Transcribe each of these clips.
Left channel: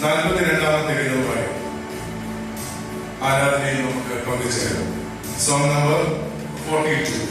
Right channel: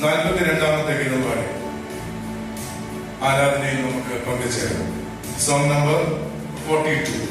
42ാമത്തെ ഗീതവുമായി ആരാധനയിൽ നമുക്ക് പങ്കുചേരാം. Song number 42.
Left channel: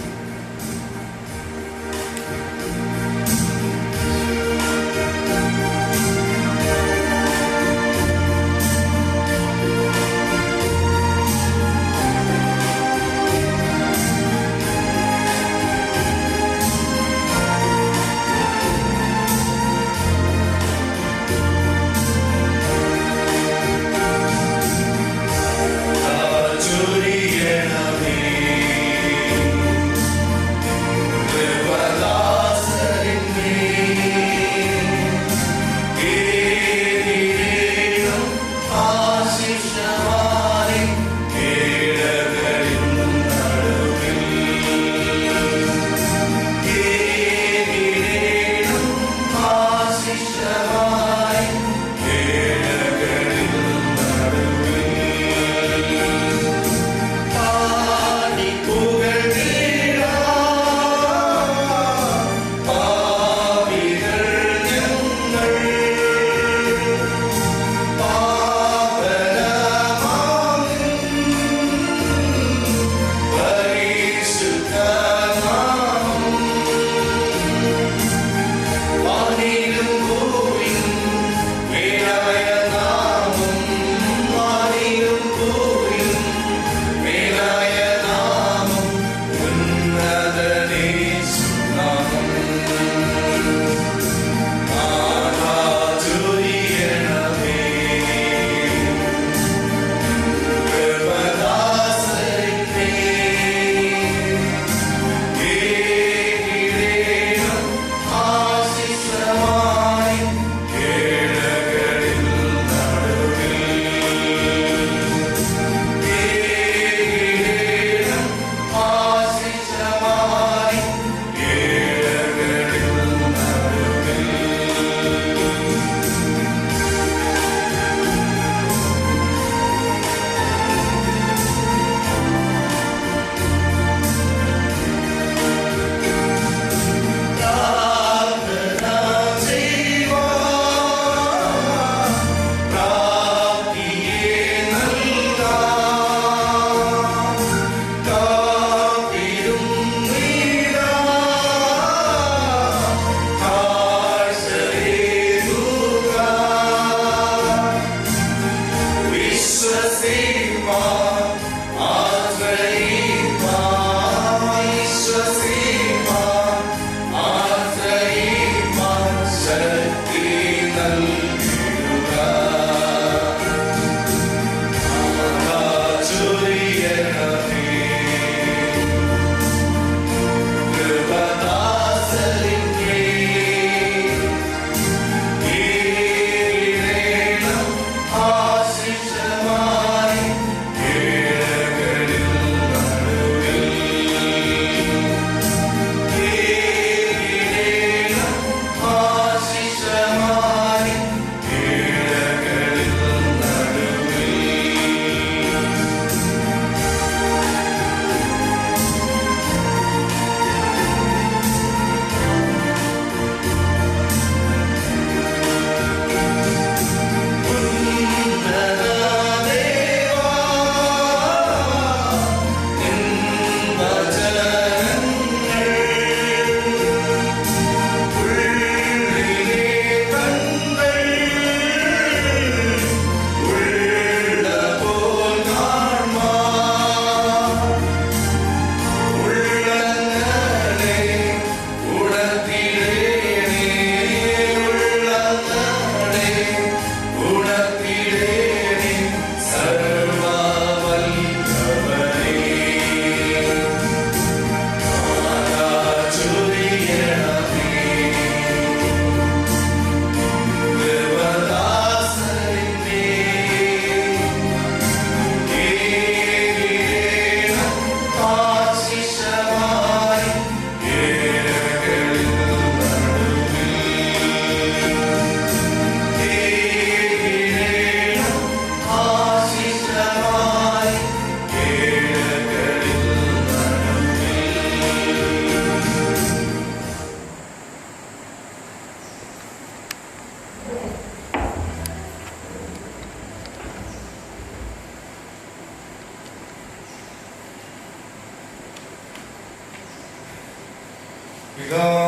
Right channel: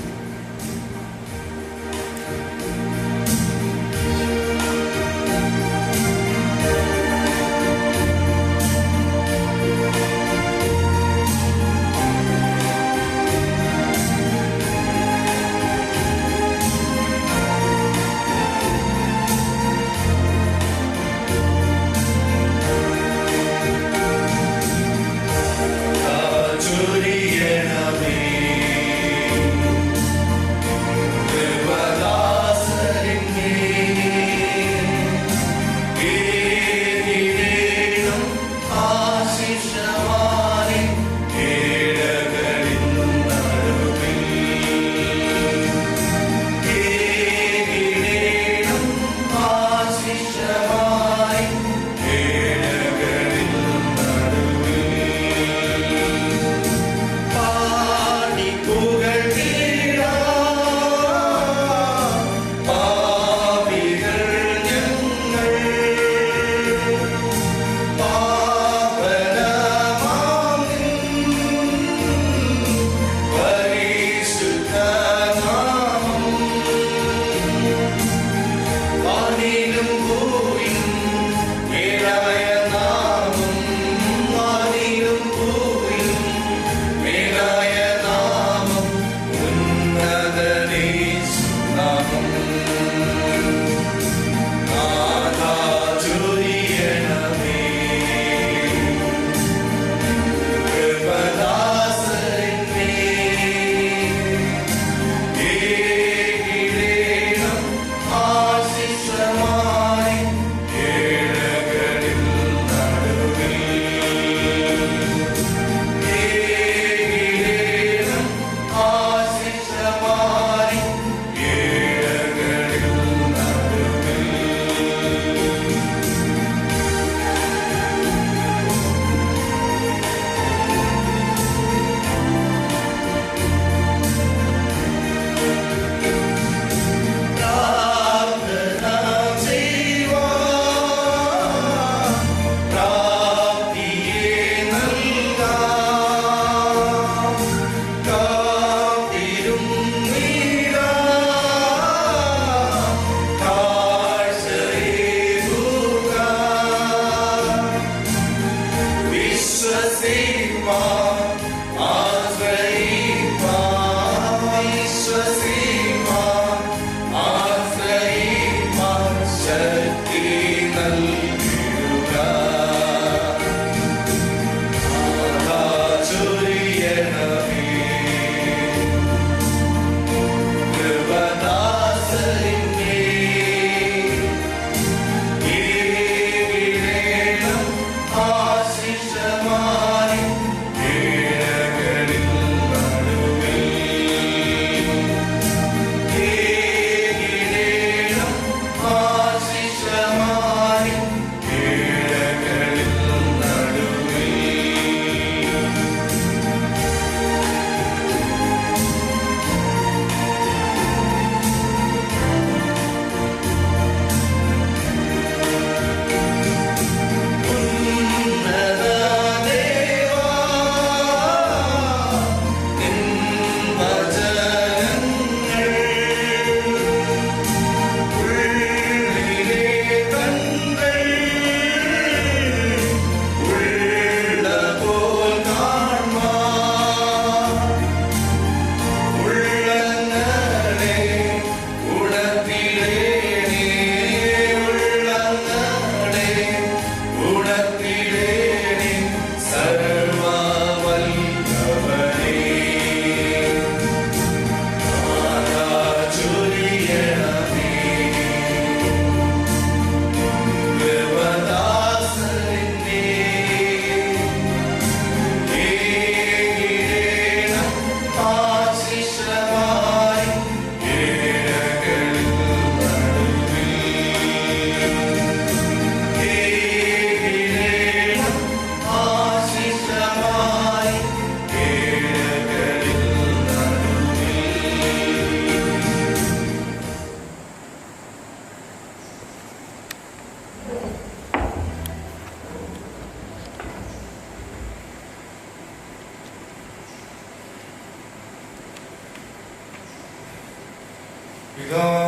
Kırtâve,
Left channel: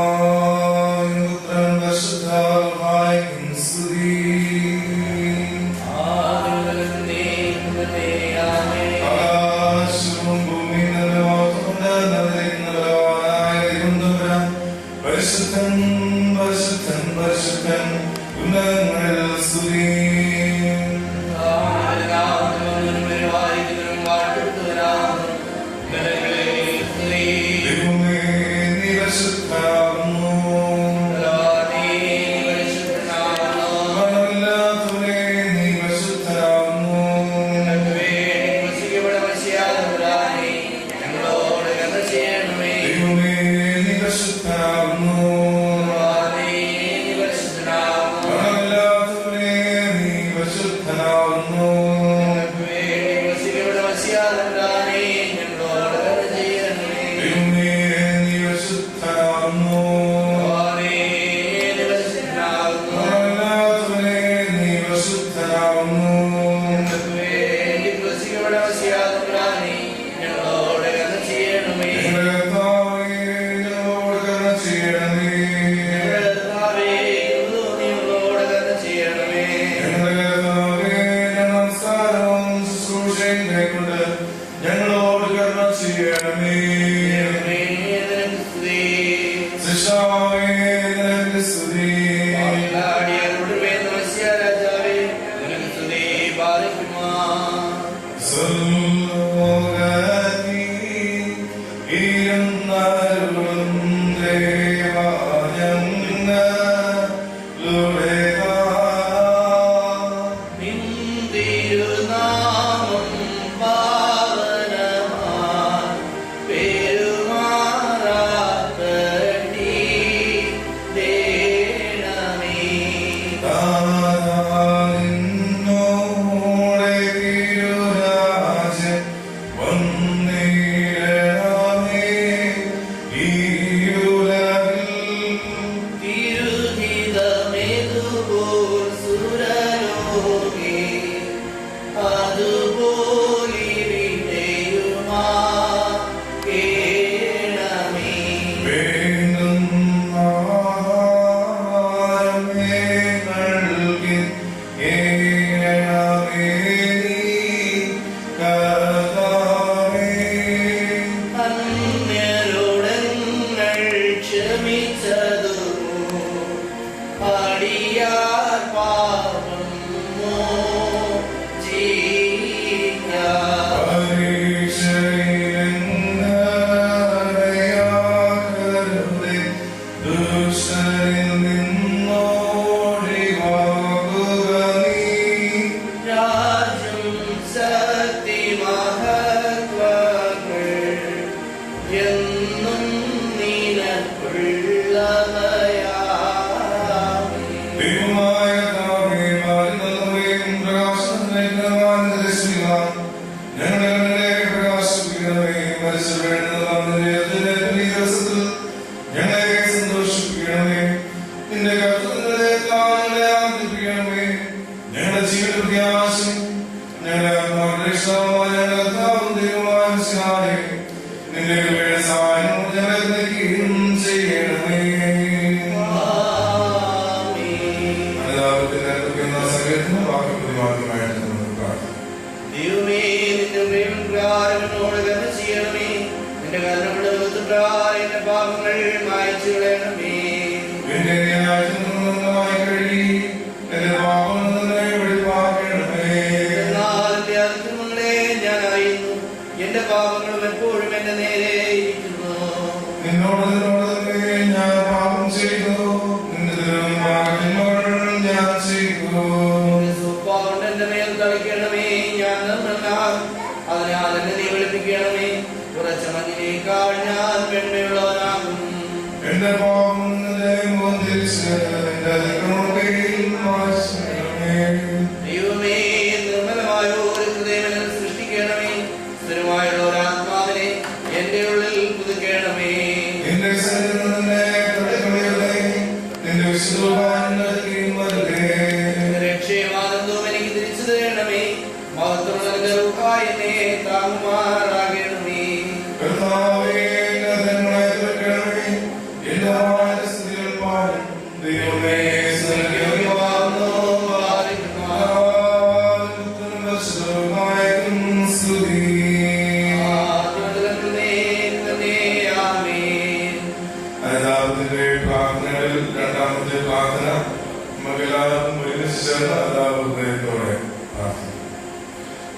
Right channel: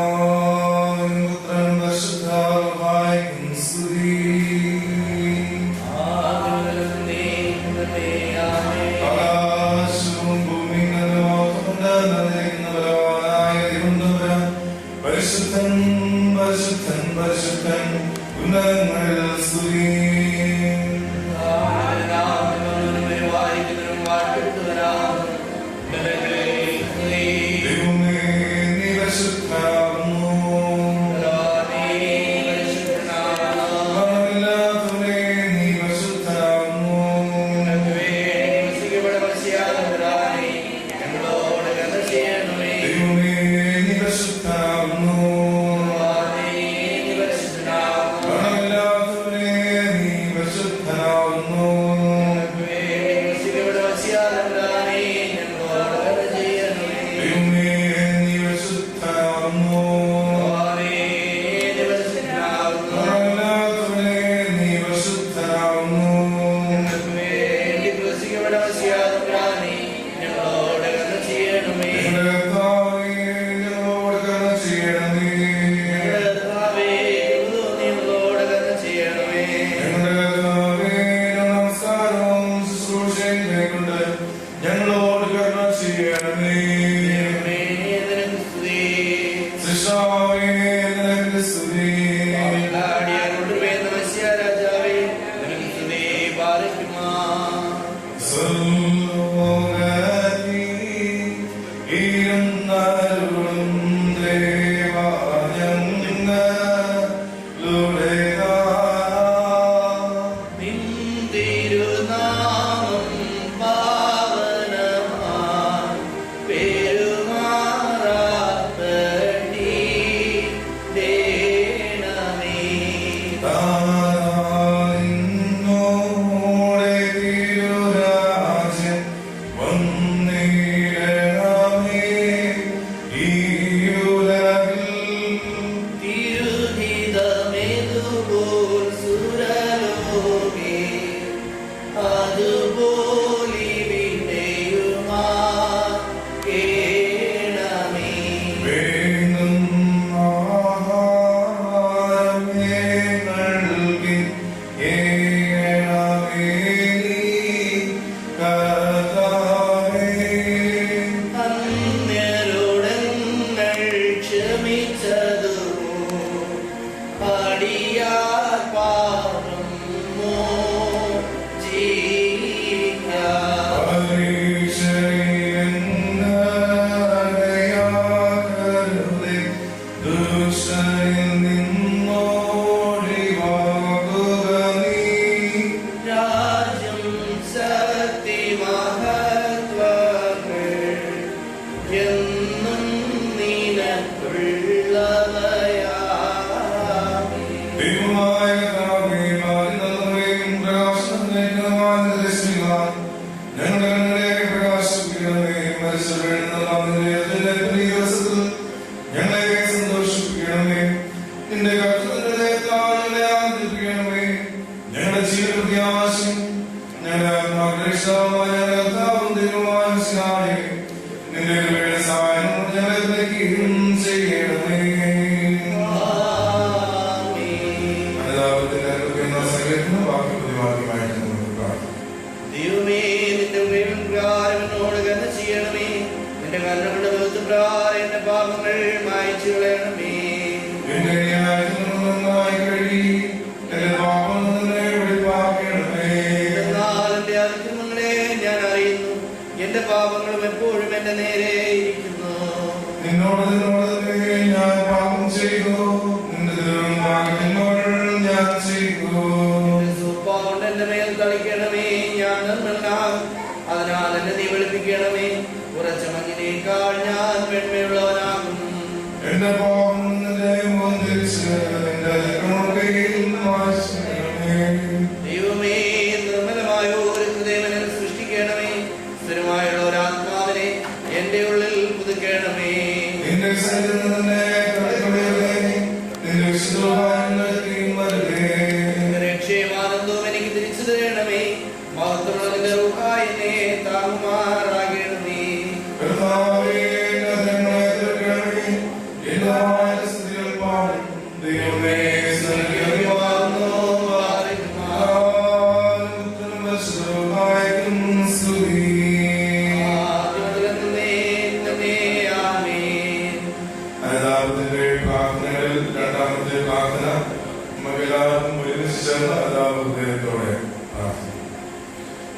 എല്ലാവർക്കും ഒരുമിച്ച് ചേർന്ന് എല്ലാ ഹൃദയത്തോടെ പ്രാർത്ഥിക്കും.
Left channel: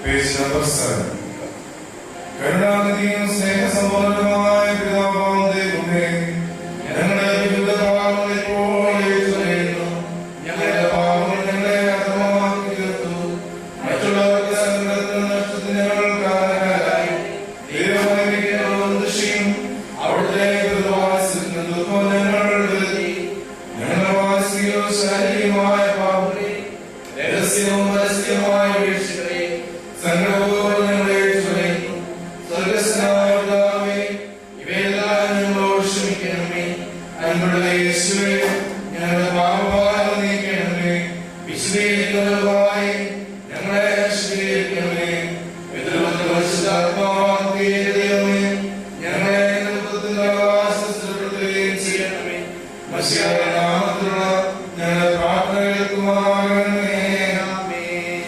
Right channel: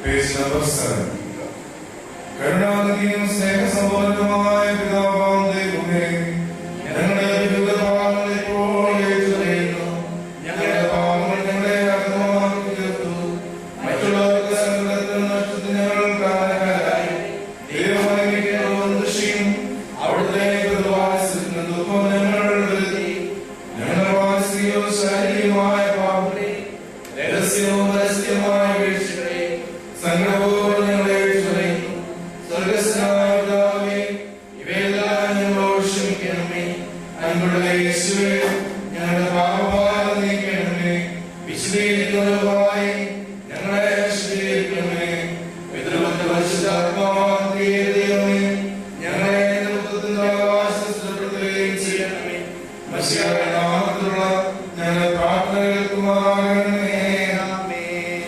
Page number 7. കരുണാനിധിയും സ്നേഹസമ്പന്നനുമായ പിതാവാം ദൈവമേ, ഞങ്ങളുടെ വിവിധ പാപങ്ങൾ ഇപ്പോൾ ഏറ്റുപറയുന്നു. ഞങ്ങളുടെ പാപങ്ങൾ ഞങ്ങളെ അധമമാക്കി തീർത്തു. മറ്റുള്ളവർക്ക് സങ്കടത്തിനും നഷ്ടത്തിനും ഞങ്ങൾ കാരണക്കാരായി. ദൈവമഹിമയ്ക്കും ദൃശ്യം അവിടുത്തെ പ്രതിവാസത്തിന് ദുഃഖം ഞങ്ങൾ വരുത്തി. ഞങ്ങളുടെ മാനസികവും ശാരീരികമായ പാപങ്ങളെ, രഹസ്യവും പരസ്യമായ വീഴ്ചകളെ സങ്കടപൂർവ്വം ഞങ്ങളെ ഏറ്റുപറയുന്നു. സ്വർഗ്ഗസ്ഥനായ പിതാവേ, ഇവയെല്ലാം ഞങ്ങളോട് ക്ഷമിക്കണമേ. അൻപുള്ള യേശുവേ, ഞങ്ങളുടെ പാപഭാരം നീക്കണമേ. വിശുദ്ധീകരിക്കുന്നവരായി ഞങ്ങളെ ശുദ്ധീകരിക്കണമേ. പിതൃപുത്ര പരിശുദ്ധാത്മാവായ ദൈവമേ, ഞങ്ങളെ ദൈവത്തിന്റെ ആവാസസ്ഥലപ്പെടുത്തുകയും ചെയ്യണമേ. മശിഹായുടെ നാമത്തിലുള്ള ഞങ്ങളുടെ പ്രാർത്ഥന കേൾക്കുമാറാകണമേ. ആമേൻ.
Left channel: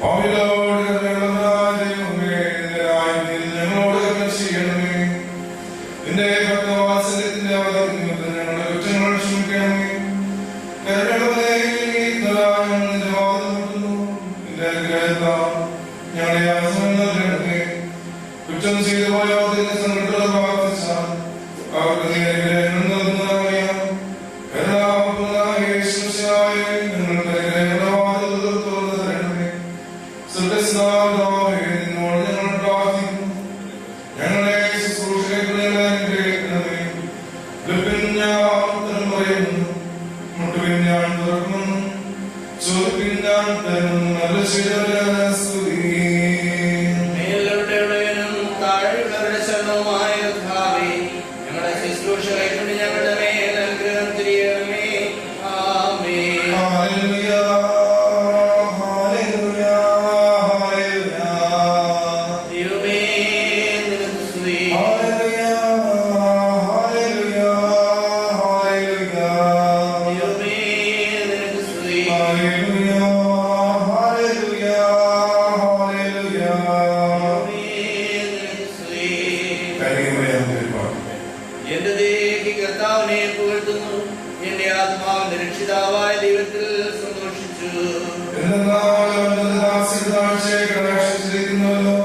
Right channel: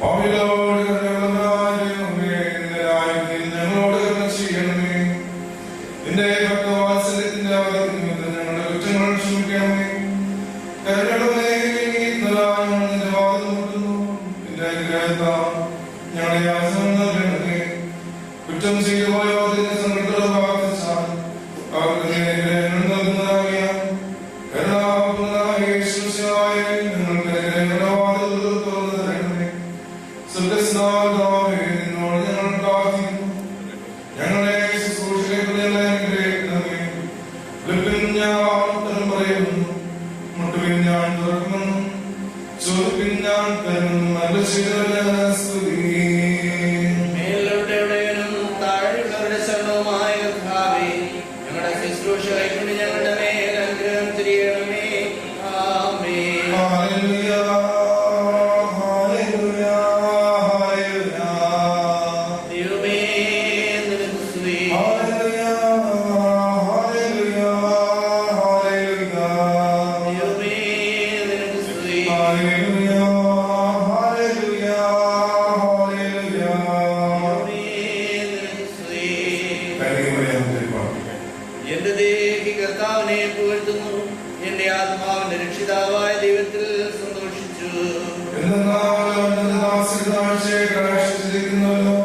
പാപികളോട് കരുണയുള്ളവനായ ദൈവമേ, നിന്റെ രാജ്യത്തിൽ ഞങ്ങളോട് കരുണ ചെയ്യണമേ. നിന്റെ ഭക്തവാത്സല്യത്തിന്റെ അവധി നിമിത്തം ഞങ്ങളുടെ കുറ്റങ്ങൾ ക്ഷമിക്കണമേ. കരുണയുള്ളവനേ, ഇന്നലെയും നിന്റെ വാതിൽ മുട്ടുന്നു. നിന്റെ അനുഗ്രഹത്താൽ ഞങ്ങളെ ആശ്രയം നൽകണമേ. കുറ്റം ചെയ്തു പോയോ അതിന്റെ സങ്കടത്തോടെ പ്രാർത്ഥിച്ചാൽ അവർക്ക് നീ അനുഗ്രഹങ്ങൾ നൽകുന്നതറിയാം. കരുണാപൂർണ്ണനായ യേശുമിശിഹായേ, ഞങ്ങൾക്ക് അനുഗ്രഹങ്ങളുടെ വാതിലുകൾ തുറന്നു തരണമേ. സ്വർഗ്ഗസ്ഥനായ നിന്നോട് ഞങ്ങൾ പ്രാർത്ഥിക്കുന്നു. ഞങ്ങളെ ശുശ്രൂഷകരെ അനുഗ്രഹിക്കണമേ. വിളിപ്പിൻ ഞാൻ ഉത്തരം പറയുന്നു. മുട്ടുവിൻ ഞാൻ തുറക്കുന്നു. ചോദിപ്പിൻ ഞാൻ തരുന്നു. നല്ല ചെയ്തവരെ സ്തുതി. മേലുള്ളവരുടെയും താഴെയുള്ളവരുടെ ശരണവുമായ കർത്താവേ, ഞങ്ങളുടെ ശുശ്രൂഷ കൈക്കൊണ്ട് ഞങ്ങളുടെ മേൽ അനുഗ്രഹം തിരിയണമേ. ആമേൻ. ഹല്ലേലൂയ, ഹല്ലേലൂയ, ഹല്ലേലൂയ. ദൈവമേ, നിനക്ക് സ്തുതി. ഹല്ലേലൂയ, ഹല്ലേലൂയ, ഹല്ലേലൂയ. ദൈവമേ, നിനക്ക് സ്തുതി. ഹല്ലേലൂയ, ഹല്ലേലൂയ, ഹല്ലേലൂയ. ദൈവമേ, നിനക്ക് സ്തുതി. കനിമയം തിരുപ്പാട്. എന്റെ ദേഹി കർത്താവിനെ പുകഴ്ത്തുന്നു. എന്റെ ആത്മാവിന്റെ രക്ഷിതാവായ ദൈവത്തിൽ സന്തോഷിച്ചു. എന്തെന്നാൽ അവന്റെ ദാസിയുടെ താഴ്ചയെ കടാക്ഷിച്ചിരിക്കുന്നല്ലോ.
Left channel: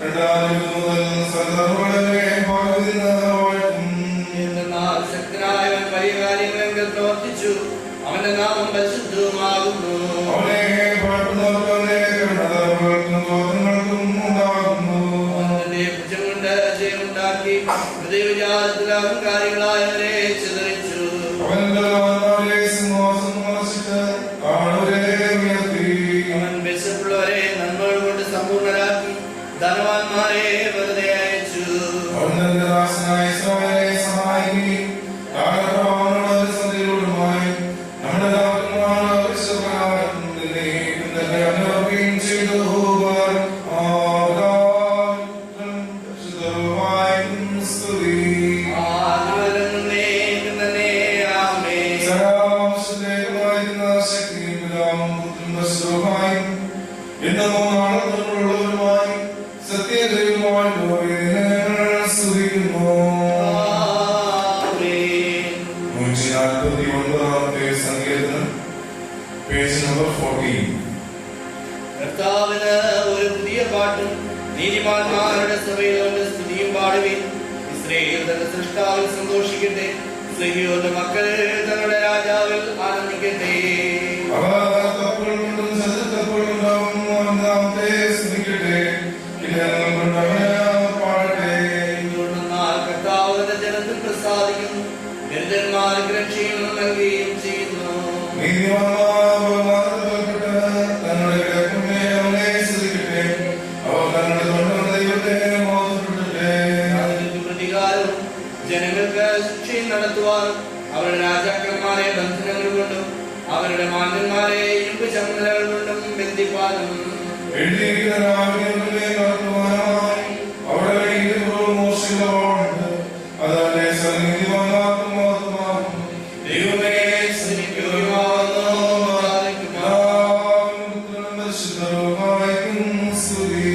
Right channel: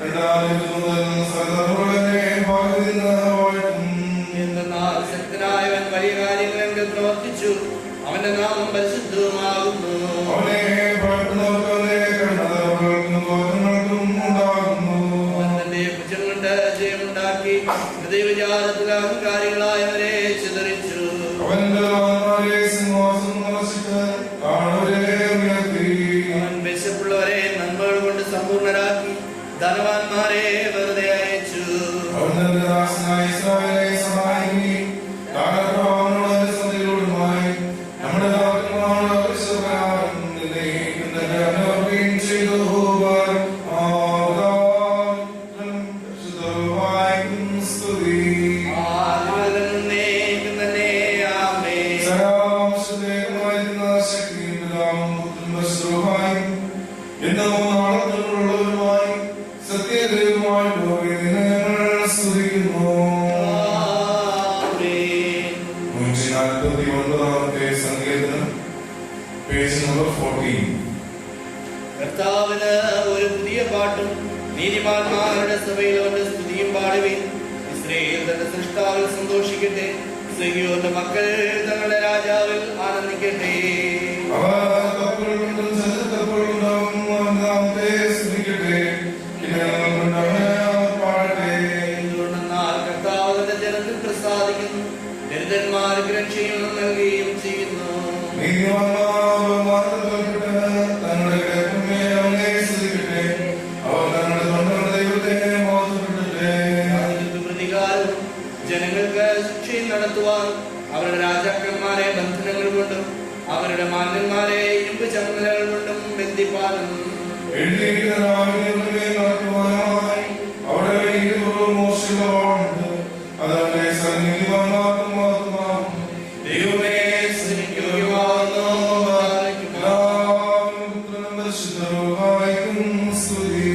രണ്ടാം മുതൽ സകലരുടെ പകുതി വാഴ്ത്തും. എന്തെന്നാൽ ശക്തനായവൻ വലിയ കാര്യങ്ങൾ എങ്കിൽ പ്രവർത്തിച്ചു. അവന്റെ നാമം പരിശുദ്ധവുമാകുന്നു. അവനെ ഭയപ്പെടുന്നവർക്ക് അവനെ കരുണകൾക്കും ഗോത്രങ്ങൾക്കും ഉണ്ടാകുന്നു. അവൻ തന്റെ ഭുജം കൊണ്ട് ജയമുണ്ടാക്കി ഹൃദയവിചാരത്തിൽ അഹങ്കാരികളായവരെ ചിതറിച്ചു. അവൻ ബലവാന്മാരെ സിംഹാസനം മറച്ചിട്ട് താഴ്വരെ ഉയർത്തി. അവൻ വിശപ്പുള്ളവരെ നന്മകൾ കൊണ്ട് സമ്പൂർണരാക്കി ധനവാന്മാരെ വെറുതെ അയച്ചു. അവൻ തന്റെ ദാസനായ ഇസ്രായേലിനെ സഹായിക്കുകയും കാലപ്രവാഹങ്ങളുടെ സന്ധികളോടുമായി നമ്മുടെ ദാസന്മാരുടെ ആവശ്യപ്രകാരം നിന്നെയും തന്റെ അനുവർത്തിയും ചെയ്തു. സ്തുതി. ആദിമുതൽ എന്നേക്കും തന്നെ. ആമേൻ. സരാംശദേവമായിരുന്ന ശക്തിയും പിതാവും പുത്രനും പരിശുദ്ധനുമായും എന്നോ നാളത്തോടുള്ളവരുമായി സത്യദൈവമായി ഞങ്ങൾ സ്തുതിക്കുന്നു. ആമേൻ. 149 സങ്കീർത്തനം, പേജ് നമ്പർ 14. കർത്താവിന് ഒരു പുതിയ പാട്ടും നീതിമാന്മാരുടെ സഭയിൽ അവന്റെ സ്തുതിയും പാടുവിൻ. ഇസ്രായേൽ തന്റെ സൃഷ്ടാവിൽ സന്തോഷിക്കട്ടെ. സിയോന്റെ മക്കൾ തങ്ങളുടെ രാജാവിൽ ആനന്ദിക്കട്ടെ. അവർ കപ്പൽ കൊണ്ടും ശത്രുക്കപ്പൽ കൊണ്ടും നാമത്തെ സ്തുതിക്കട്ടെ. കിന്നരങ്ങൾ കൊണ്ട് അവനെ പാടട്ടെ. എന്തുകൊണ്ടെന്നാൽ കർത്താവ് തന്റെ ജനത്തിൽ പ്രസാദിക്കുന്നു. ദരിദ്രന്മാർക്ക് രക്ഷയും നൽകുകയും ചെയ്യുന്നു. നീതിമാന്മാർ ബഹുമാനത്തോൽക്കട്ടെ. തങ്ങളുടെ കിടക്കുമേ അവനെ സ്തുതിക്കട്ടെ. അവർ തങ്ങളുടെ തൊണ്ടകളുടെ ദൈവത്തെ മോശപ്പെടട്ടെ. അതിന് പ്രതികാരവും ജനങ്ങൾക്ക് ശിക്ഷയും നടത്തുവാനും അവരുടെ രാജാക്കന്മാരെ ബന്ധനങ്ങൾ കൊണ്ടും അവരുടെ മാന്യന്മാരെ ഇരുമ്പ് ചങ്ങലകൾ കൊണ്ടും ബന്ധിപ്പാനും എഴുതിയിരിക്കുന്ന രാവിലെ നടത്തുവാനായി അവിടെ ഇരുപുറവും മോശമുണ്ട്. അതവന്റെ സന്നിധിമാർക്കും മാത്രമാകും. ദൈവമേ സ്തുതിക്കുവാനോ പുത്രനും പരിശുദ്ധനുമായും സ്തുതി.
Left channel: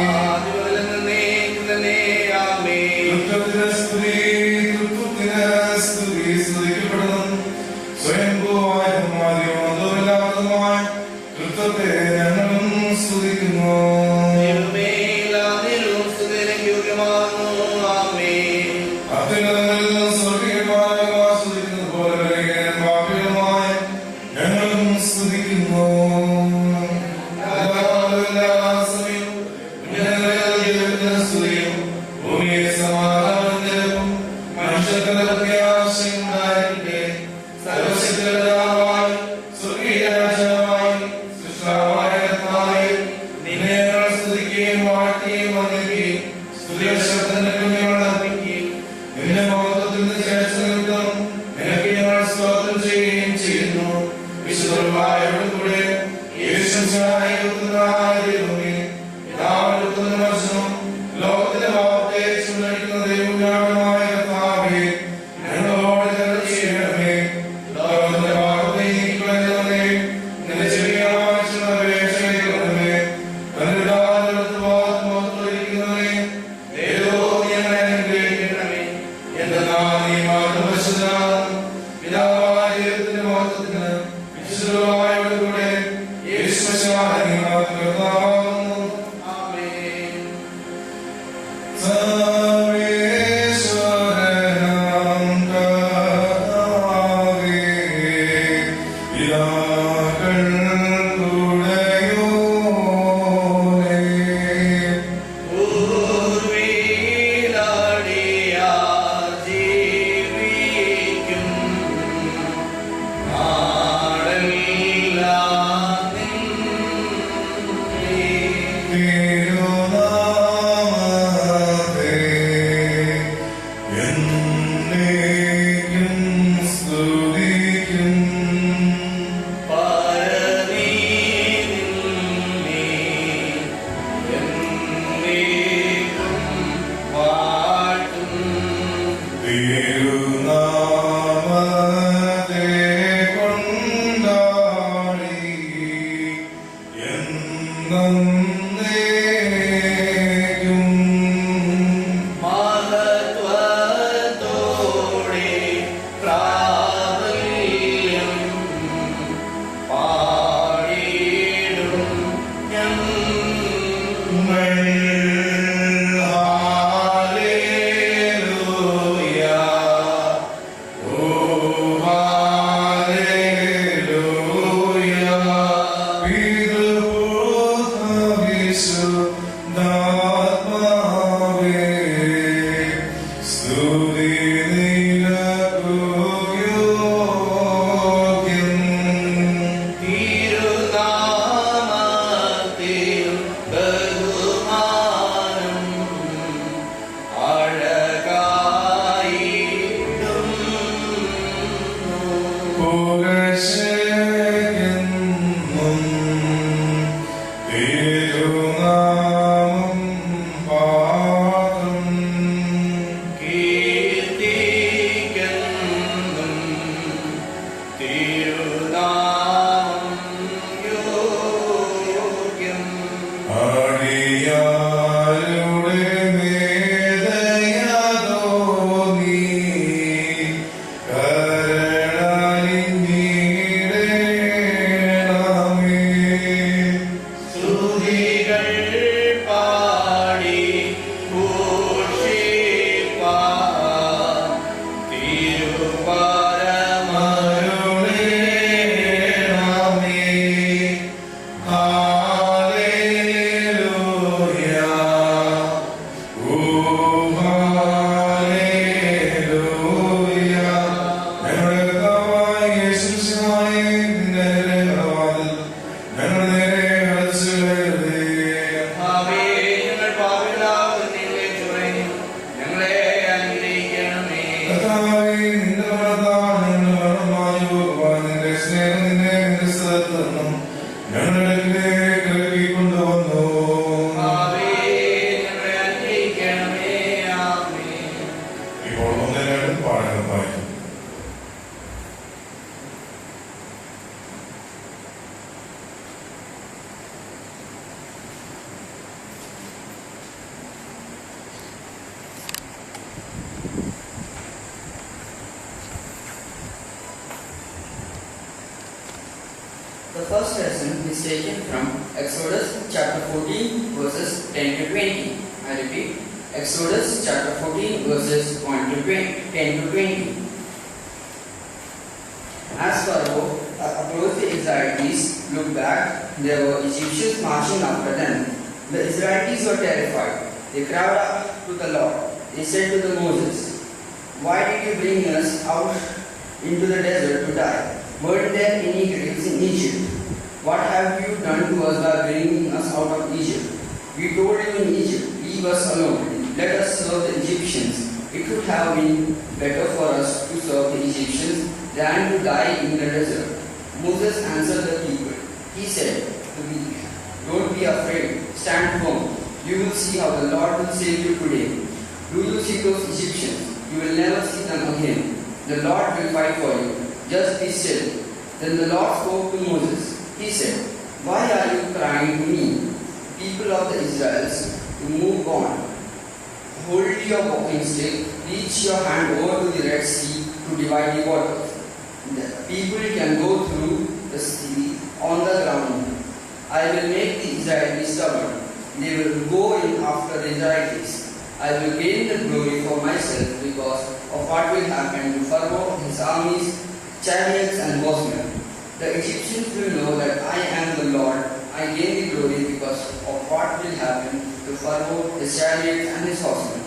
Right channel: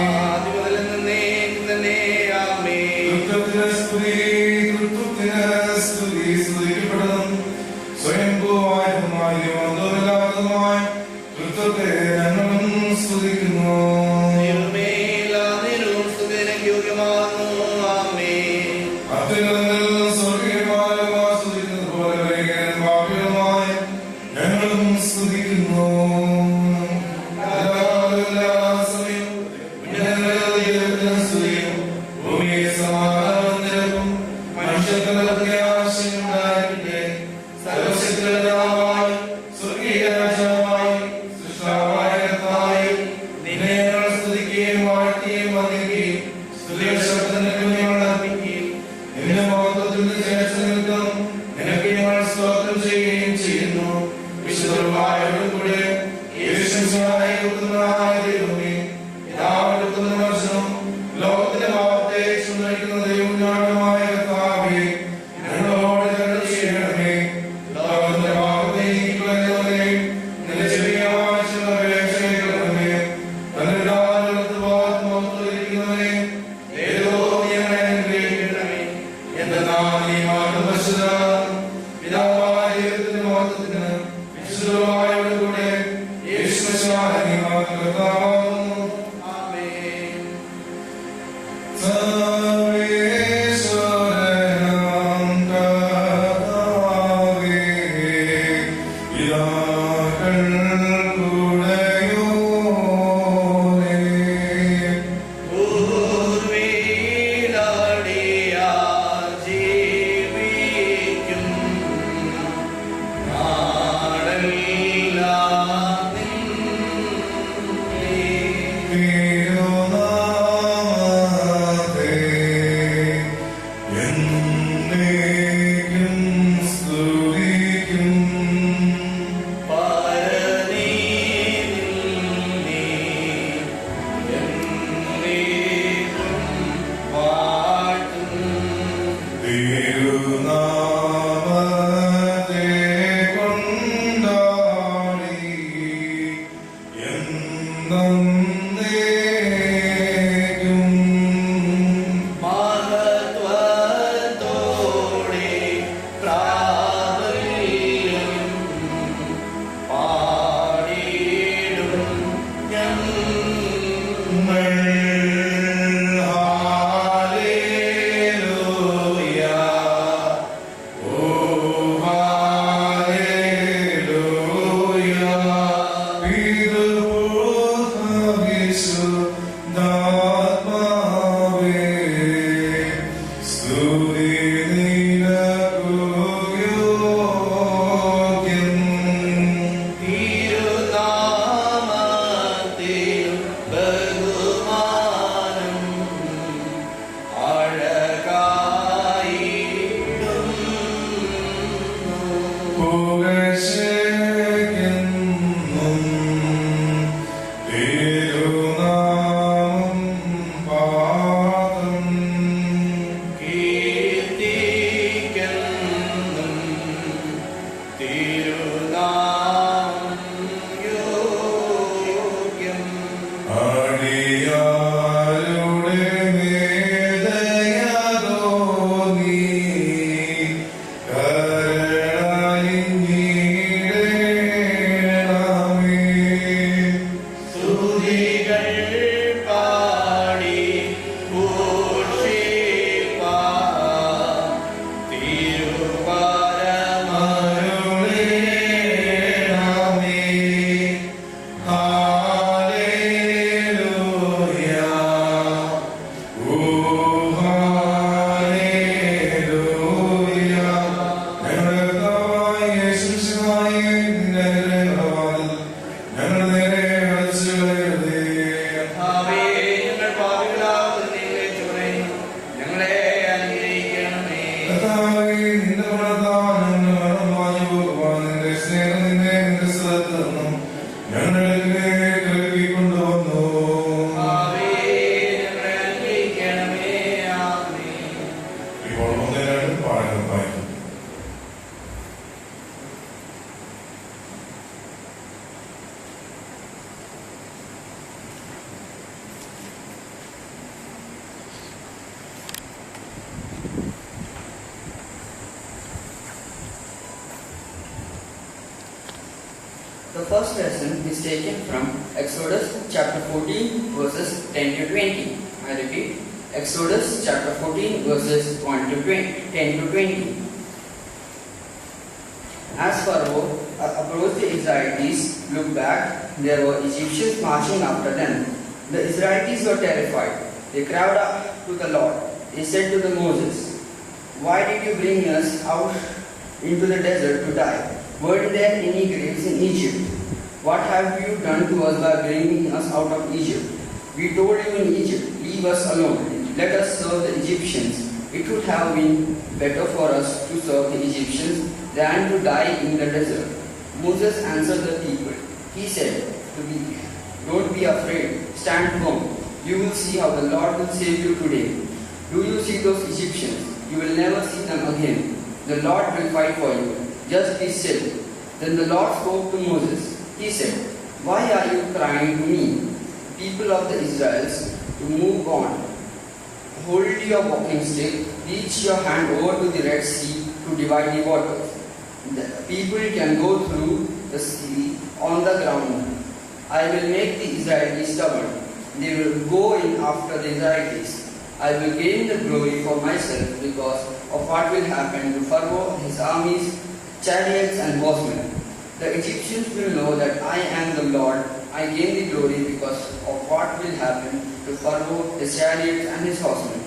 ആദിമുതൽ എന്നേക്കും തന്നെ. ആമേൻ. തൃത്വത്തിന് സ്തുതി, തൃത്വത്തിന് സ്തുതി. സ്തുതിക്കപ്പെടണം സ്വയംഭൂവായ സ്തുതിക്കുന്നു. ദൈവമേ, എല്ലാ നേരവും സ്തുതിക്ക് യോഗ്യമാകുന്നു. ആമേൻ. അത്യുന്നതങ്ങളിൽ സ്വർഗ്ഗീയമായ സ്തുതിക്കുന്നത് പോലെ പാപികളുമായ ഞങ്ങളും സ്തുതിക്കുന്നു. എല്ലാ സമയവും ഉന്നതങ്ങളിൽ സ്തുതിയും ഭൂമിയെ സമാധാനത്തിലും മനുഷ്യർക്ക് പ്രത്യാശയുണ്ടായിരിക്കട്ടെ. സർവശക്തനായ സ്വർഗീയ രാജാവായി സൃഷ്ടാവായ കർത്താവേ, നിന്നെ ഞങ്ങൾ സ്തുതിക്കുകയും വാഴ്ത്തുകയും വന്ദിക്കുകയും സ്തുതിയുടെ ശബ്ദത്തിന് അർപ്പിക്കുകയും നിന്റെ മഹത്വത്തിന് ശേഷം നിനക്ക് ഞങ്ങൾ സ്തോത്രം ചെയ്യുകയും ചെയ്യുന്നു. വിശുദ്ധരുമായവരുടെ കൂടെ യേശുവിനായ ദൈവമേ, പിതാവിന്റെ പുത്രനും ലോകത്തിന്റെ പാപത്തെ ചുമക്കുന്ന ദൈവമായ കർത്താവേ, ഞങ്ങളോട് കരുണ ചെയ്യണമേ. ലോകത്തിന്റെ പാപത്തെ നീക്കിക്കളയണമേ. നിന്റെ ചെറിയ ആവശ്യമുള്ള അപേക്ഷ കേൾക്കണമേ. തന്നിരിക്കുന്നവേ ദൈവം ഞങ്ങളെ അനുഗ്രഹിക്കണമേ. എന്തെന്നാൽ നീ മാത്രം പരിശുദ്ധനാകുന്നു. പിതാവായ ദൈവത്തിന്റെ മഹത്വത്തിന് വിശുദ്ധരുമായവരുടെ കൂടെ യേശുമിശിഹായ നീ മാത്രം കർത്താവാകുന്നു. ആമേൻ. സർവേശ്വരനാം കർത്താവേ, പിതാക്കൾക്കുടയോനേ, പൂർവ്വിലടിയാർ ജീവിക്കും നാടെല്ലാം നിന്നെ. തിരുനാമത്തെ എന്നേക്കും സ്തുതിക്കും. പരനീതിൽ നീ എന്നേക്കും വാഴ്ത്തും. തിരുനാമത്തെ കൊണ്ടാടി എന്നേക്കും. മഹത്വത്തോടെ പ്രാബല്യം പാടിയിടും ഞങ്ങൾ. ഹല്ലേലൂയ, ഓ ഹല്ലേലൂയ. പിതൃപുത്ര വിശുദ്ധാത്മാവേ, സ്തുതി നിനക്കു യോഗ്യം. തിരുനാമത്തിൽ ബഹുമാനം അഴകായിടുന്നു. പുകഴ്ചയ്ക്കെന്നും തിരുനാമം പാദം. കീർത്തിക്കെന്നും തിരുനാമം യോഗ്യം. അടിയാരുടെ മേദയതോ നീ കരുണയിടണമേ. സ്തുതികൾ പാടി ഘോഷിപ്പാൻ തിരുപരമരുളേണമേ. ഹല്ലേലൂയ, ഓ ഹല്ലേലൂയ. ഞങ്ങളുടെ കർത്താവായ യേശുമിശിഹായേ, നിന്റെ അനുഗ്രഹവാതിൽ ഞങ്ങളുടെ നേരെ അടച്ചുകളയരുതേ. കർത്താവേ, ഞങ്ങൾ പാപികളാകുന്ന നിന്നെ ചൊറിഞ്ഞു ഞങ്ങളെ അനുഗ്രഹിക്കണമേ. കർത്താവേ, നിന്റെ മരണത്താൽ ഞങ്ങളുടെ മരണം മാഞ്ഞു പോകുവാൻ നിന്റെ സ്നേഹം നിന്നെ നിന്റെ സ്ഥലത്ത് നിന്നും ഞങ്ങളുടെ അടുക്കലേക്ക് ഇറക്കിക്കൊണ്ടുവന്നു. കർത്താവേ, ഞങ്ങളെ അനുഗ്രഹിക്കണമേ. ആമേൻ. ഇപ്പോൾ ഒന്നിനായിട്ട് പാഠങ്ങൾ വായിക്കും. The first lesson is taken from Exodus chapter 14 verses 10 to 20. I repeat, Exodus chapter 14 verses 10 to 20. As Pharaoh approached the Israelites, looked back, there were Egyptians marching after them. The Israelites were terrified. They cried out to the Lord. They said to the Moses, "Why did you bring us out into the desert to die? Weren't there any graves in Egypt? What have you done to us by bringing us out of Egypt? We told you in Egypt, leave us alone. Let us serve the Egyptians. It would have been better for us to serve the Egyptians than to die in the desert." Moses answered the people. He said to them, "Don't be afraid. Stand firm. You will see how the Lord will save you today. Do you see those Egyptians? You will never see them again. The Lord will fight for you. Just be still." Then the Lord spoke to Moses. He said, "Why are you crying to me, people of the Israelites, to move on? Hold your walking stick, reach your hand over to the Red Sea to divide the waters. The people can go through the sea on the ground. I will make the Israelites stubborn. They will go in after the Israelites. I will gain the glory for myself because of what will happen to Pharaoh, his armies, chariots and horsemen. The Egyptians will know that I am the Lord. I gain the glory because of what will happen to Pharaoh, his chariots and his horsemen."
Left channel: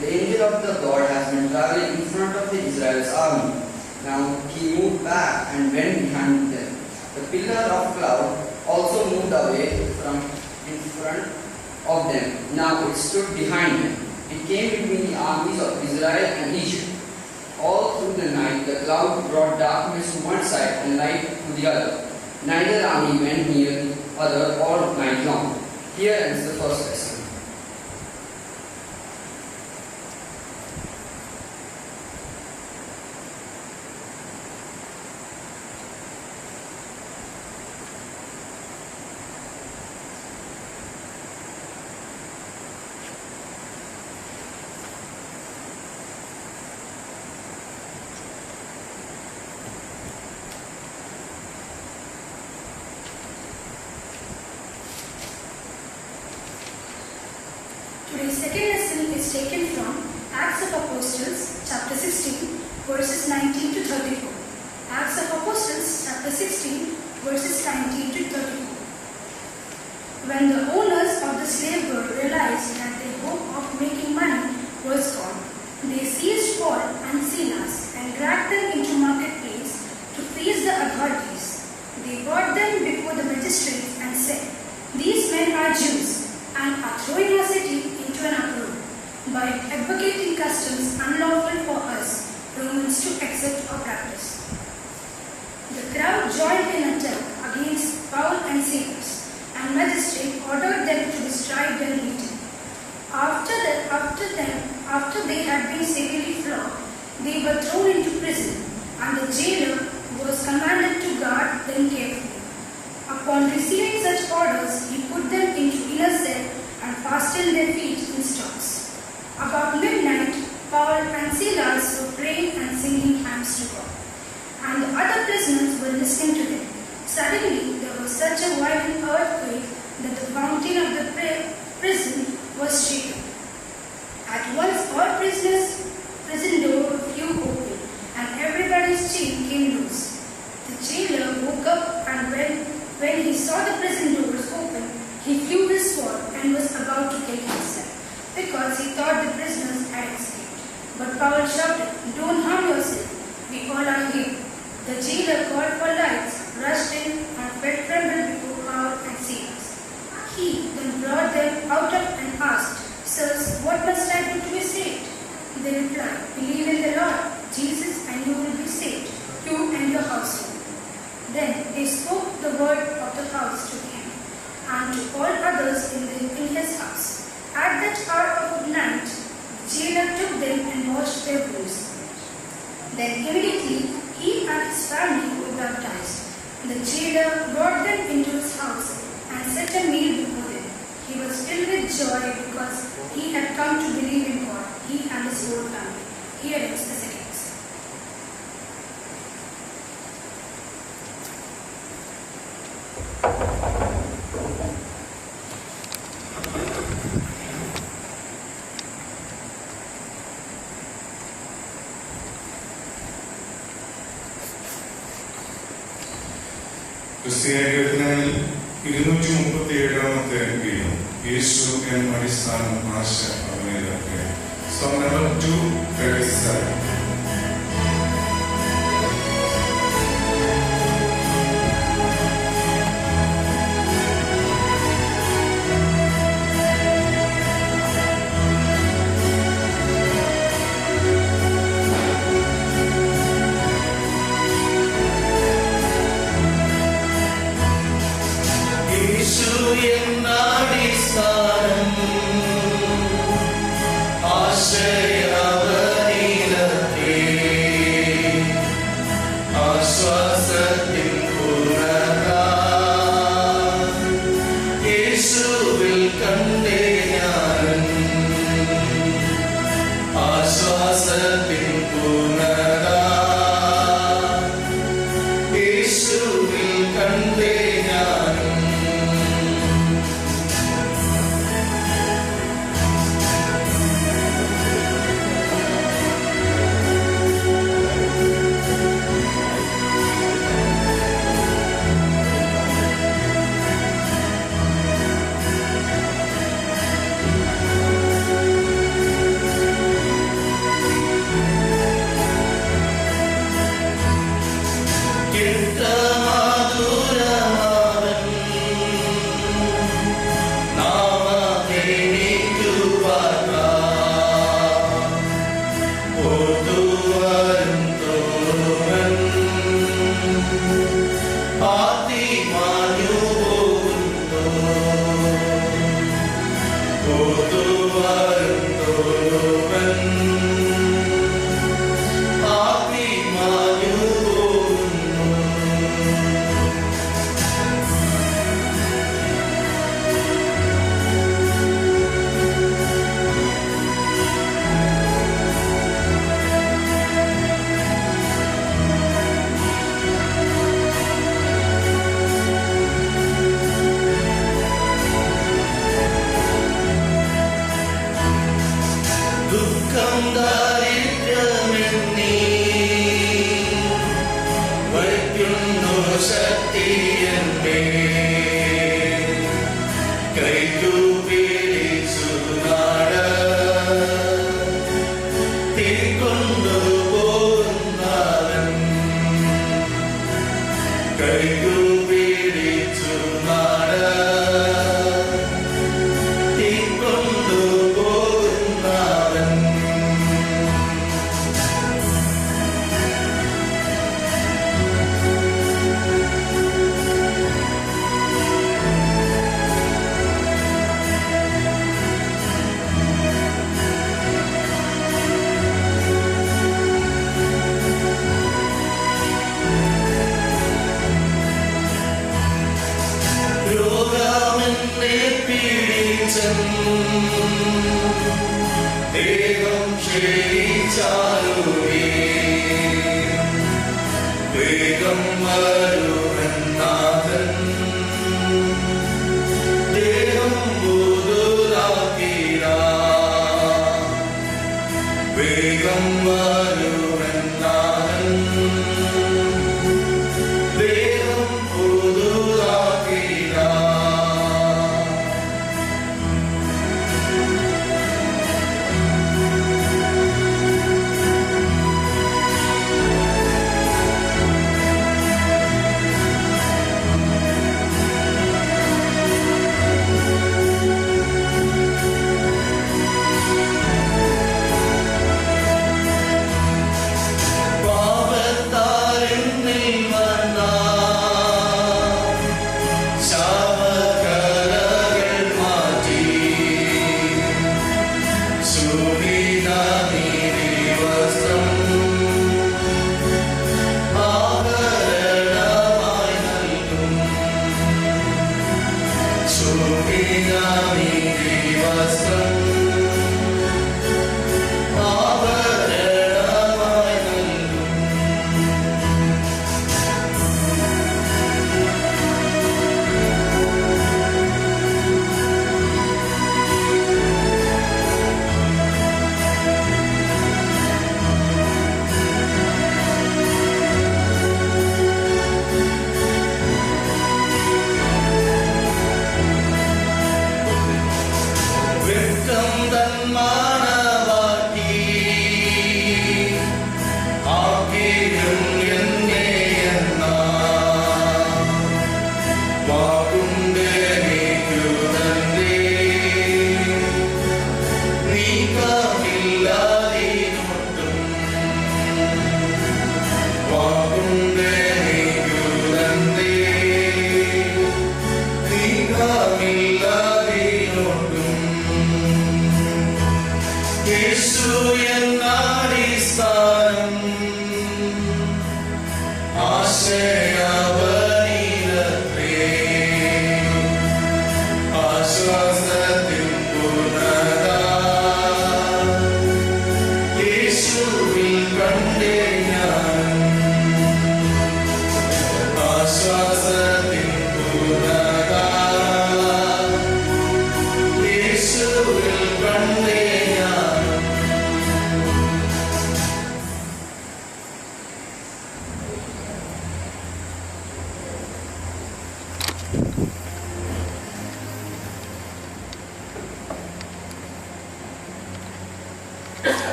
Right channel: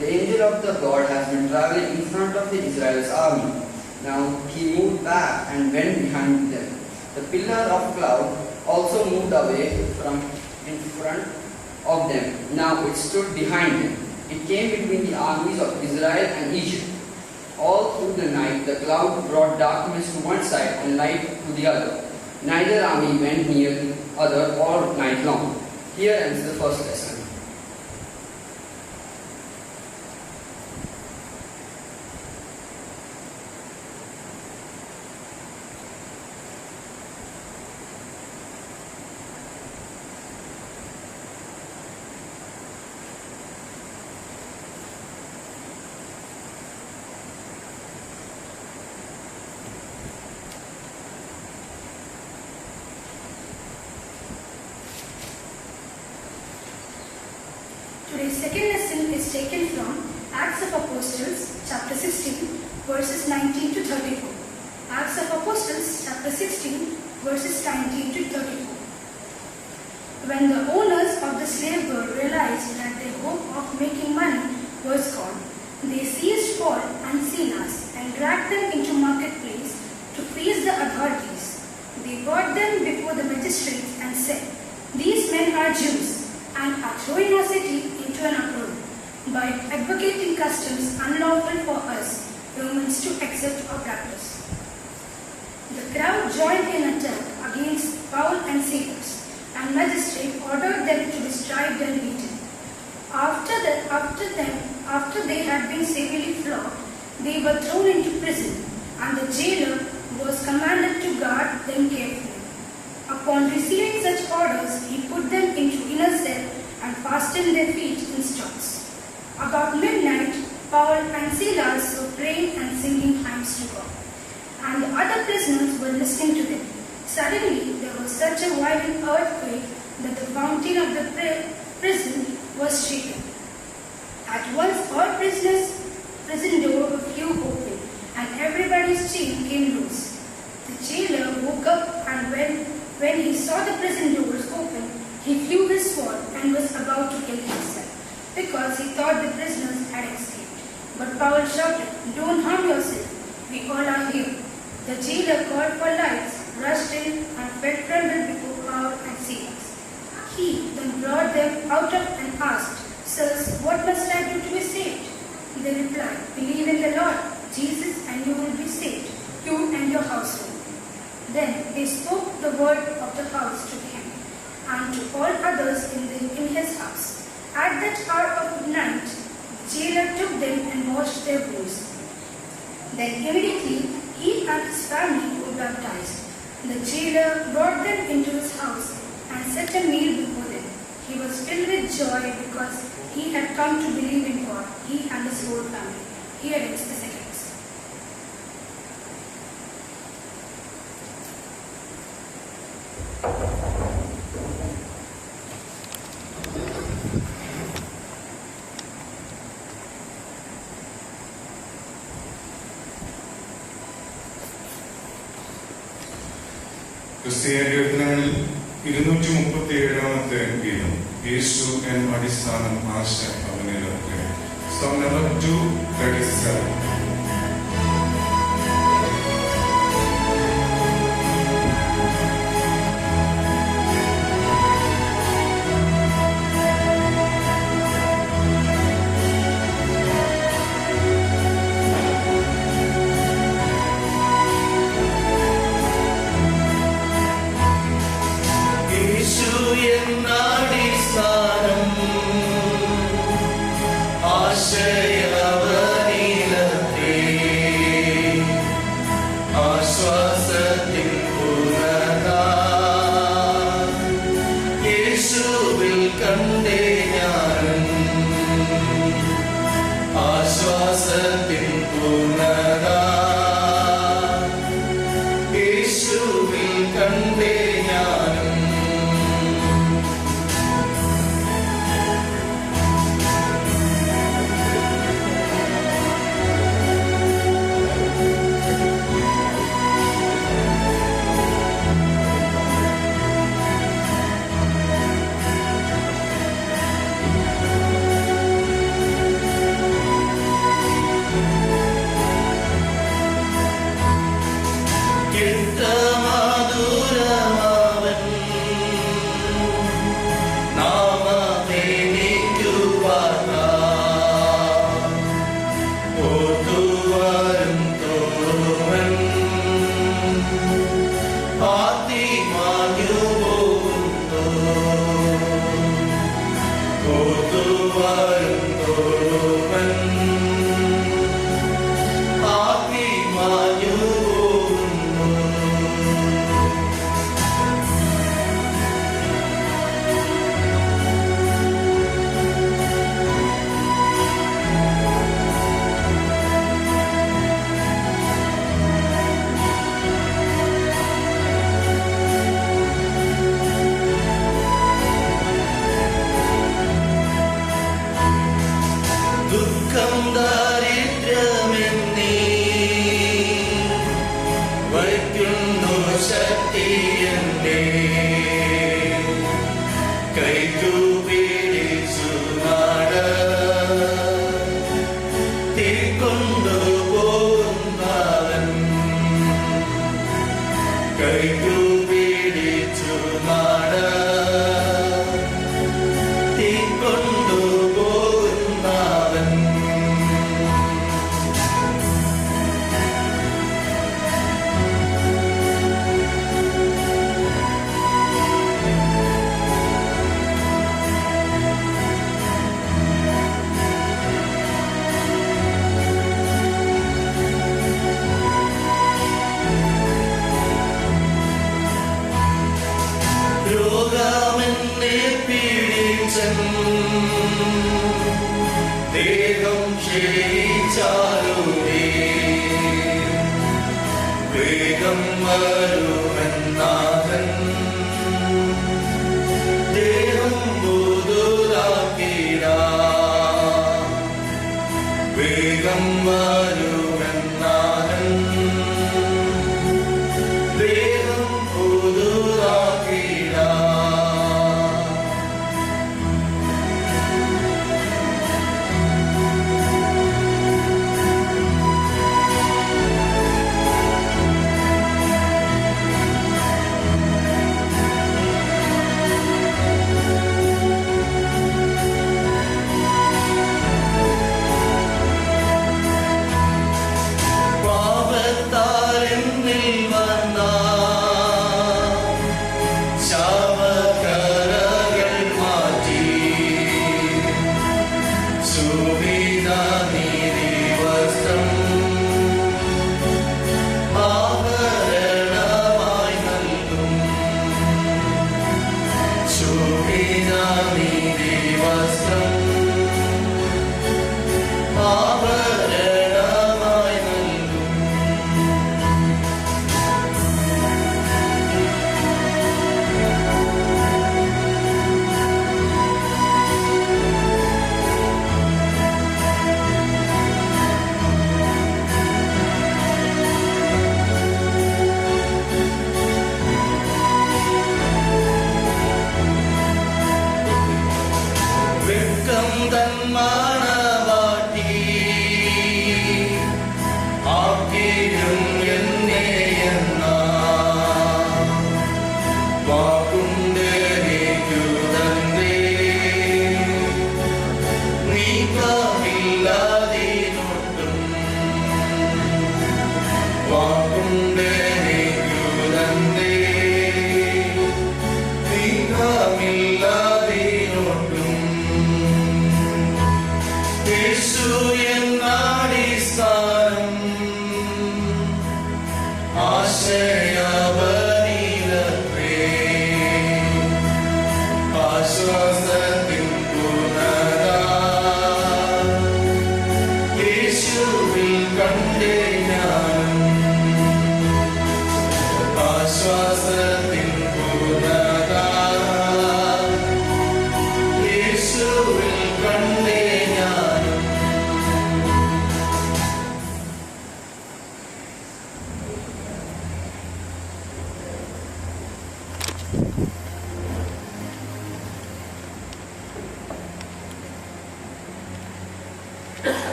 The angel of the God has been traveling in front of the Israel's army. Now he moved back and went behind them. The pillar of cloud also moved away from in front of them. Now it stood behind them. It came between the armies of Israel and Egypt. All through the night the cloud brought darkness to one side and light to the other. Neither army went near the other all night long. Here ends the first lesson. Today's second lesson is taken from Acts of Apostles, chapter 16, verses 19 to 34. Acts of Apostles, chapter 16, verses 19 to 34. When the owners of the slave girl realized that their hope of making money was gone, they seized Paul and Silas and dragged them into marketplace to face the authorities. They brought them before the magistrates and said, "These men are Jews and are throwing our city into an uproar by advocating customs unlawful for us Romans to accept or practice." The crowd joined in attack against Paul and Silas, and magistrate ordered them to be striped and beaten. After they had been severely flogged, they were thrown into prison, and the jailer was commanded to guard them carefully. Upon receiving such orders, he put them into inner cell and fastened their feet in stocks. About midnight, Paul and Silas were praying and singing hymns to God, and the other prisoners were listening to them. Suddenly, there was such a violent earthquake that the fountain of the prison was shaken. At once, all prison doors flew open, and everybody's chain came loose. The jailer woke up, and when he saw the prison doors open, he flew his sword and was about to kill himself, because he thought the prisoners had escaped. But Paul shouted, "Don't harm yourself, we all are here." The jailer called for lights, rushed in, and fell trembled before Paul and Silas. He then brought them out and asked, "Sirs, what must I do to be saved?" They replied, "Believe in the Lord Jesus and you will be saved, you and your household." Then they spoke the word of the house to him and to all others in his house. At that hour of night, the jailer took them and washed their wounds. Then immediately he and his family were baptized. The jailer brought them into his house and set a meal before them. He was filled with joy because he had come to believe in God, he and his whole family. Here ends the second lesson. ക്രിസ്തീയ കീർത്തനങ്ങളിൽ 237 ഗീതം യേശു എന്ന അടിസ്ഥാനം ആശ അവനിലൊക്കെ. Song number 237.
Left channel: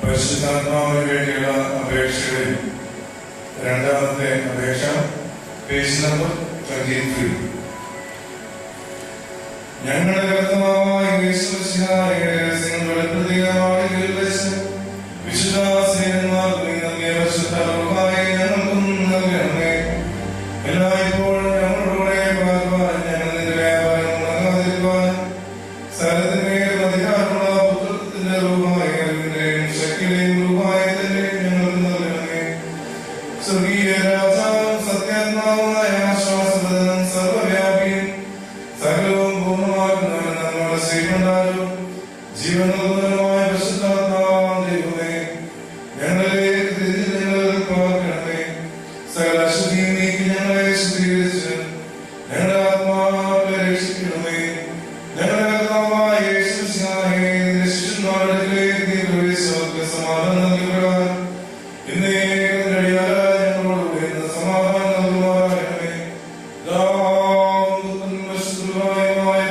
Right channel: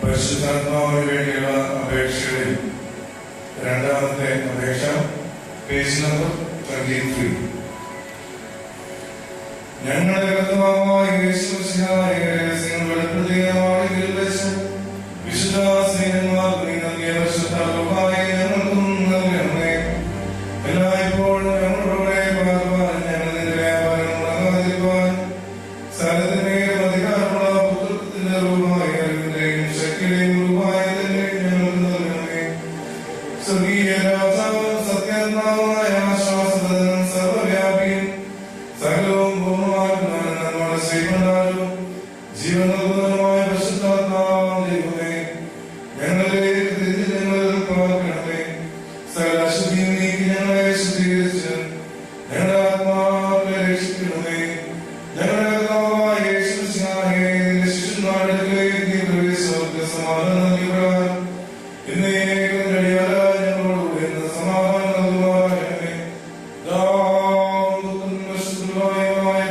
പരിശുദ്ധാത്മാവിന് വേണ്ടിയുള്ള അപേക്ഷകളിൽ രണ്ടാമത്തെ അപേക്ഷ, page number 23. ഞങ്ങളുടെ കർത്താവായ യേശുമിശിഹായെ വെളിപ്പെടുത്തിയ വെച്ച് വിശുദ്ധ സേവന്മാർക്ക് നൽകിയ പരിശുദ്ധാത്മാവായ ഞങ്ങൾക്കും നൽകണമേ. എല്ലായ്പ്പോഴും ഞങ്ങളുടെ പാർപ്പാൻ ഞങ്ങൾ നിന്റെ വ്യാപാരം മുടങ്ങാതിരിക്കുവാൻ സ്ഥലത്തിന്മേൽ അധികാരമുള്ള പുത്രത്തിന്റെ രൂപമായ അറിവിന്റെയും ശക്തിയുടെയും രൂപായതിന്റെയും ഞങ്ങൾക്ക് നൽകണമേ. സ്വർഗീയ രാജാവും സത്യാത്മാവുമായ ആശ്വാസപ്രദനും സർവ്വവ്യാപിയും സകലവും പൂർണ്ണമാക്കുന്നവനും നമ്മുടെ ശ്രീമണ്ടാലും ജീവനദൂരമായ പരിശുദ്ധാത്മാവാം ദൈവമേ, ഞങ്ങളിലേക്ക് തിരിഞ്ഞ് ഞങ്ങൾ പാർക്കണമേ. സകല അശുദ്ധിയും നീക്കി ഞങ്ങളെ ശുദ്ധീകരിച്ച് ഞങ്ങളുടെ ആത്മാക്കളെ രക്ഷിക്കണമേ. ഞങ്ങളുടെ കർത്താവായ യേശുമിശിഹായെ നിന്റെ ശിഷ്യന്മാരുടെ അടുക്കലേക്ക് പ്രവേശിച്ചവർക്ക് സമാധാനം നൽകപ്പെടാൻ ഇന്നേ കഴിയാതെ ഞങ്ങളോടുകൂടി ഇന്ന് സമാധാനം നൽകുമാറാകണമേ.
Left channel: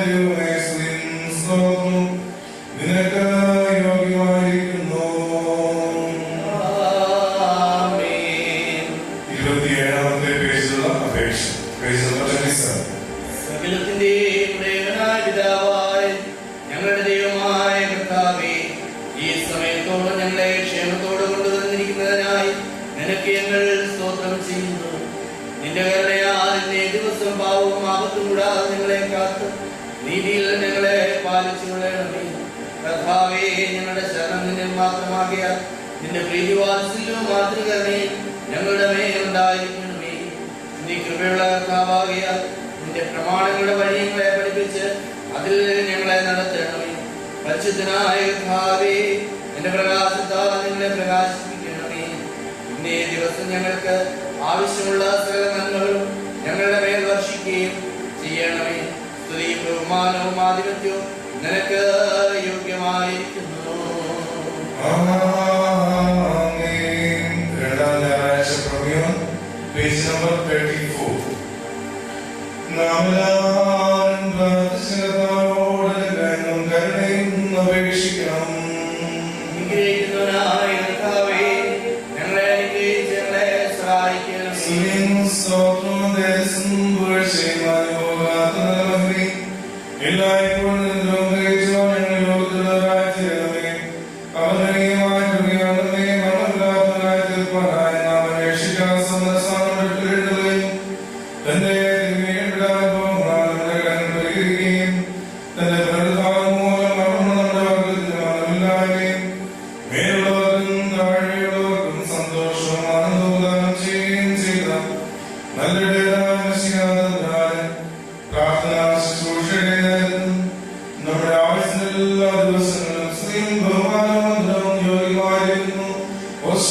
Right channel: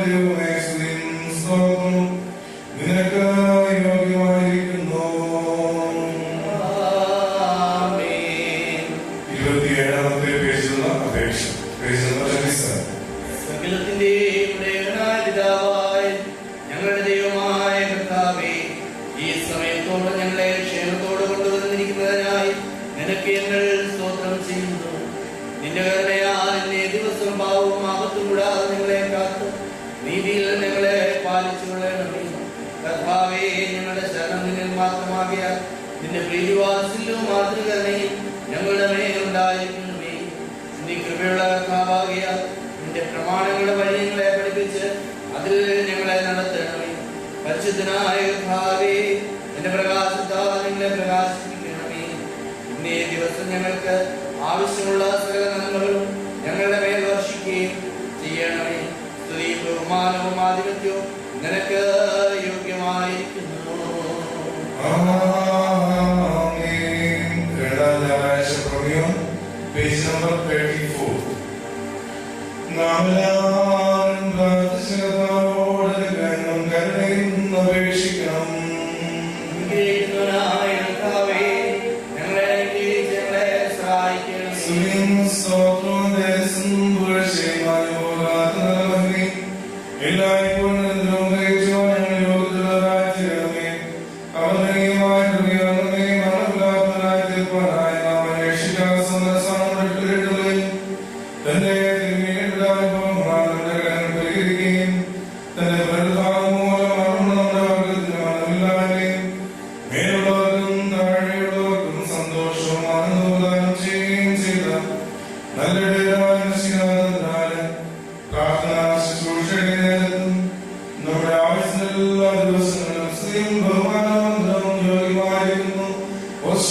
ദൈവമേ, സ്തുതിയും സ്തോത്രവും നിനക്ക് യോഗ്യമായിരിക്കുന്നു. 27ാമത്തെ പേജിലുള്ള അപേക്ഷ, പേജ് നമ്പർ 27. സകലത്തിന്റെയും ഉടയവനായ പിതാവായ ഞങ്ങളുടെ ദൈവമായ കർത്താവേ, ഈ സമയത്തോളം ഞങ്ങളെ ക്ഷേമത്തോടെ കൊണ്ടുവന്നിരിക്കുന്നതിനായി നിനക്ക് ഞങ്ങൾ സ്തോത്രം ചെയ്യുന്നു. നിന്റെ കരുണയാൽ ഇന്നേ ദിവസം പാവവും ആപത്തും കൂടാതെ ഞങ്ങളെ കാത്ത് നീതിയിൽ ഞങ്ങളെ പാലിച്ചു കൊള്ളണമേ. കർത്താവേ, ഞങ്ങളുടെ ശരണം നിന്നിൽ മാത്രമാകിയാൽ നിന്റെ പ്രീതിവാത്സല്യവും മാതൃകരണയും ഞങ്ങളുടെ മേൽ ഉണ്ടായിരിക്കണമേ. നീ കൃപയുള്ള കർത്താവാകിയാൽ നിന്റെ പ്രമാണങ്ങളുടെ വഴി ഞങ്ങളെ പഠിപ്പിച്ച് അതിൽ ഞങ്ങളെ നടത്തണമേ. പരിശുദ്ധനായ കർത്താവേ, നിന്റെ പ്രകാശത്താൽ ഞങ്ങളെ പ്രകാശിപ്പിക്കണമേ. ഇന്നേ ദിവസം ഞങ്ങൾക്ക് ആവശ്യമുള്ള സകല നന്മകളും ഞങ്ങളുടെ മേൽ വർഷിക്കുകയും ചെയ്യണമേ. സ്തുതിയും ബഹുമാനവും ആധിപത്യവും നിനക്ക് യോഗ്യമായിരിക്കുന്നു. ആമേൻ. രണ്ടാം ഞായറാഴ്ച പ്രമേയം, പേജ് നമ്പർ 34. നാം എല്ലാവരും പ്രാർത്ഥിച്ചവരോട് അനുഗ്രഹവും കരുണയും അപേക്ഷിക്കണം. അനുഗ്രഹിക്കുന്നവനായ കർത്താവേ, ഞങ്ങളെ അനുഗ്രഹിച്ച് ഞങ്ങളെ സഹായിക്കണമേ. സ്തുതിയും സ്തോത്രവും ദേശം പുകഴ്ചയും അനുഭവകാത്ത നിലമന്ത്രി എല്ലായ്പ്പോഴും നിഗ്രഹിക്കുവാൻ ഞങ്ങൾ യോഗ്യതരായി തീരണമേ. അവനീയമായ കൃപയാണമേ, മരണമില്ലാത്തവരായി തീർപ്പാനായി നാം അന്വേഷിക്കാൻ സമരസാധനങ്ങളെയും തന്റെ തിരുമേനിടാനുഭവങ്ങളാൽ നമ്മുടെ കരങ്ങൾ പരിഹരിക്കുകയും തന്റെ പുനരുദ്ധാനം മൂലം മരണം നമ്മുടെ വർഗത്തിന് മരണമില്ലായ്മയും മേലുള്ളവർക്കും താഴെയുള്ളവർക്കും സന്തോഷവും ആനന്ദവും ദാനം ചെയ്യുകയും ചെയ്ത നല്ല പ്രാർത്ഥനാ ശുശ്രൂഷയുടെ നേരത്തും നമ്മുടെ ആയുസ്സിന്റെ എല്ലാ ദിവസങ്ങളിലും സ്ത്രീയും ബഹുമാനവും യോഗ്യമായിരുന്നു. ആമേൻ.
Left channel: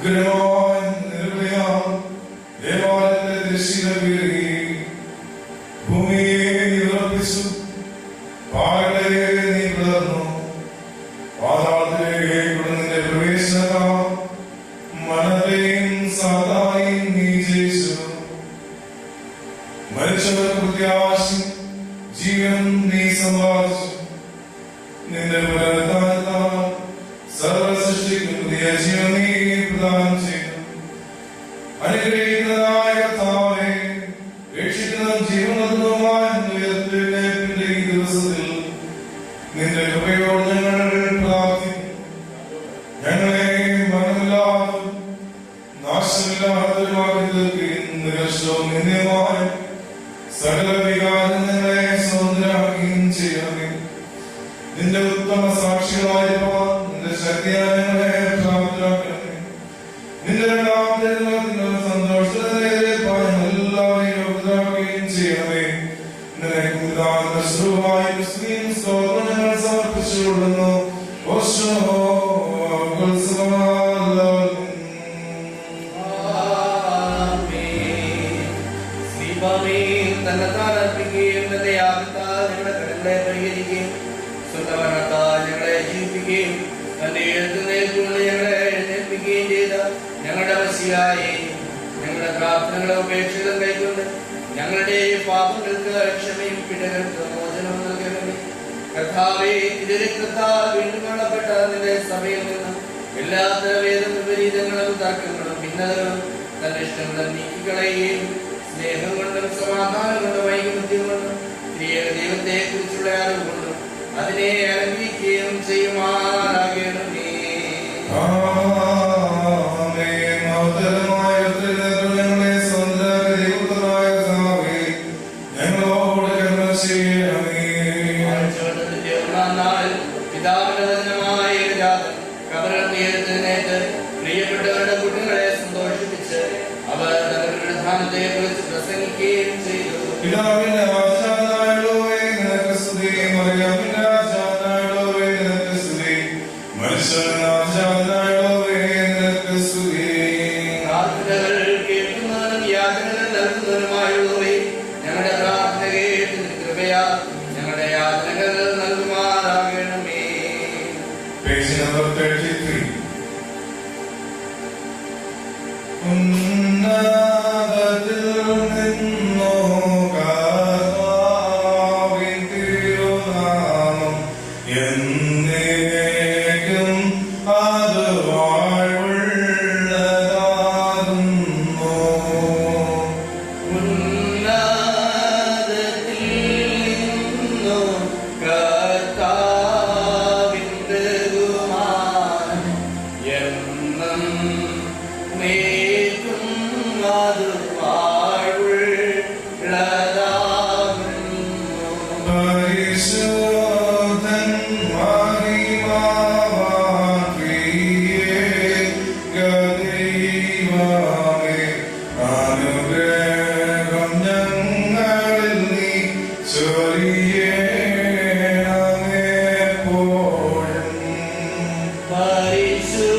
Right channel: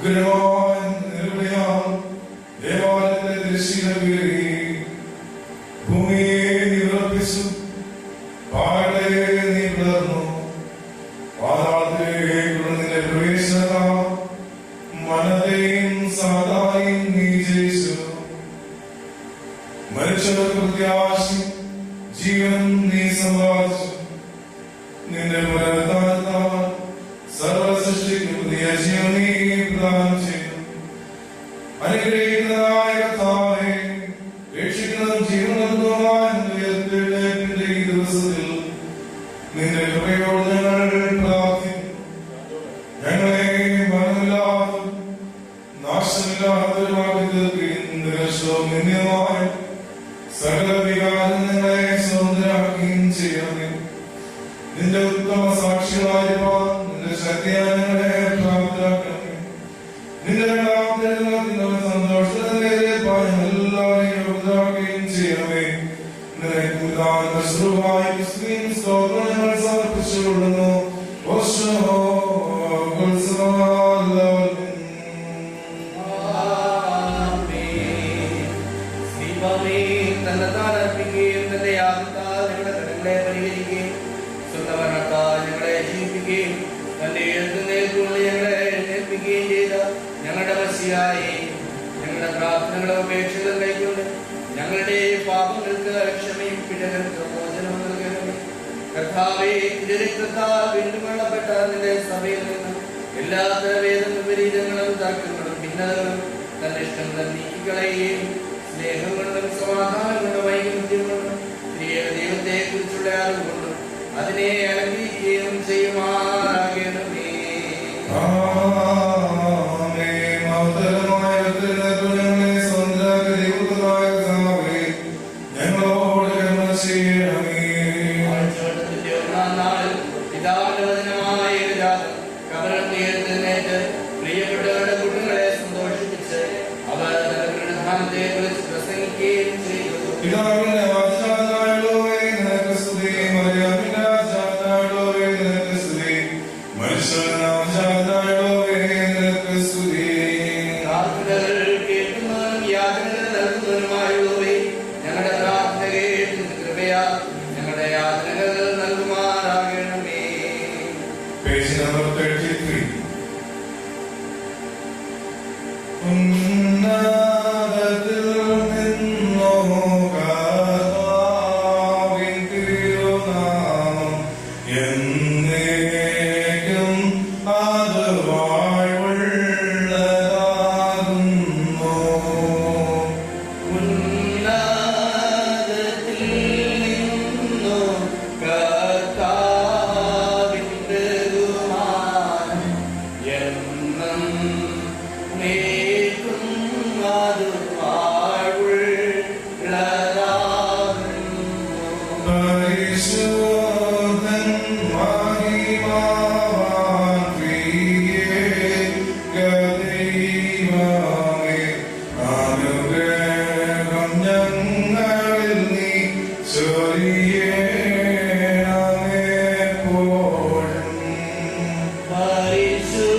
ഉഗ്രമായ നിർഭയം ദേവാലയത്തിലെ തിരശ്ശീല കീറി ഭൂമിയെ ഉറപ്പിച്ചു. പാറകളെ നീ പിളർന്നു. പാതാളത്തിലേക്കുള്ള നിന്റെ പ്രവേശനത്താൽ മനത്തെയും സാധായും നീ ജയിച്ചു. മരിച്ചവർക്ക് പ്രത്യാശയും ജീവൻ നീ സമ്പാദിച്ചു. നിന്റെ പുനരുദ്ധാനത്താൽ സർവസൃഷ്ടിക്കും പുതിയ ജീവൻ നീ പ്രദാനം ചെയ്തു. അനുഗ്രഹിക്കുന്നതായ കർത്താവേ, രക്ഷിക്കുന്നതും ജീവനതുമായ ഉയർത്തെഴുന്നേൽപ്പിന്റെ ഈ ദിവസത്തിൽ നിന്റെ കൃപയോട് ഞങ്ങൾ പ്രാർത്ഥിക്കുന്നു. ഞങ്ങളെ മനമില്ലാതെ നാശമില്ലാത്തവരുമാക്കി തീർക്കുകയും നിരക്ഷവും നിന്ദ്യമായ സകല വികാരങ്ങളെ സ്വതന്ത്രരാക്കുകയും ചെയ്യണമേ. നിന്റെ ഉത്തമ സാക്ഷികളായിരിക്കാൻ നിന്റെ ശക്തിയാൽ ഞങ്ങളെ പ്രാപ്തരാക്കണമേ. നിന്റെ രണ്ടാമത്തെ സന്തോഷത്തിലേപ്പാൻ എല്ലാവരെയും യോഗ്യരാക്കുകയും ചെയ്യണമേ. നിനക്ക് ഉദാഹരണ മുസ്ലിം സ്തോത്രം ഞങ്ങൾ സമർപ്പിച്ചുകൊള്ളുന്നു. തന്നെത്താനർപ്പിക്കുകയും തന്റെ യാഗത്താൽ ഞങ്ങളുടെ കടങ്ങളെ പരിഹരിക്കുകയും സ്വന്തമരണത്താൽ ഞങ്ങളെ ജീവിപ്പിക്കുകയും തന്റെ എഴുത്തുന്നേൽക്കൊണ്ട് ഞങ്ങളെ എഴുന്നേൽപ്പിക്കുകയും ചെയ്ത ഞങ്ങളുടെ മസിയായെ ഞങ്ങളുടെ പ്രാർത്ഥനകളും അപേക്ഷകളും കൈക്കൊണ്ട് ഞങ്ങളുടെ പാപങ്ങൾക്ക് ക്ഷമയും പിഴകൾക്ക് മോചനവും നൽകണമേ. കർത്താവേ, തിരുരക്തത്താൽ വീണ്ടും കൊള്ളപ്പെട്ട നിന്റെ സഭയിൽ നിന്ന് എല്ലാത്തര വേദം വിപരീതങ്ങളും തർക്കങ്ങളും ഭിന്നതകളും തന്റെ ഇഷ്ടങ്ങളും നീക്കിക്കളയുകയും സ്നേഹം കൊണ്ടും സമാധാനം കൊണ്ടും ഐകമത്യം കൊണ്ടും ത്രിയേക ദൈവത്തെ കുറിച്ചുള്ള അറിവ് കൊണ്ടും അതിനെ അനുഗ്രഹിക്കുകയും ചെയ്യുമാറാകണമേ. ആഴ്ചവട്ടത്തിന്റെ ഒന്നാം നാളിൽ പിതാവിന്റെ വചനമായ ഏകജാതൻ കബറിൽ നിന്ന് എഴുന്നേറ്റ് പ്രിയപ്പെട്ടവരുടെ കുഞ്ഞുങ്ങളെ സന്തോഷിപ്പിച്ച് അവർ തന്റെ പുനരുത്ഥാനത്തെ കുറിച്ച് പ്രസംഗിക്കുകയും ചെയ്തു. പിതാവിന്റെ ആചാരനായുള്ളവേ നിനക്ക് സ്തുതി. മറിയാമിന്റെ ആചാരനായുള്ളവേ നിനക്ക് സ്തുതി. മനുഷ്യന്റെ ആചാരനായുള്ളവേ നിനക്ക് സ്തുതി. പ്രാർത്ഥനകൾ കേൾക്കുന്നവനും യാചനകൾ നൽകുന്നവനുമായുള്ളവേ ഞങ്ങളുടെ പ്രാർത്ഥന കേട്ട് കൃപയാ ഞങ്ങളുടെ യാചനകൾ നൽകുമാറാകണമേ. Page number 33. ഉന്നതത്തിൽ നിന്നോ കർത്താവിൻ തിരുനാമം എന്നേക്കും അത് വാഴ്വുള്ളതാകുന്നു. ഉന്നതത്തിൽ നിന്നു കർത്താവിൻ ബഹുമാനം എന്നും നീക്കും അത് വാഴ്വുള്ളതാകുന്നു. പരിശുദ്ധൻ മഹിമാവാൻ ദൈവമേ, അനുഗ്രഹം ഞങ്ങളിൽ നീ ചൊരിയണമേ എപ്പോഴും. പരിശുദ്ധൻ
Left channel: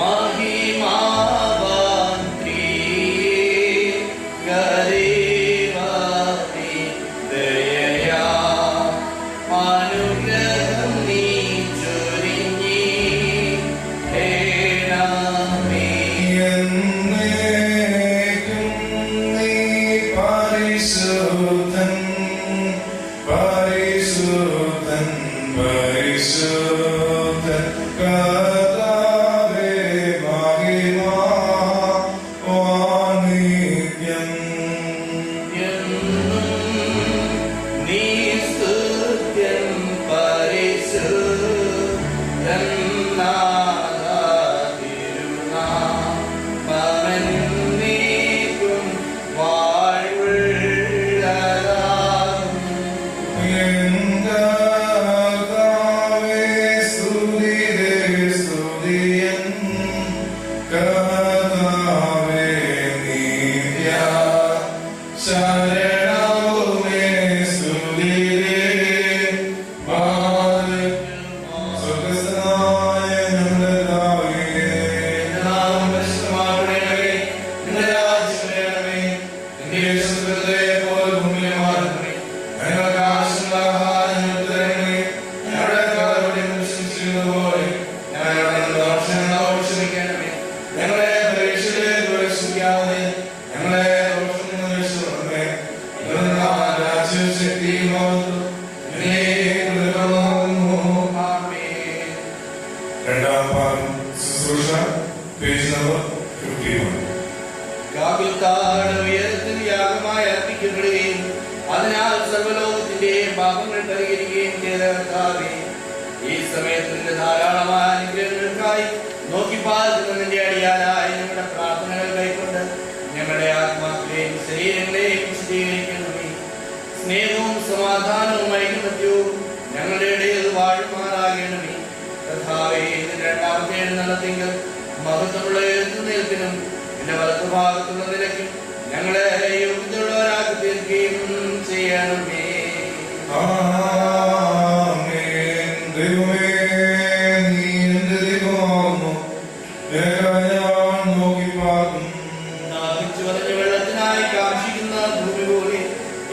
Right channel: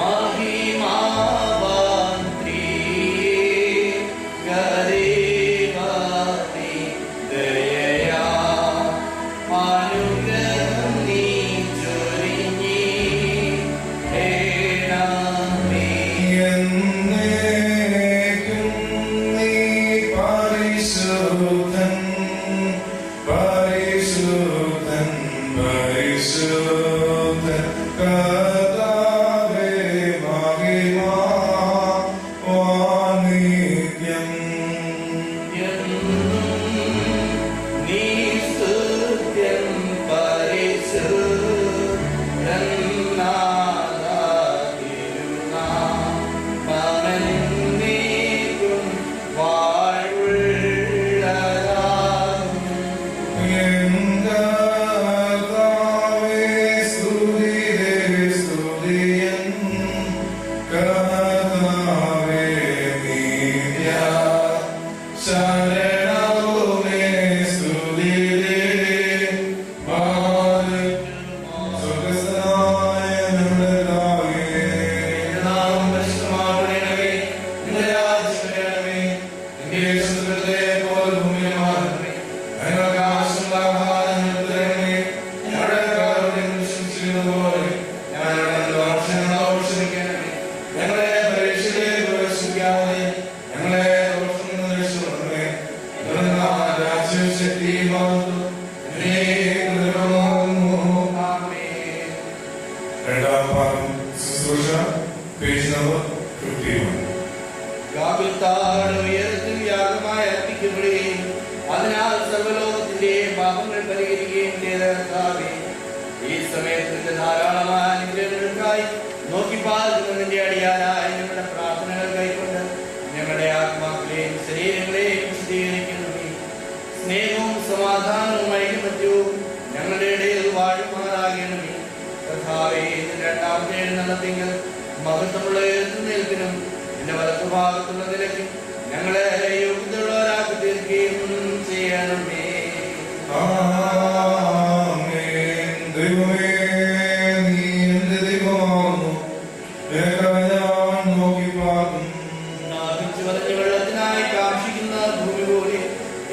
മഹിമാവാൻ ത്രിയേകദൈവമേ, ദയയാ അനുഗ്രഹം നീ ചൊരിഞ്ഞിടണമേ. എന്നേക്കും നീ പരിശുദ്ധൻ, പരിശുദ്ധൻ, പരിശുദ്ധൻ. കർത്താവേ, മഹിമാ വാണിജ്യം. എന്നും നീ സ്തുത്യൻ പരിശുദ്ധൻ നാഥാ തിരുനാമമെന്നേക്കും വാഴ്വുള്ളതാകുന്നു. എൻ കർത്താവേ, സ്തുതിയേ, സ്തുതിയൻ. കർത്താവേ, നിത്യ ശരണവുമേ, സ്തുതിയേ. സ്വർഗ്ഗസ്ഥനായ ഞങ്ങളുടെ പിതാവേ, ശുശ്രൂഷ പേജ് നമ്പർ 51. ഗാകുൽത്താട് ഉയരത്തിൽ യാഗമായി അർപ്പിക്കപ്പെടുകയും അതിനാൽ സർവ്വലോകത്തിന്റെ പാപങ്ങൾ പരിഹരിക്കുകയും ചെയ്ത കർത്താവേ, ഈ സമയത്ത് നിന്റെ ധാരാളമായ അനുഗ്രഹങ്ങൾക്കായി നോക്കി പാർക്കുന്ന നിന്റെ അടിയാനായി ഞങ്ങളുടെ പ്രാർത്ഥനകൾ കൈക്കൊണ്ട് ഞങ്ങളുടെ ആത്മാക്കളെയും ശരീരങ്ങളെയും വിശദീകരിക്കണമേ. സ്നേഹവും സമാധാനവും ഐക്യമത്യവും ഞങ്ങളുടെ ഇടയിൽ വാഴുമാറാകണമേ. കർത്താവേ, ഇതിന്റെ രണ്ടാമത്തെ എഴുന്നള്ളത്തിങ്കൽ മഹത്വമുള്ള എഴുന്നേൽപ്പിനും എന്റെ വലത്തുഭാഗത്തുള്ള നിലയ്ക്കും ഞങ്ങളെ യോഗ്യതയുള്ളവരാക്കി തീർക്കുകയും ചെയ്യണമേ. ആമേൻ. ദൈവമേ, നീ എന്റെ ദൈവമാകുന്നു. നിനക്കായി ഞാൻ നോക്കിപ്പാർക്കും. ദാഹിച്ചു വരഞ്ഞ വെള്ളത്തിനായി കാക്ഷിക്കുന്ന ഭൂമി പോലെ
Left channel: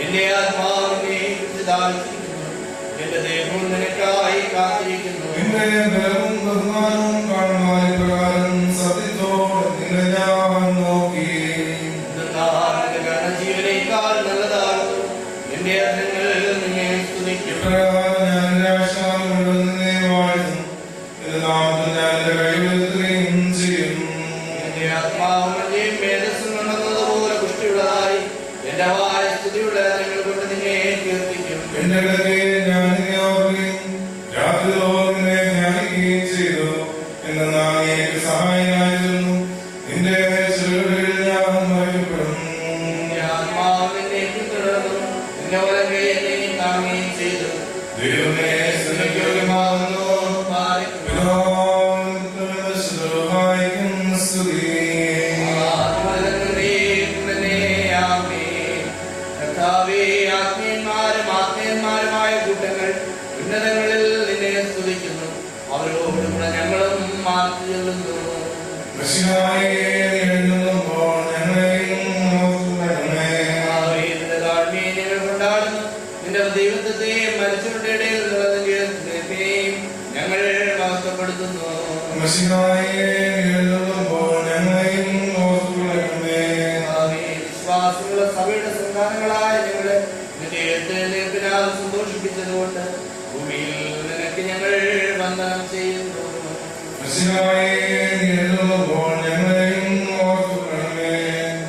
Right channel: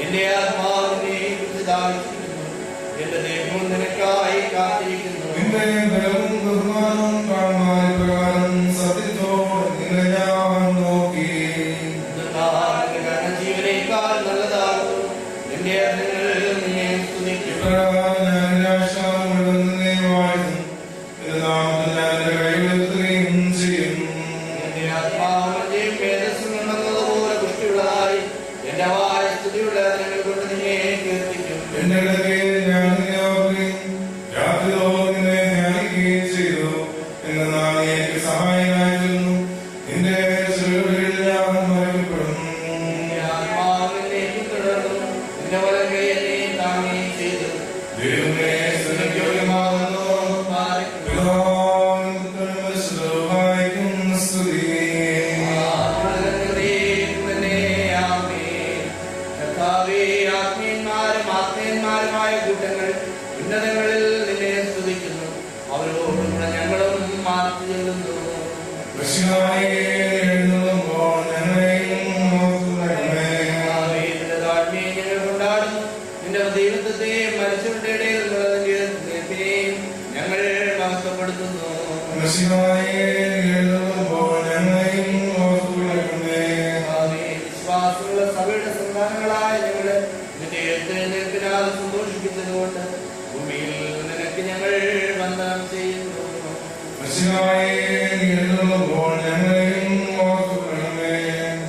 എന്റെ ആത്മാവിനെ കുറിച്ച് ദാഹിച്ചിരിക്കുന്നു. എന്റെ ദേഹവും നിനക്കായി കാത്തിരിക്കുന്നു. നിന്റെ ബലവും ബഹുമാനവും കാണുവാൻ ഇപ്രകാരം സത്യത്തോടെ നിന്നെ ഞാൻ നോക്കി. നിന്റെ കരുണ ജീവനേക്കാൾ നല്ലതാകുന്നു. എന്റെ അധരങ്ങൾ നിന്നെ സ്തുതിക്കും. ഇപ്രകാരം ഞാൻ എന്റെ ആശ്വാസം മുഴുവൻ നിന്നെ വാഴ്ത്തും. നിന്റെ നാമത്തിൽ ഞാൻ എന്റെ കൈവരുത്തുകയും ചെയ്യും. എന്റെ ആത്മാവും എന്റെ മേധസ്സും ഉണ്ടെന്നതുപോലെ പുഷ്ടിയുള്ളതായി എന്റെ വായ സ്തുതിയുള്ള അധരങ്ങൾ കൊണ്ട് നിന്നെ കീർത്തിക്കും. എന്റെ കിടക്കയിൽ ഞാൻ നിന്നെ ഓർക്കുകയും രാത്രിയോളം നിന്നെ ധ്യാനിക്കുകയും ചെയ്തു. എന്നാൽ നീ എനിക്ക് സഹായനായിരുന്നു. നിന്റെ ചുവടുകളിൽ ഞാൻ മറക്കപ്പെടും. എന്റെ ആത്മാവ് എന്നെ പിന്തുടർന്നു. നിന്റെ വലങ്കൈ എന്നെ താങ്ങുകയും ചെയ്തു. ദൈവമേ, സ്തുതിക്ക് യോഗ്യമാകുന്നു. പിതാവിനും പുത്രനും പരിശുദ്ധാത്മാവിനും സ്തുതി. കർത്താവേ, ആത്മീയന്മാരുമായ കൂട്ടങ്ങൾ ഉന്നതങ്ങളിൽ നിന്നെ സ്തുതിക്കുന്നു. അവരോടുകൂടെ ഞങ്ങളും മാറ്റി ചെല്ലുന്നു. മിശിഹായേ, എഴുന്നള്ളുമ്പോൾ ഞങ്ങളെയും ഓർത്തുകൊള്ളണമേ. കർത്താവേ, നിന്റെ താഴ്മയെ ഞങ്ങൾ കൊണ്ടാടുന്നു. നിന്റെ ദൈവത്വത്തെ മരിച്ചവരുടെ ഇടയിൽ നിലനിർത്തിയെയും ഞങ്ങൾ മഹത്വപ്പെടുത്തുന്നു. മിശിഹായേ, എഴുന്നള്ളുമ്പോൾ ഞങ്ങളെയും ഓർത്തുകൊള്ളണമേ. കർത്താവേ, വിശ്വാസമുള്ള സഭയുടെ സന്താനങ്ങളായ ഞങ്ങളെ നിന്റെ എഴുന്നേൽപ്പിനാൽ സന്തോഷിപ്പിച്ചതുകൊണ്ട് ഭൂമിയിൽ നിനക്ക് ഞങ്ങൾ വന്ദനം ചെയ്യുന്നു. മിശിഹായേ, എഴുന്നള്ളുമ്പോൾ ഞങ്ങളെയും ഓർത്തുകൊള്ളണമേ.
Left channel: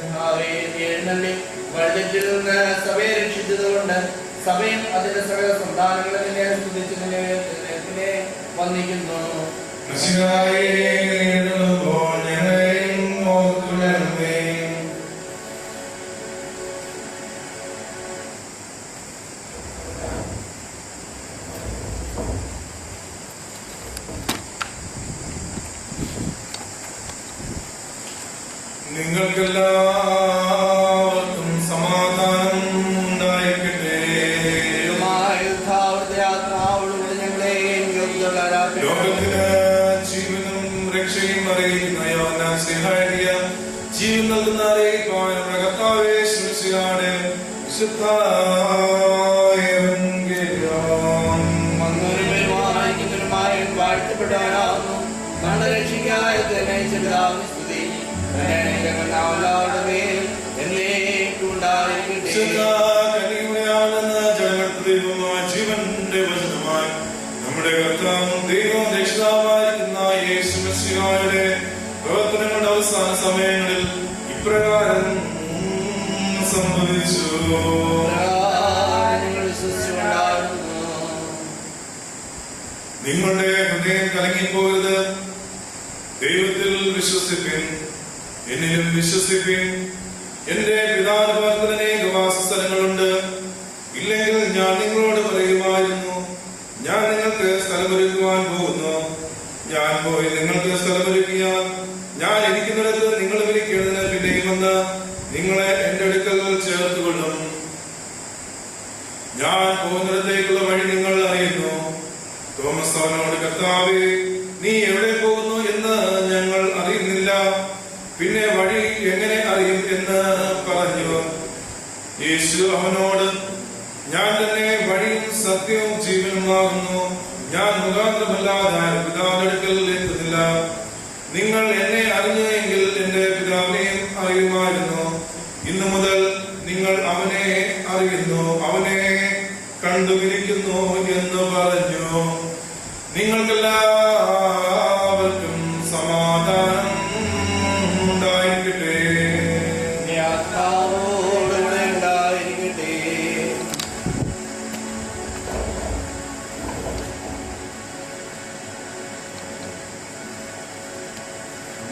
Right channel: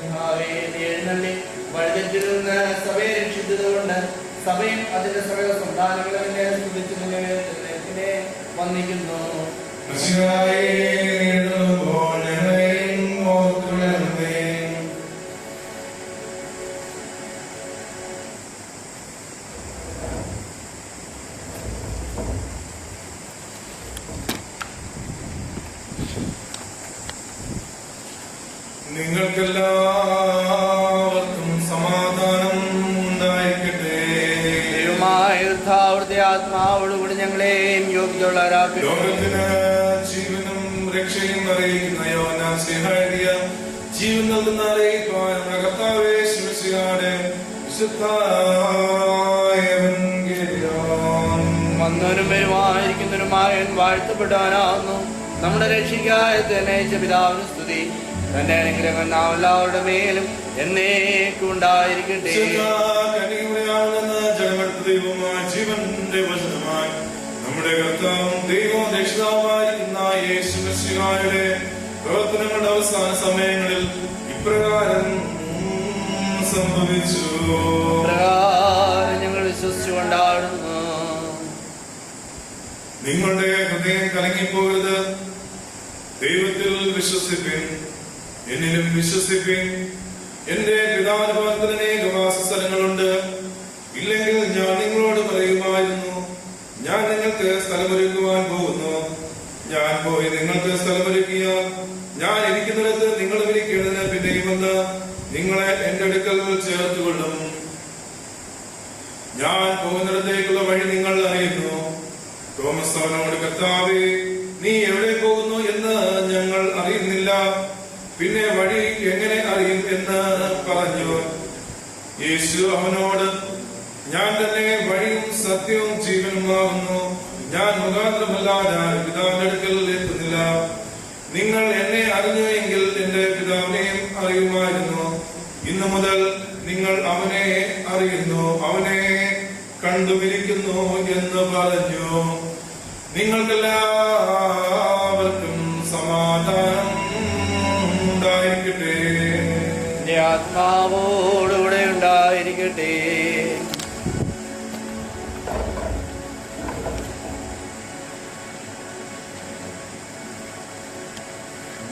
കർത്താവേ, നീ എഴുന്നള്ളി വഴിതെറ്റിൽ നിന്ന് സഭയെ രക്ഷിച്ചതുകൊണ്ട് സഭയും അതിന്റെ സകല സന്താനങ്ങളും നിന്നെ സ്തുതിച്ച് നിന്നെ വന്ദിക്കുന്നു. മിശിഹായേ, എഴുന്നള്ളുമ്പോൾ ഞങ്ങളെയും ഓർത്തുകൊള്ളണമേ. നിങ്ങൾക്കെല്ലാവർക്കും സമാധാനം ഉണ്ടായിരിക്കട്ടെ. ആത്മാവോടുകൂടി ഞങ്ങളെയും യോഗ്യതയുള്ളവരാക്കി ലോകത്തിന് ജീവനും രക്ഷയും അറിയിക്കുന്ന യോഹന്നാൻ സ്നേഹാരിയ ജീവൻ നൽകുന്ന അറിയിപ്പാൻ നമ്മുടെ കർത്താവേ ശിവശിഹാടെ വിശുദ്ധ എവങ്കേലിയോൻ. വന്നവരും പെരുമാറിയിരിക്കുന്നവരുമായ വാഴ്ത്തപ്പെടാനാവുന്നു. നമ്മുടെ രക്ഷിക്കായ തന്നെ പിതാവിന് സ്തുതി. തന്റെ അനുഗ്രഹം നാം എല്ലാവരുടെ മേലും എന്നേക്കും ഉണ്ടായിരിക്കട്ടെ. വിശുദ്ധ കന്യകയാണെന്ന ജഗത്ത് ദൈവമായ ജീവന്റെ വചനമായി നമ്മുടെ കർത്താവും ദൈവവും രക്ഷിതാവായിരിക്കുന്ന യേശു മിശിഹായുടെ പ്രവർത്തനങ്ങളുടെ അവസാന സമയങ്ങളിൽ ഇപ്രകാരം സംഭവിച്ചു. ഞങ്ങൾ വിശ്വസിച്ചുകൊണ്ടാടുന്നു. നിങ്ങളുടെ ഹൃദയം കലങ്ങിപ്പോകരുത്. ദൈവത്തിൽ വിശ്വസിപ്പിൻ, എന്നിലും വിശ്വസിപ്പിൻ. എന്റെ പിതാവിന്റെ ഭവനത്തിൽ അനേക വാസസ്ഥലങ്ങളുണ്ട്. ഇല്ലെങ്കിൽ ഞാൻ നിങ്ങളോട് പറയുമായിരുന്നു, ഞാൻ നിങ്ങൾക്ക് സ്ഥലമൊരുക്കുവാൻ പോകുന്നു. ഞാൻ പോയി നിങ്ങൾക്ക് സ്ഥലമൊരുക്കിയാൽ ഞാൻ ഇരിക്കുന്നിടത്ത് നിങ്ങളും ഇരിക്കേണ്ടതിന് പിന്നെയും വന്ന് നിങ്ങളെ എന്റെ അടുക്കൽ ചേർത്തുകൊള്ളും. ഞാൻ പോകുന്നിടത്തേക്കുള്ള വഴി നിങ്ങൾ അറിയുന്നു. തോമസ് അവനോട്, കർത്താവേ, നീ എവിടെ പോകുന്നു എന്ന് ഞങ്ങൾ അറിയുന്നില്ല, പിന്നെ വഴി എങ്ങനെ അറിയും എന്ന് പറഞ്ഞു. യേശു അവനോട്, ഞാൻ തന്നെ വഴിയും സത്യവും ജീവനുമാകുന്നു. ഞാൻ മുഖാന്തരമല്ലാതെ പിതാവിന്റെ അടുക്കൽ എത്തുന്നില്ല. നിങ്ങൾ എന്നെ അറിഞ്ഞു എങ്കിൽ എന്റെ പിതാവിനെയും അറിയുമായിരുന്നു. ഇന്നു മുതൽ നിങ്ങൾ അവനെ അറിയുന്നു, അവനെ കണ്ടുമിരിക്കുന്നു എന്ന് പറഞ്ഞു. നിങ്ങൾക്കെല്ലാവർക്കും സമാധാനം. സമാധാനം ഉണ്ടായിരിക്കട്ടെ. നിന്റെ ആത്മാവോടുകൂടെ ഉണ്ടായിരിക്കട്ടെ.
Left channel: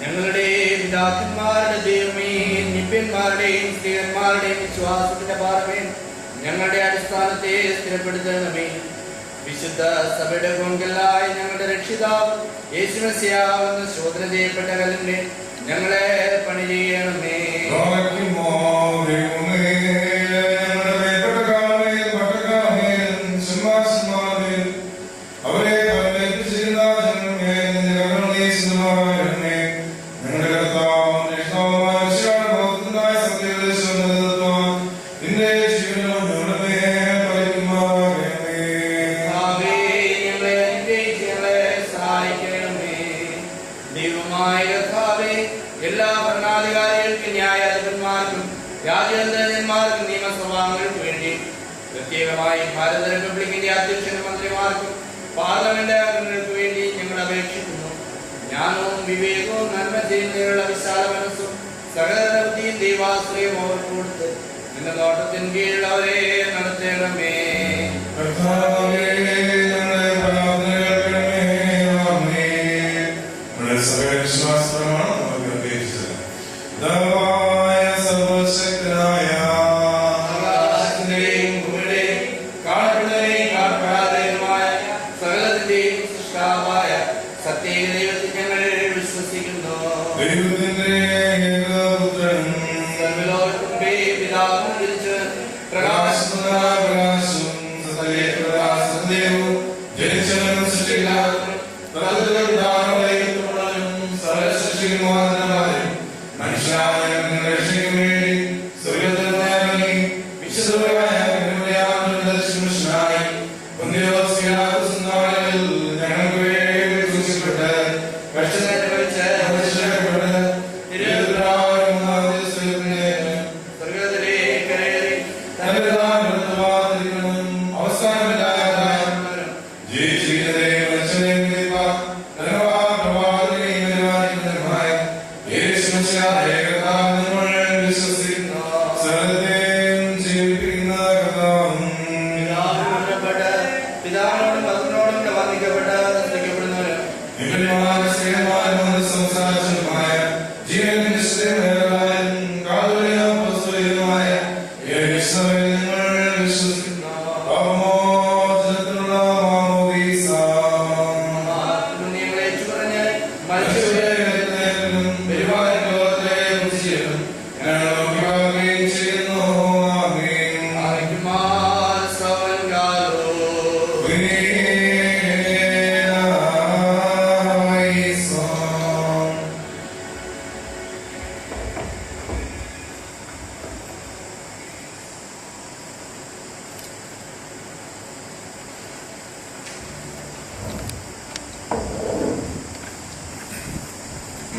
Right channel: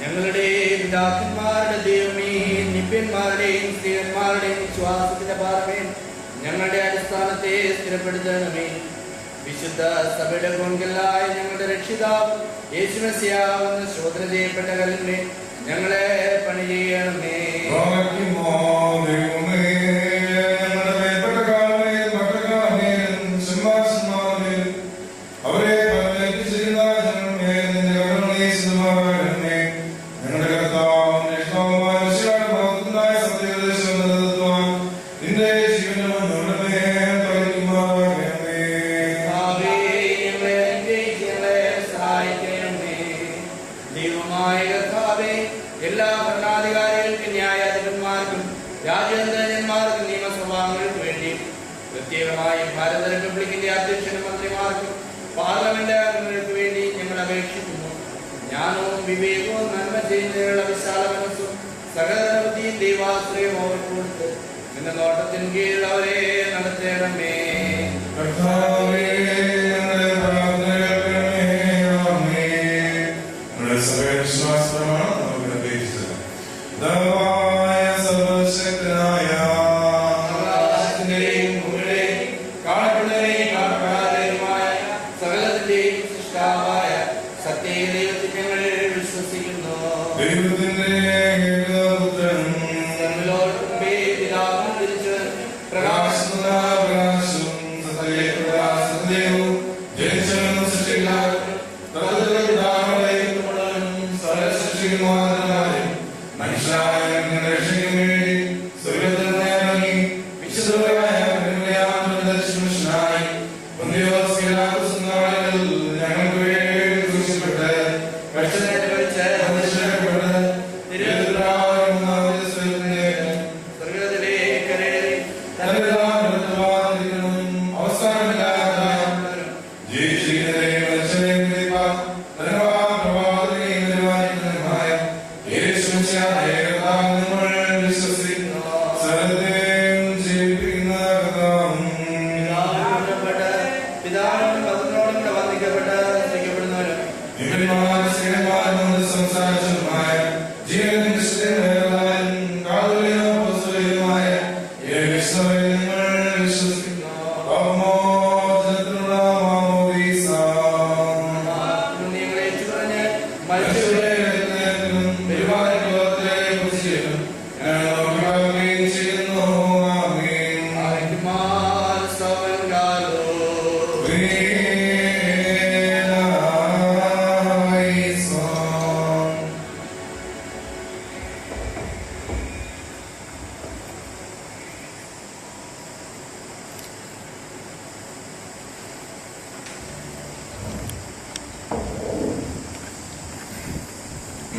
ഞങ്ങളുടെ പിതാക്കന്മാരുടെ ദൈവമേ, നിബ്യന്മാരുടെയും സ്ത്രീയന്മാരുടെയും വിശ്വാസത്തിന്റെ പാറമേ, ഞങ്ങളുടെ അടിസ്ഥാനത്തെ സ്ഥിരപ്പെടുത്തണമേ. വിശുദ്ധ സഭയുടെ കൊങ്കലായ ഞങ്ങളുടെ രക്ഷിതാവ് യേശുമസിയാവെന്ന് ശോധന ചെയ്യപ്പെട്ട കല്ലിന്റെ ഞങ്ങളെ പണി ചെയ്യണമേ. എല്ലാ ഭരണാധികാരികൾക്കും ന്യായാധിപന്മാർക്കും രാജ്യാന്തരന്മാർക്കും നിയമസഭാംഗങ്ങൾക്ക് വേണ്ടി പ്രത്യേകമായി ഭാരത റിപ്പബ്ലിക്കിന്റെ അധ്യക്ഷനും മന്ത്രിമാർക്കും പാർലമെന്റ് അംഗങ്ങൾക്ക് വേണ്ടി ഞങ്ങൾ അപേക്ഷിക്കുന്നു. ജ്ഞാനവും വിവേകവും നന്മ ചെയ്യുന്നതിനുള്ള വിശാല മനസ്സും സകല ബുദ്ധിയും ദൈവാശ്രയം അവർക്ക് കൊടുത്ത് നിന്റെ നോട്ടത്തിൻ കീഴിൽ അവരെ നടത്തണമേ.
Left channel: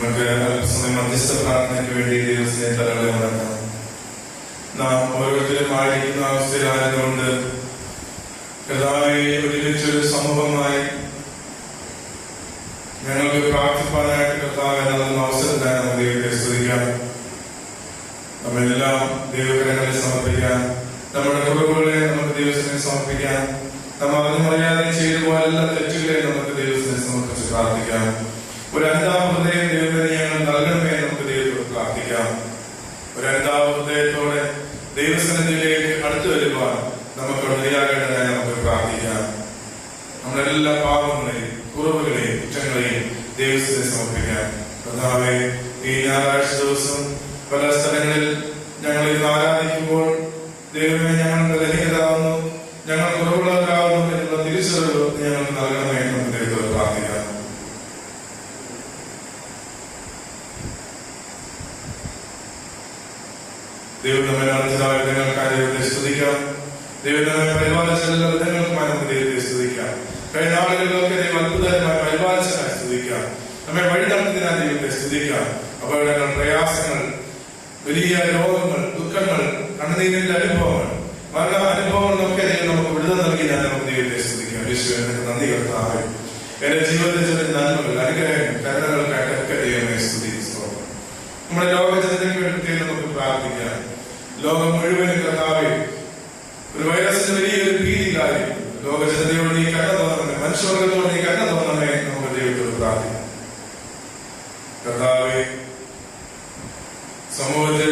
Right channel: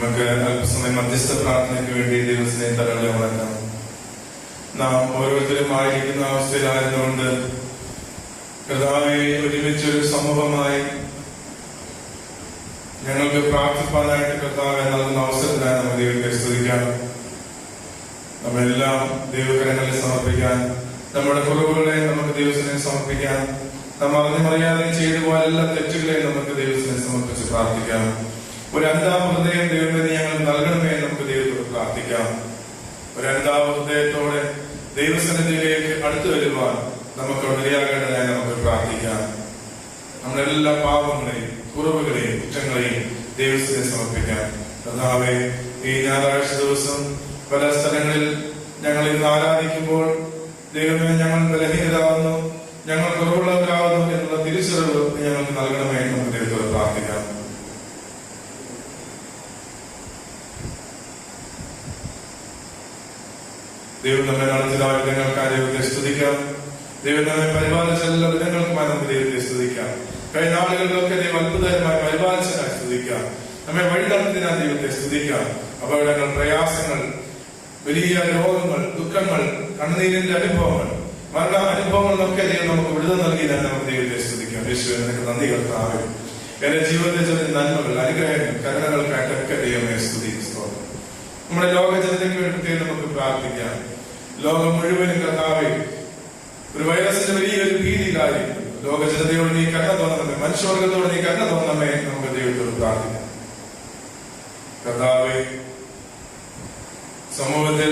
നമുക്ക് അല്പസമയം മധ്യസ്ഥ പ്രാർത്ഥനയ്ക്ക് വേണ്ടി ദൈവത്തിനെ തലകളെ ഉണർത്താം. നാം ഓരോരുത്തരും ആയിരിക്കുന്ന അവസ്ഥയിലായതുകൊണ്ട് കർത്താവേ, ഒരുമിച്ചൊരു സമൂഹമായി ഞങ്ങൾക്ക് പ്രാർത്ഥിപ്പാനായിട്ട് കർത്താവെ നൽകുന്ന അവസരത്തിനായി നമുക്ക് ദൈവത്തെ സ്തുതിക്കാം. നമ്മെല്ലാം ദൈവകരങ്ങളെ സമർപ്പിക്കാൻ, നമ്മുടെ കുറവുകളെ നമുക്ക് ദൈവത്തിനെ സമർപ്പിക്കാൻ, നമ്മൾ അറിഞ്ഞറിയാതെ ചെയ്തു പോയ എല്ലാ തെറ്റുകളെയും നമുക്ക് ദൈവത്തിനെ സമർപ്പിച്ച് പ്രാർത്ഥിക്കാം. ഒരു അന്താ ഹൃദയം ദൈവമേ ഞങ്ങൾ നൽകണമേ നമുക്ക് ദൈവത്തോട് പ്രാർത്ഥിക്കാം. ഒരു അന്താ ഹൃദയത്തോടെ ദൈവസന്നിധിയിലേക്ക് അടുത്തു വരുവാൻ നമുക്ക് ഇടയാകേണ്ടതായി നമുക്ക് പ്രാർത്ഥിക്കാം. നമ്മളെല്ലാ പാപങ്ങളെയും കുറവുകളെയും കുറ്റങ്ങളെയും ദൈവത്തിനെ സമർപ്പിക്കാം. കർത്താവേ, ഈ ഞായറാഴ്ച ദിവസം പല സ്ഥലങ്ങളിൽ ഞങ്ങൾ ഇത് ആരാധിക്കുമ്പോൾ ദൈവമേ ഞങ്ങൾ ബലഹീനരാകുന്നു, ഞങ്ങൾ കുറവുള്ളവരാകുന്നു എന്നുള്ള തിരിച്ചറിവ് ഞങ്ങൾക്ക് നൽകണമേ നമുക്ക് ദൈവത്തോട് പ്രാർത്ഥിക്കാം. ദൈവം നമ്മെ നടത്തിയ വിധങ്ങൾക്കായി ദൈവത്തെ സ്തുതിക്കാം. ദൈവം നമ്മെ പരിപാലിച്ച എല്ലാ വിധങ്ങൾക്കുമായി നമുക്ക് ദൈവത്തെ സ്തുതിക്കാം. കഴിഞ്ഞ ആളുകളിലൊക്കെ ദൈവം അത്ഭുതകരമായി പരിപാലിച്ചതിനായി സ്തുതിക്കാം. നമ്മെ വഴി നടത്തിയതിനായി ദൈവത്തെ സ്തുതിക്കാം. അപകടങ്ങൾ, പ്രയാസങ്ങൾ, വലിയ രോഗങ്ങൾ, ദുഃഖങ്ങൾ, കണ്ണുനീരിന്റെ അനുഭവങ്ങൾ, മരണ അനുഭവങ്ങളൊക്കെ ദൈവം നമുക്ക് വിടുതൽ നൽകിയതിനായി നമുക്ക് ദൈവത്തെ സ്തുതിക്കാം. യേശുവേ, നിനക്ക് നന്ദി കർത്താവേ. എന്റെ ജീവിതത്തിൽ ചെന്ന നന്മകൾ, അനുഗ്രഹങ്ങൾ, കരുണകൾക്കായിട്ടൊക്കെ ദൈവം ലോകം മുഴുവനും കർത്താവേ ഒരു വൈറസിന്റെ വലിയൊരു ഭീതി കാര്യം ലോക ജനതയോട് നീ കരുണ തോന്നണമേ, മനുഷ്യവർഗത്തോട് നീ കരുണ തോന്നണമേ. നമുക്ക് ദൈവത്തോട് പ്രാർത്ഥിക്കാം. കർത്താവേ, സമൂഹത്തിൽ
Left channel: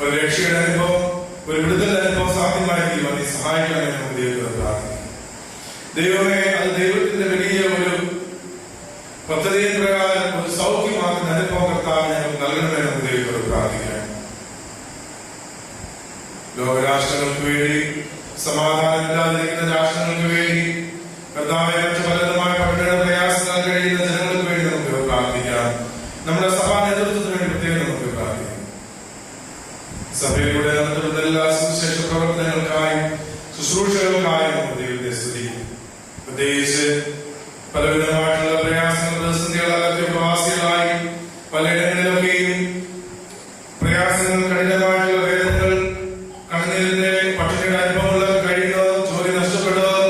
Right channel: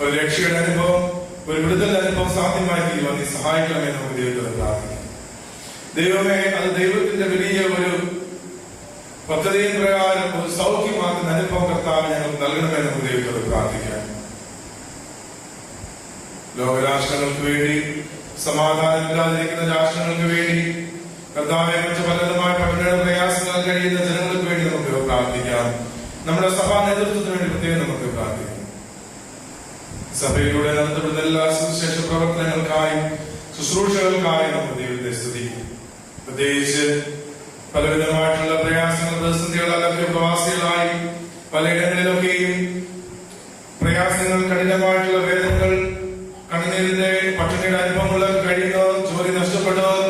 ഒരു രക്ഷയുടെ അനുഭവം, ഒരു വിടുതൽ അനുഭവം സാധ്യമായി തീരുവാൻ നീ സഹായിക്കണമേ. നമുക്ക് ദൈവത്തോട് പ്രാർത്ഥിക്കാം. ദൈവമേ, അത് ദൈവത്തിന്റെ വലിയ ഒരു പദ്ധതിயின் പ്രകാരം ഒരു സൗഖ്യമാക്കുന്ന അനുഭവം കർത്താവ് ഞങ്ങൾക്ക് നൽകണമേ. നമുക്ക് ദൈവത്തോട് പ്രാർത്ഥിക്കാം. ലോകരാഷ്ട്രങ്ങൾക്ക് വേണ്ടി, സമാധാനമില്ലാതിരിക്കുന്ന രാഷ്ട്രങ്ങൾക്ക് വേണ്ടി, കർത്താവെ മറ്റു പലവിധമായ പട്ടിണിയുടെ പ്രയാസങ്ങൾ കഴിയുന്ന ജനങ്ങൾക്ക് വേണ്ടി നമുക്ക് പ്രാർത്ഥിക്കാം. നമ്മുടെ സഭാ നേതൃത്വത്തിന് വേണ്ടി പ്രത്യേകം നമുക്ക് പ്രാർത്ഥിക്കാം. സഭയിലൂടെ നടത്തുന്ന എല്ലാ സുവിശേഷ പ്രവർത്തനങ്ങൾക്കായും ശുശ്രൂഷകൾക്കായും നമുക്ക് ദൈവത്തെ സ്തുതിക്കും. പ്രത്യേകിച്ച് പലവിധമായിട്ടുള്ള പ്രയാസങ്ങൾ, പ്രതിസന്ധികളൊക്കെ പ്രവാസികളായി പലയിടങ്ങളിലൊക്കെയും പ്രയാസങ്ങൾ, കഠിനമായിട്ടുള്ള വേദനകൾ, കണ്ണീരിന്റെ പട്ടിണിയുടെ അനുഭവങ്ങൾ കഴിയുന്നത്, ജോലി നഷ്ടപ്പെടുന്നത്,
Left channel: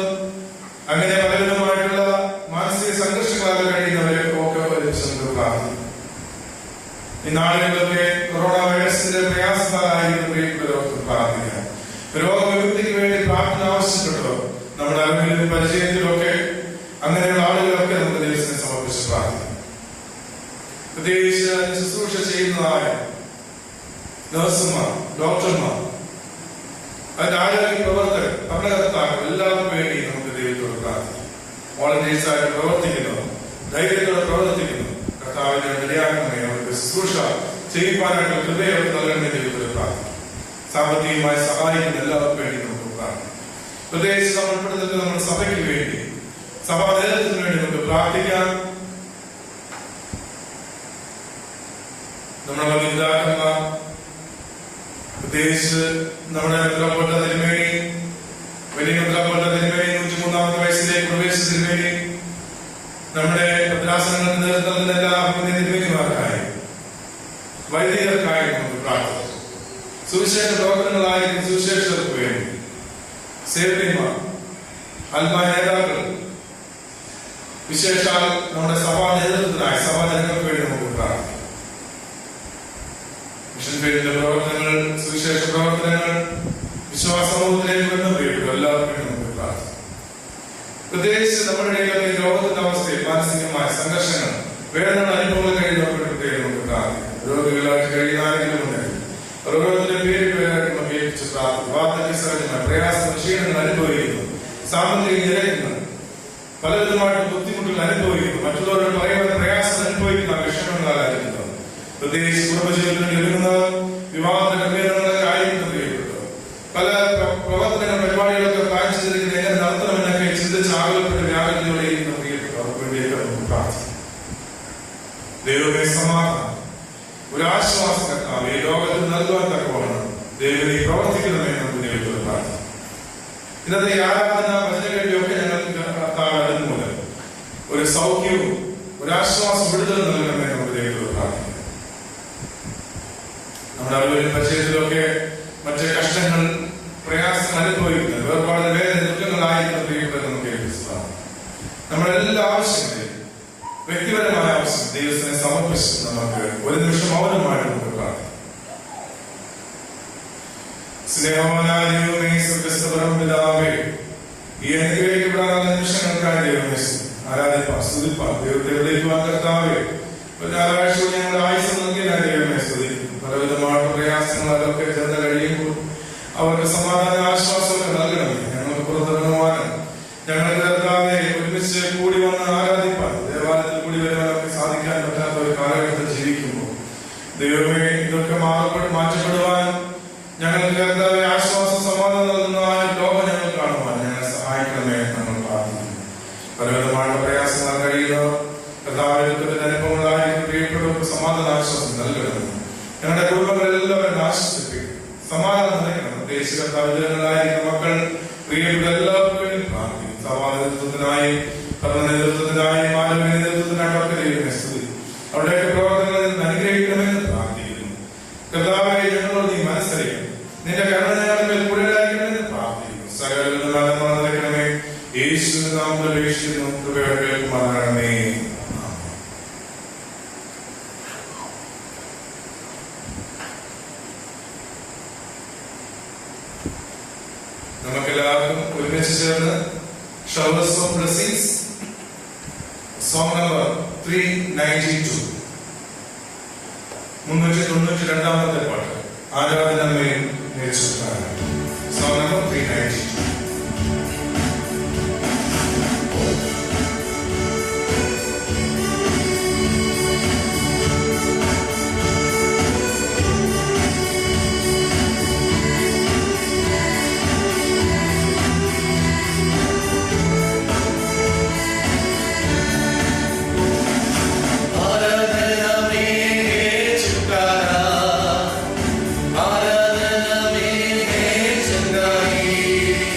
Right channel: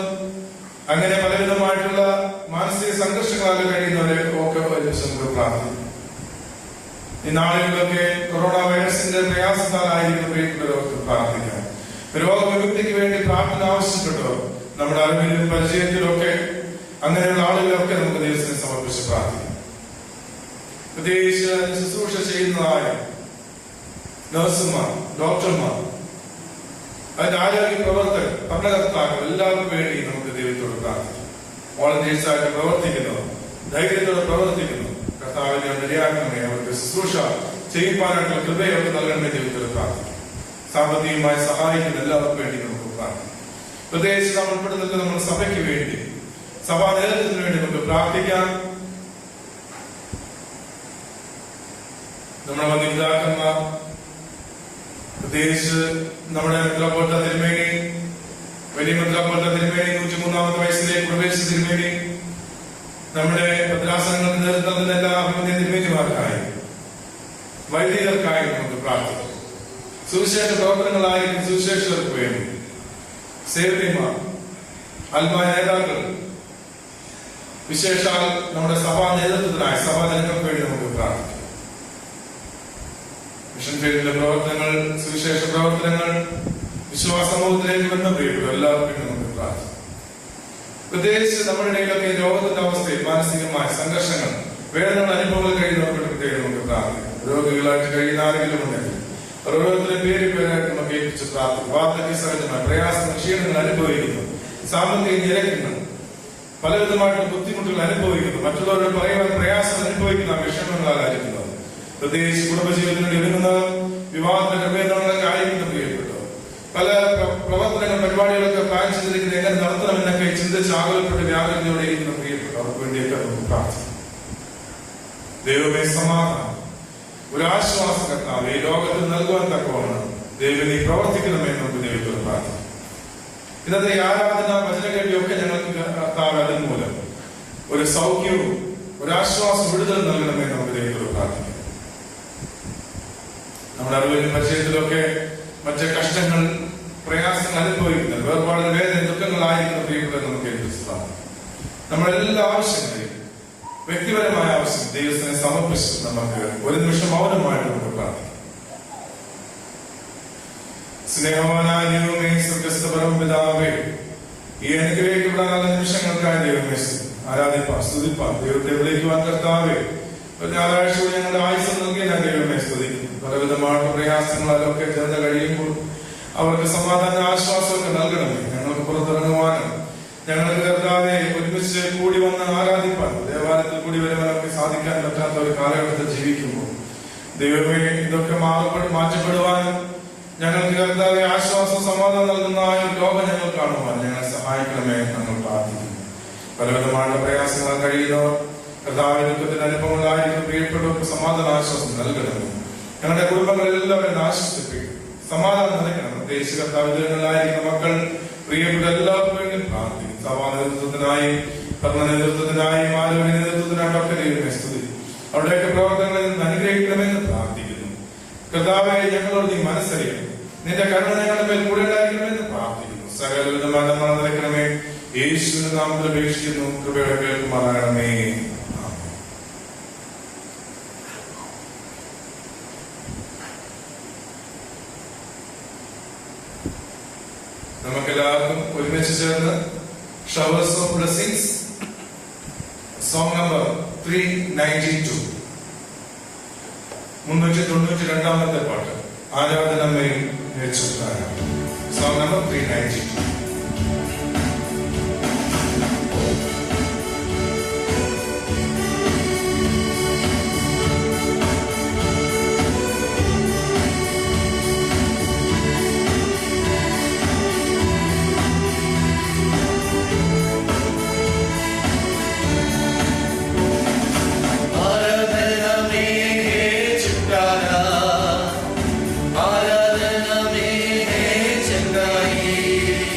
അങ്ങനെ പലവിധമായിട്ടുള്ള മാനസിക സംഘർഷങ്ങളൊക്കെ കഴിയുന്നവരെ ഒക്കെ നമുക്ക് പ്രാർത്ഥിക്കും. ഈ നാളുകളിലൊക്കെ കൊറോണ വൈറസിന്റെ പ്രയാസങ്ങളായിരിക്കും പ്രാർത്ഥിക്കാം. രോഗവിമുക്തിക്ക് വേണ്ടി പ്രാർത്ഥന ആവശ്യപ്പെട്ടോ നമ്മുടെ അറിവിലും പരിചയത്തിലൊക്കെ അങ്ങനെയുള്ള ആളുകളൊക്കെ നമുക്ക് ദൈവത്തിനെ സമർപ്പിച്ച് പ്രാർത്ഥിക്കാം. പ്രത്യേകിച്ച് ശുശ്രൂഷ ചെയ്യുന്നതായ നഴ്സുമാർ, ഡോക്ടർമാർ, അതിന്റെ ആരോഗ്യ പ്രവർത്തകർ, ഭരണകർത്താക്കൾ എല്ലാവർക്കും വേണ്ടി നമുക്ക് ദൈവത്തോട് പ്രാർത്ഥിക്കാം. വോളണ്ടിയേഴ്സായിട്ട് പ്രവർത്തിക്കുന്നു, ധൈര്യത്തോടെ പ്രവർത്തിക്കുന്നു. കർത്താവിനെ ഇടയാക്കണമേ. അവർക്ക് ശുശ്രൂഷ ചെയ്യുവാനായിട്ടുള്ള കൃപയൊക്കെ നൽകണമേ. ദൈവത്തോട് പ്രാർത്ഥിക്കും. സാമ്പത്തികമായി സഹായിക്കുന്ന എല്ലാവർക്കും വേണ്ടി നമുക്ക് പ്രാർത്ഥിക്കാം. പ്രത്യേകിച്ച് നമ്മൾ ഉൾപ്പെടുന്നത് നമ്മുടെ സഭയ്ക്ക് വേണ്ടി, സഭാ നേതൃത്വത്തിന് വേണ്ടി നമുക്ക് പ്രാർത്ഥിക്കാം. നമ്മുടെ മതിപിതാക്കന്മാർ, പ്രത്യേകിച്ച് നമ്മുടെ മെത്രാപ്പോലീത്ത തിരുമേനി, വലിയ മെത്രാപ്പോലീത്ത തിരുമേനി 103-ാമത്തെ വയസ്സിലേക്ക് പ്രവേശിച്ചതിന് വേണ്ടി നമ്മുടെ ഭദ്രാസനങ്ങൾക്ക് നേതൃത്വം നൽകുന്ന എല്ലാ അഭിമന്യ തിരുമേനിമാർക്കായി, വൈദികർക്കായി നമുക്ക് പ്രാർത്ഥിക്കാം. സുവിശേഷ പ്രവർത്തനങ്ങളായിരിക്കും സുവിശേഷകർക്ക് വേണ്ടി, സേവ്യന്മാർ, ആത്മായ നേതാക്കൾ, വിശേഷാൽ നമ്മുടെ സഭാ നേതൃത്വത്തിനായി, സഭാ ജനങ്ങൾക്ക് വേണ്ടി നമുക്ക് പ്രാർത്ഥിക്കാം. മിഷൻ ഫീൽഡിലെ പ്രവർത്തനങ്ങൾ, സുവിശേഷ പ്രവർത്തനങ്ങൾ, വിശ്വാസ സമൂഹത്തിലേക്ക് ബന്ധപ്പെട്ടു എല്ലാവർക്കും നമുക്ക് പ്രാർത്ഥിക്കാം. പ്രത്യേകിച്ച് നമ്മുടെ ഇടയിലൊക്കെ രോഗത്തിന്റെ അവസ്ഥയിൽ മാനസികമായ സംഘർഷങ്ങൾ, വേദനയുടെ അനുഭവങ്ങൾ കഴിയുന്നവർക്ക് പ്രത്യേകം നമുക്ക് പ്രാർത്ഥിക്കാം. രോഗികളായിട്ട് കഴിയുന്ന ആരെങ്കിലും ഉണ്ടെങ്കിൽ ഓരോരുത്തരുടെ പേരായിട്ട് നമുക്ക് ഏൽപ്പിച്ച് പ്രാർത്ഥിക്കും. വാർദ്ധക്യ സഹജമായ പ്രയാസങ്ങൾ, ക്ഷീണങ്ങൾ അനുഭവിക്കുന്നു, സാമ്പത്തിക നിരക്കുകൾ, പലവിധമായിട്ട് ബുദ്ധിമുട്ടുകൾ അനുഭവിക്കുന്നു, മറ്റുള്ളവരോട് പറയുവാൻ പ്രയാസം അനുഭവിക്കുന്ന വിഷമങ്ങളായിരിക്കുന്നത്, പ്രത്യേകിച്ച് കുടുംബജീവിതത്തിൽ ഒരുങ്ങുന്ന വിവാഹത്തിന്റെ ക്രമീകരണങ്ങളൊക്കെ ആയിരിക്കും പ്രിയപ്പെട്ടു. പല പ്രവർത്തനങ്ങൾ, പരിപാടികളൊക്കെ പ്ലാൻ ചെയ്തിരിക്കുന്നത് എങ്ങനെ നടത്തണമെന്നൊക്കെ ചിന്തിച്ച് ആകുലപ്പെട്ട് വ്യാപനയോടെയിരിക്കുന്ന പ്രിയപ്പെട്ടു. അവർക്ക് വേണ്ടിയൊക്കെ നമുക്ക് പ്രാർത്ഥിക്കും. ദൈവമേ, സമാധാനം, ഒരു ആശ്വാസം കർത്താവ് ഈ ലോകത്തിൽ നൽകുവാൻ തക്കവണ്ണം ദൈവം പ്രവർത്തിക്കണമെന്ന് നമുക്ക് ദൈവത്തോട് പ്രാർത്ഥിക്കും. ഇന്നത്തെ ഈ ആരാധന വചനങ്ങളിലൊക്കെ ഞങ്ങൾക്ക് കർത്താവ് അതിന് മൂലം ഒരു സൗഖ്യവും ഒരാശ്വാസം വിടുതൽ നൽകണമെന്ന് നമുക്ക് ദൈവത്തോട് പ്രാർത്ഥിക്കാം. നമ്മുടെ അറിവിലും പരിചയത്തിലൊക്കെ മറ്റ് കഷ്ടങ്ങൾ, പ്രയാസങ്ങൾ അനുഭവിക്കുന്നത്, വേർപാട് വേദന ദുഃഖങ്ങളായിരിക്കുന്ന പ്രിയപ്പെട്ട നമുക്ക് ഏൽപ്പിച്ചതാണ്. നമ്മുടെ എല്ലാ ആവശ്യങ്ങളെയും, വ്യക്തിപരമായ ആവശ്യം ദൈവത്തിനെ സമർപ്പിച്ച് നമുക്ക് ഒരു നിമിഷം മൗനമായിട്ട് നമുക്ക് പ്രാർത്ഥിക്കാം. സ്നേഹവാനായ ദൈവമേ, സ്വർഗ്ഗസ്ഥ പരമപിതാവേ, ഈ അനുഗ്രഹിക്കപ്പെടാനുള്ള നിമിഷങ്ങൾക്കായി ദൈവമേ ആരാധിപ്പാം, സ്തുതിപ്പാം, ദൈവത്തെ വിളിക്കുവാൻ കർത്താവേ ഞായറാഴ്ച ഞങ്ങളുടെ ആയുസ് നൽകിയതിനായി ദൈവമേ സ്തുതിക്കും. പലവിധമായ പ്രയാസങ്ങളൊക്കെ ചെന്ന് കഴിയുമ്പോൾ അവർക്ക് സമാധാന ആശ്വാസമൊക്കെ നൽകണം. ഞങ്ങൾക്ക് പുറത്തിറങ്ങുവാനും ഞങ്ങളുടെ കർത്താവെ ഒരുമിച്ച് കൂടി വന്ന് ആരാധിപ്പാൻ, ദേവാലയത്തിൽ കൂടി വരുവാനൊക്കെ സാധിക്കാൻ പറ്റാത്ത ഒരു കാലഘട്ടത്തിൽ ജീവിക്കുമ്പോൾ ദൈവമേ ഇതൊക്കെ മാറ്റപ്പെടുവാനും ഞങ്ങൾക്ക് കർത്താവെ ആശ്വാസം, സമാധാനം നൽകുന്ന ലോകം ഞങ്ങൾ കാണുവാൻ ഞങ്ങളെ സഹായിക്കണമേ ഞങ്ങൾ പ്രാർത്ഥിക്കുന്നു. പലവിധമായ പ്രയാസങ്ങൾ കഴിയുന്നവർ, കർത്താവിന്റെ അനുഭവങ്ങളായിരിക്കും പ്രിയപ്പെട്ടവർക്ക് സമാധാന ആശ്വാസം നൽകണം. ഞങ്ങളുടെ കുടുംബങ്ങളെല്ലാവരും ആശ്വസിപ്പിക്കും, സമാധാനം നൽകണം. പ്രത്യേകിച്ച് കർത്താവിനായിരിക്കുന്ന മക്കൾ, പ്രിയപ്പെട്ട എല്ലാവർക്കും പ്രാർത്ഥിക്കും. സഭാ നേതൃത്വത്തിനായി, ഭരണ നേതൃത്വത്തിനായി, മാനവ നേതൃത്വത്തിനായിട്ടൊക്കെ ദൈവമേ സ്തുതി. അവിടെയൊക്കെ പ്രവർത്തനങ്ങളിൽ അനുഗ്രഹിക്കണമെന്ന് പ്രാർത്ഥിക്കുന്നു. കർത്താവേ, ഞങ്ങളോട് നീ മനസ്സറിയണം, നിന്റെ കരുണ ഞങ്ങളുടെ മേൽ കൂടുതലായിരിക്കണമെന്ന് പ്രാർത്ഥിക്കുന്നു. സകലവിധ മരണങ്ങൾ നിറയ്ക്കണമേ. യേശുവിന്റെ നാമത്തിൽ അപേക്ഷിക്കുന്നു, കൃപയോടെ കേൾക്കുമാറാകണമേ. നമുക്കെല്ലാവർക്കും ഒരുമിച്ച് ചേർന്ന് showers of blessings song number 392 392 പാട്ട് ആരാധനമേൽ സോങ് നമ്പർ 392. आराधना में है चंगाई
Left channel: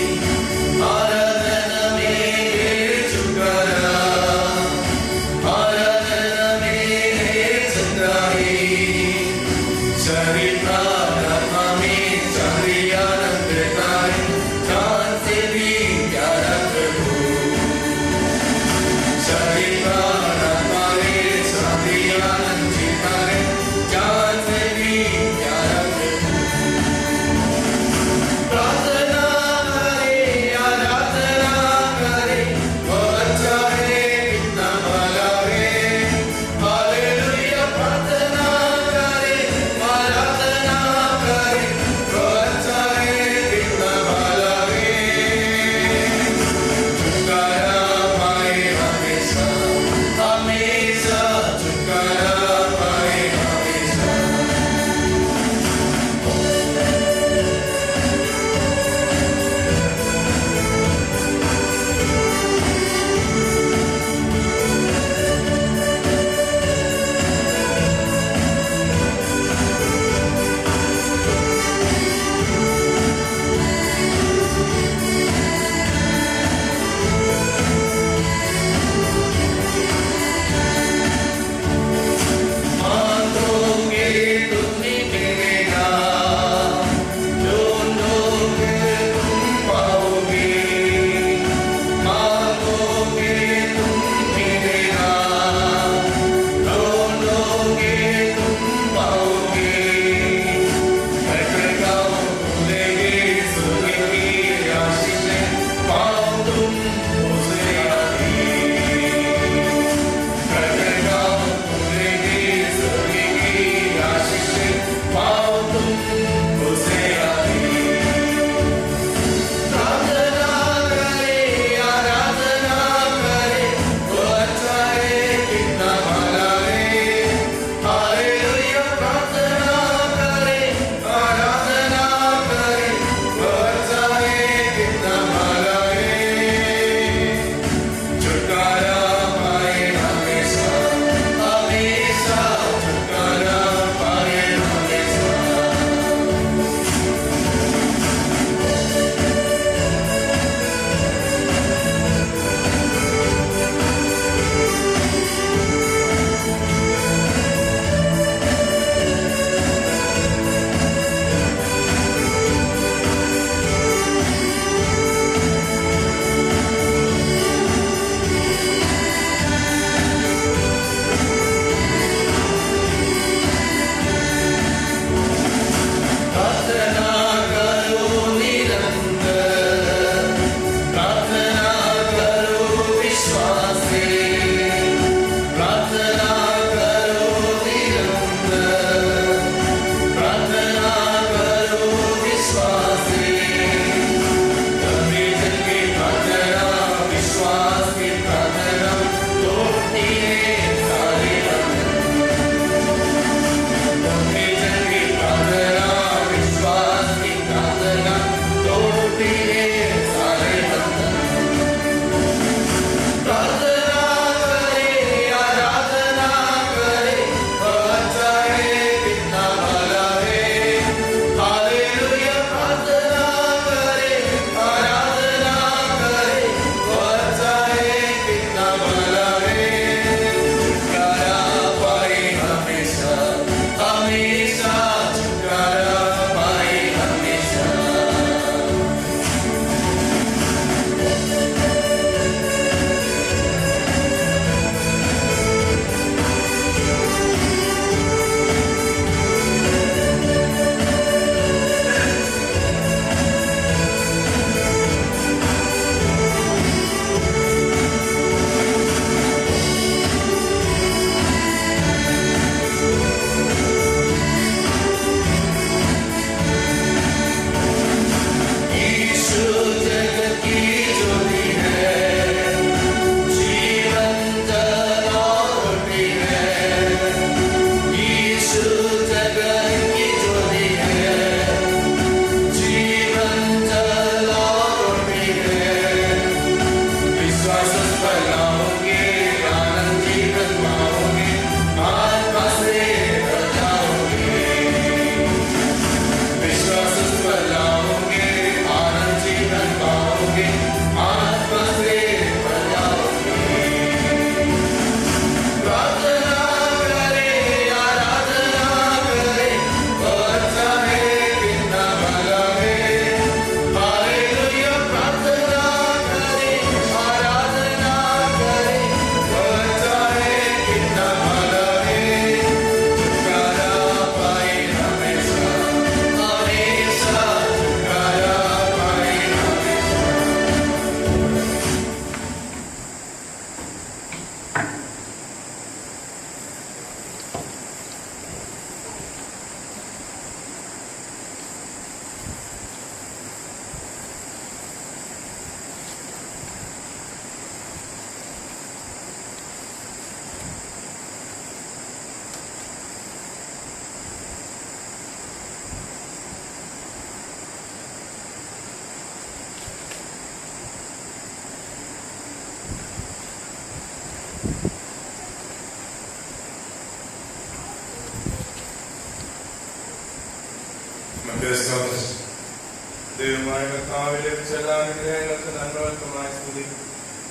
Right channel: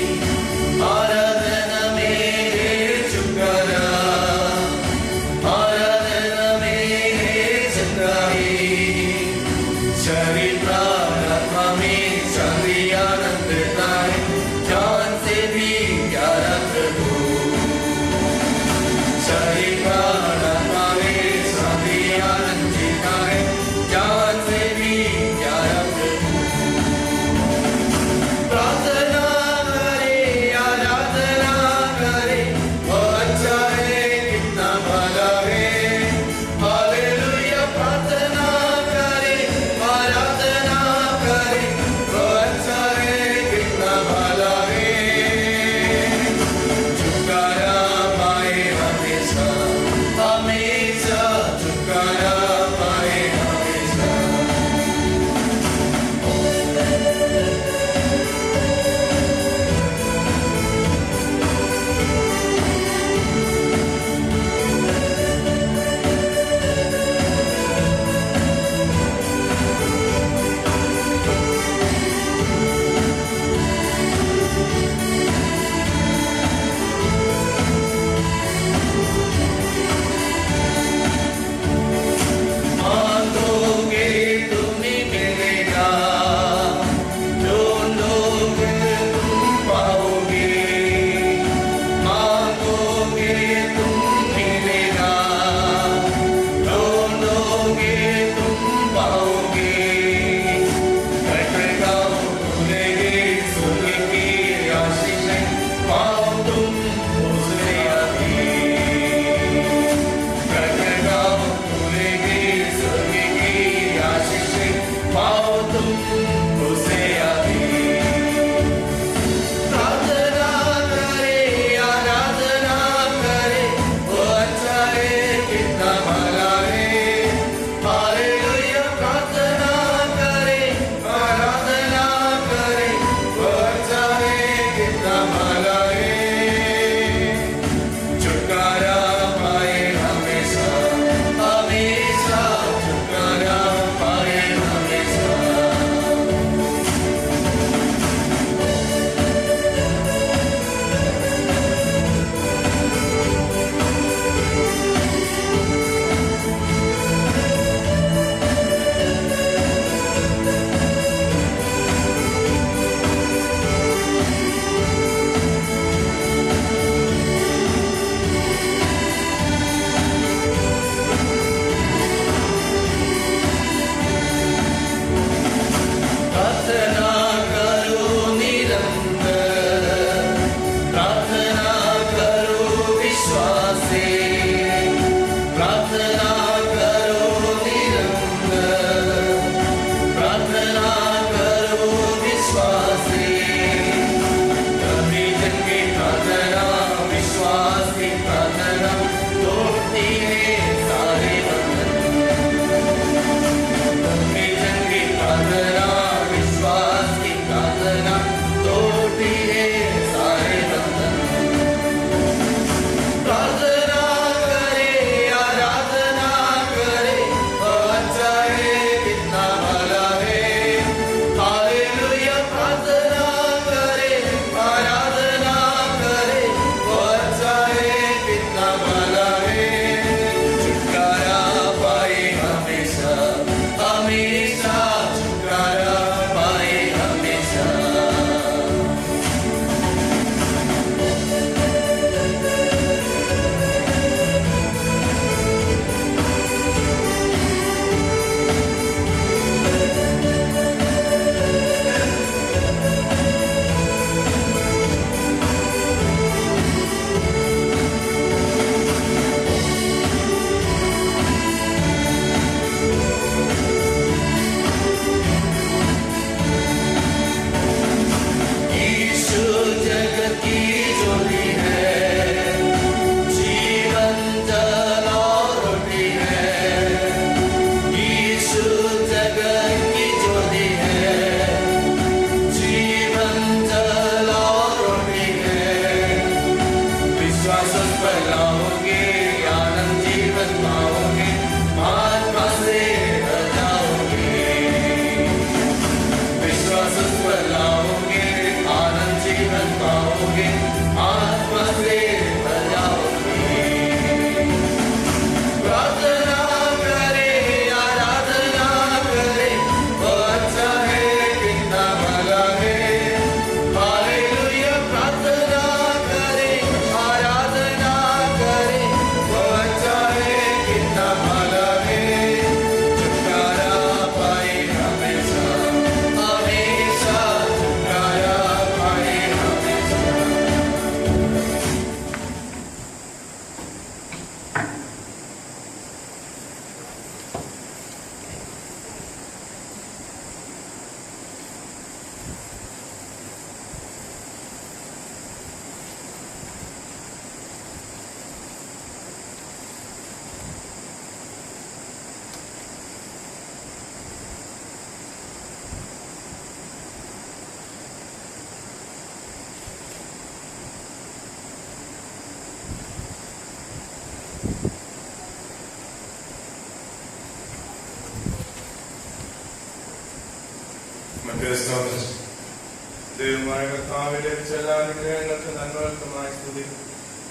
ദൈവമായ കർത്താവ് ലഭിച്ച എല്ലാ അനുഗ്രഹങ്ങൾക്ക് നന്മകൾക്കുമായി സ്തുതി.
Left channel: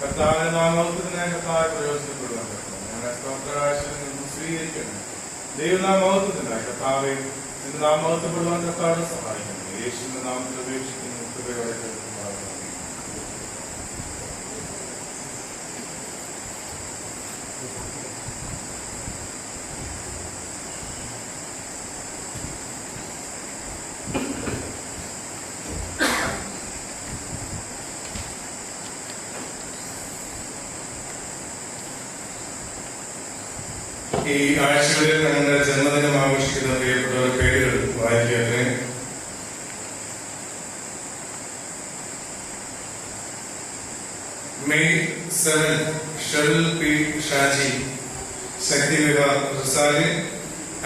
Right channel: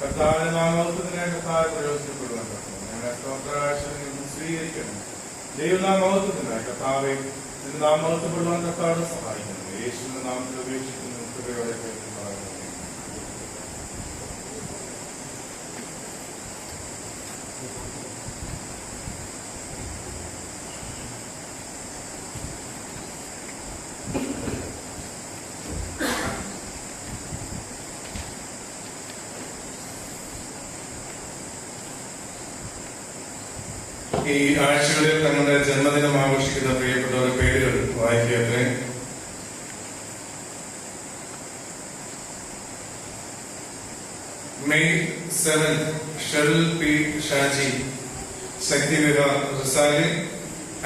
കർത്താവിന്റെ നാമത്തിന് കർത്താവ് പ്രയോജനപ്പെടുവാൻ ഞങ്ങളെ സ്തോത്രകാഴ്ചയിൽ സ്വീകരിക്കണം. ദൈവനാമത്തിനായി കർത്താവെ നിന്റെ നാമപ്പെടുവാൻ കർത്താവിനെ സഹായിക്കുന്നു. യേശുവിന്റെ നാമത്തിൽ ഉപേക്ഷിക്കുന്നു. കൃപയോടെ കേൾക്കുമാറാകണമേ. ഈ ആഴ്ചകളിൽ തങ്ങളുടെ ജന്മദിനം ആഘോഷിക്കുന്ന പ്രിയപ്പെട്ടവർ പേരുകൾ വായിക്കട്ടെ. മെയ് 7 ഷെറിൽ പി ഷാജി, ശക്തി വിഹാർ റിസാലി,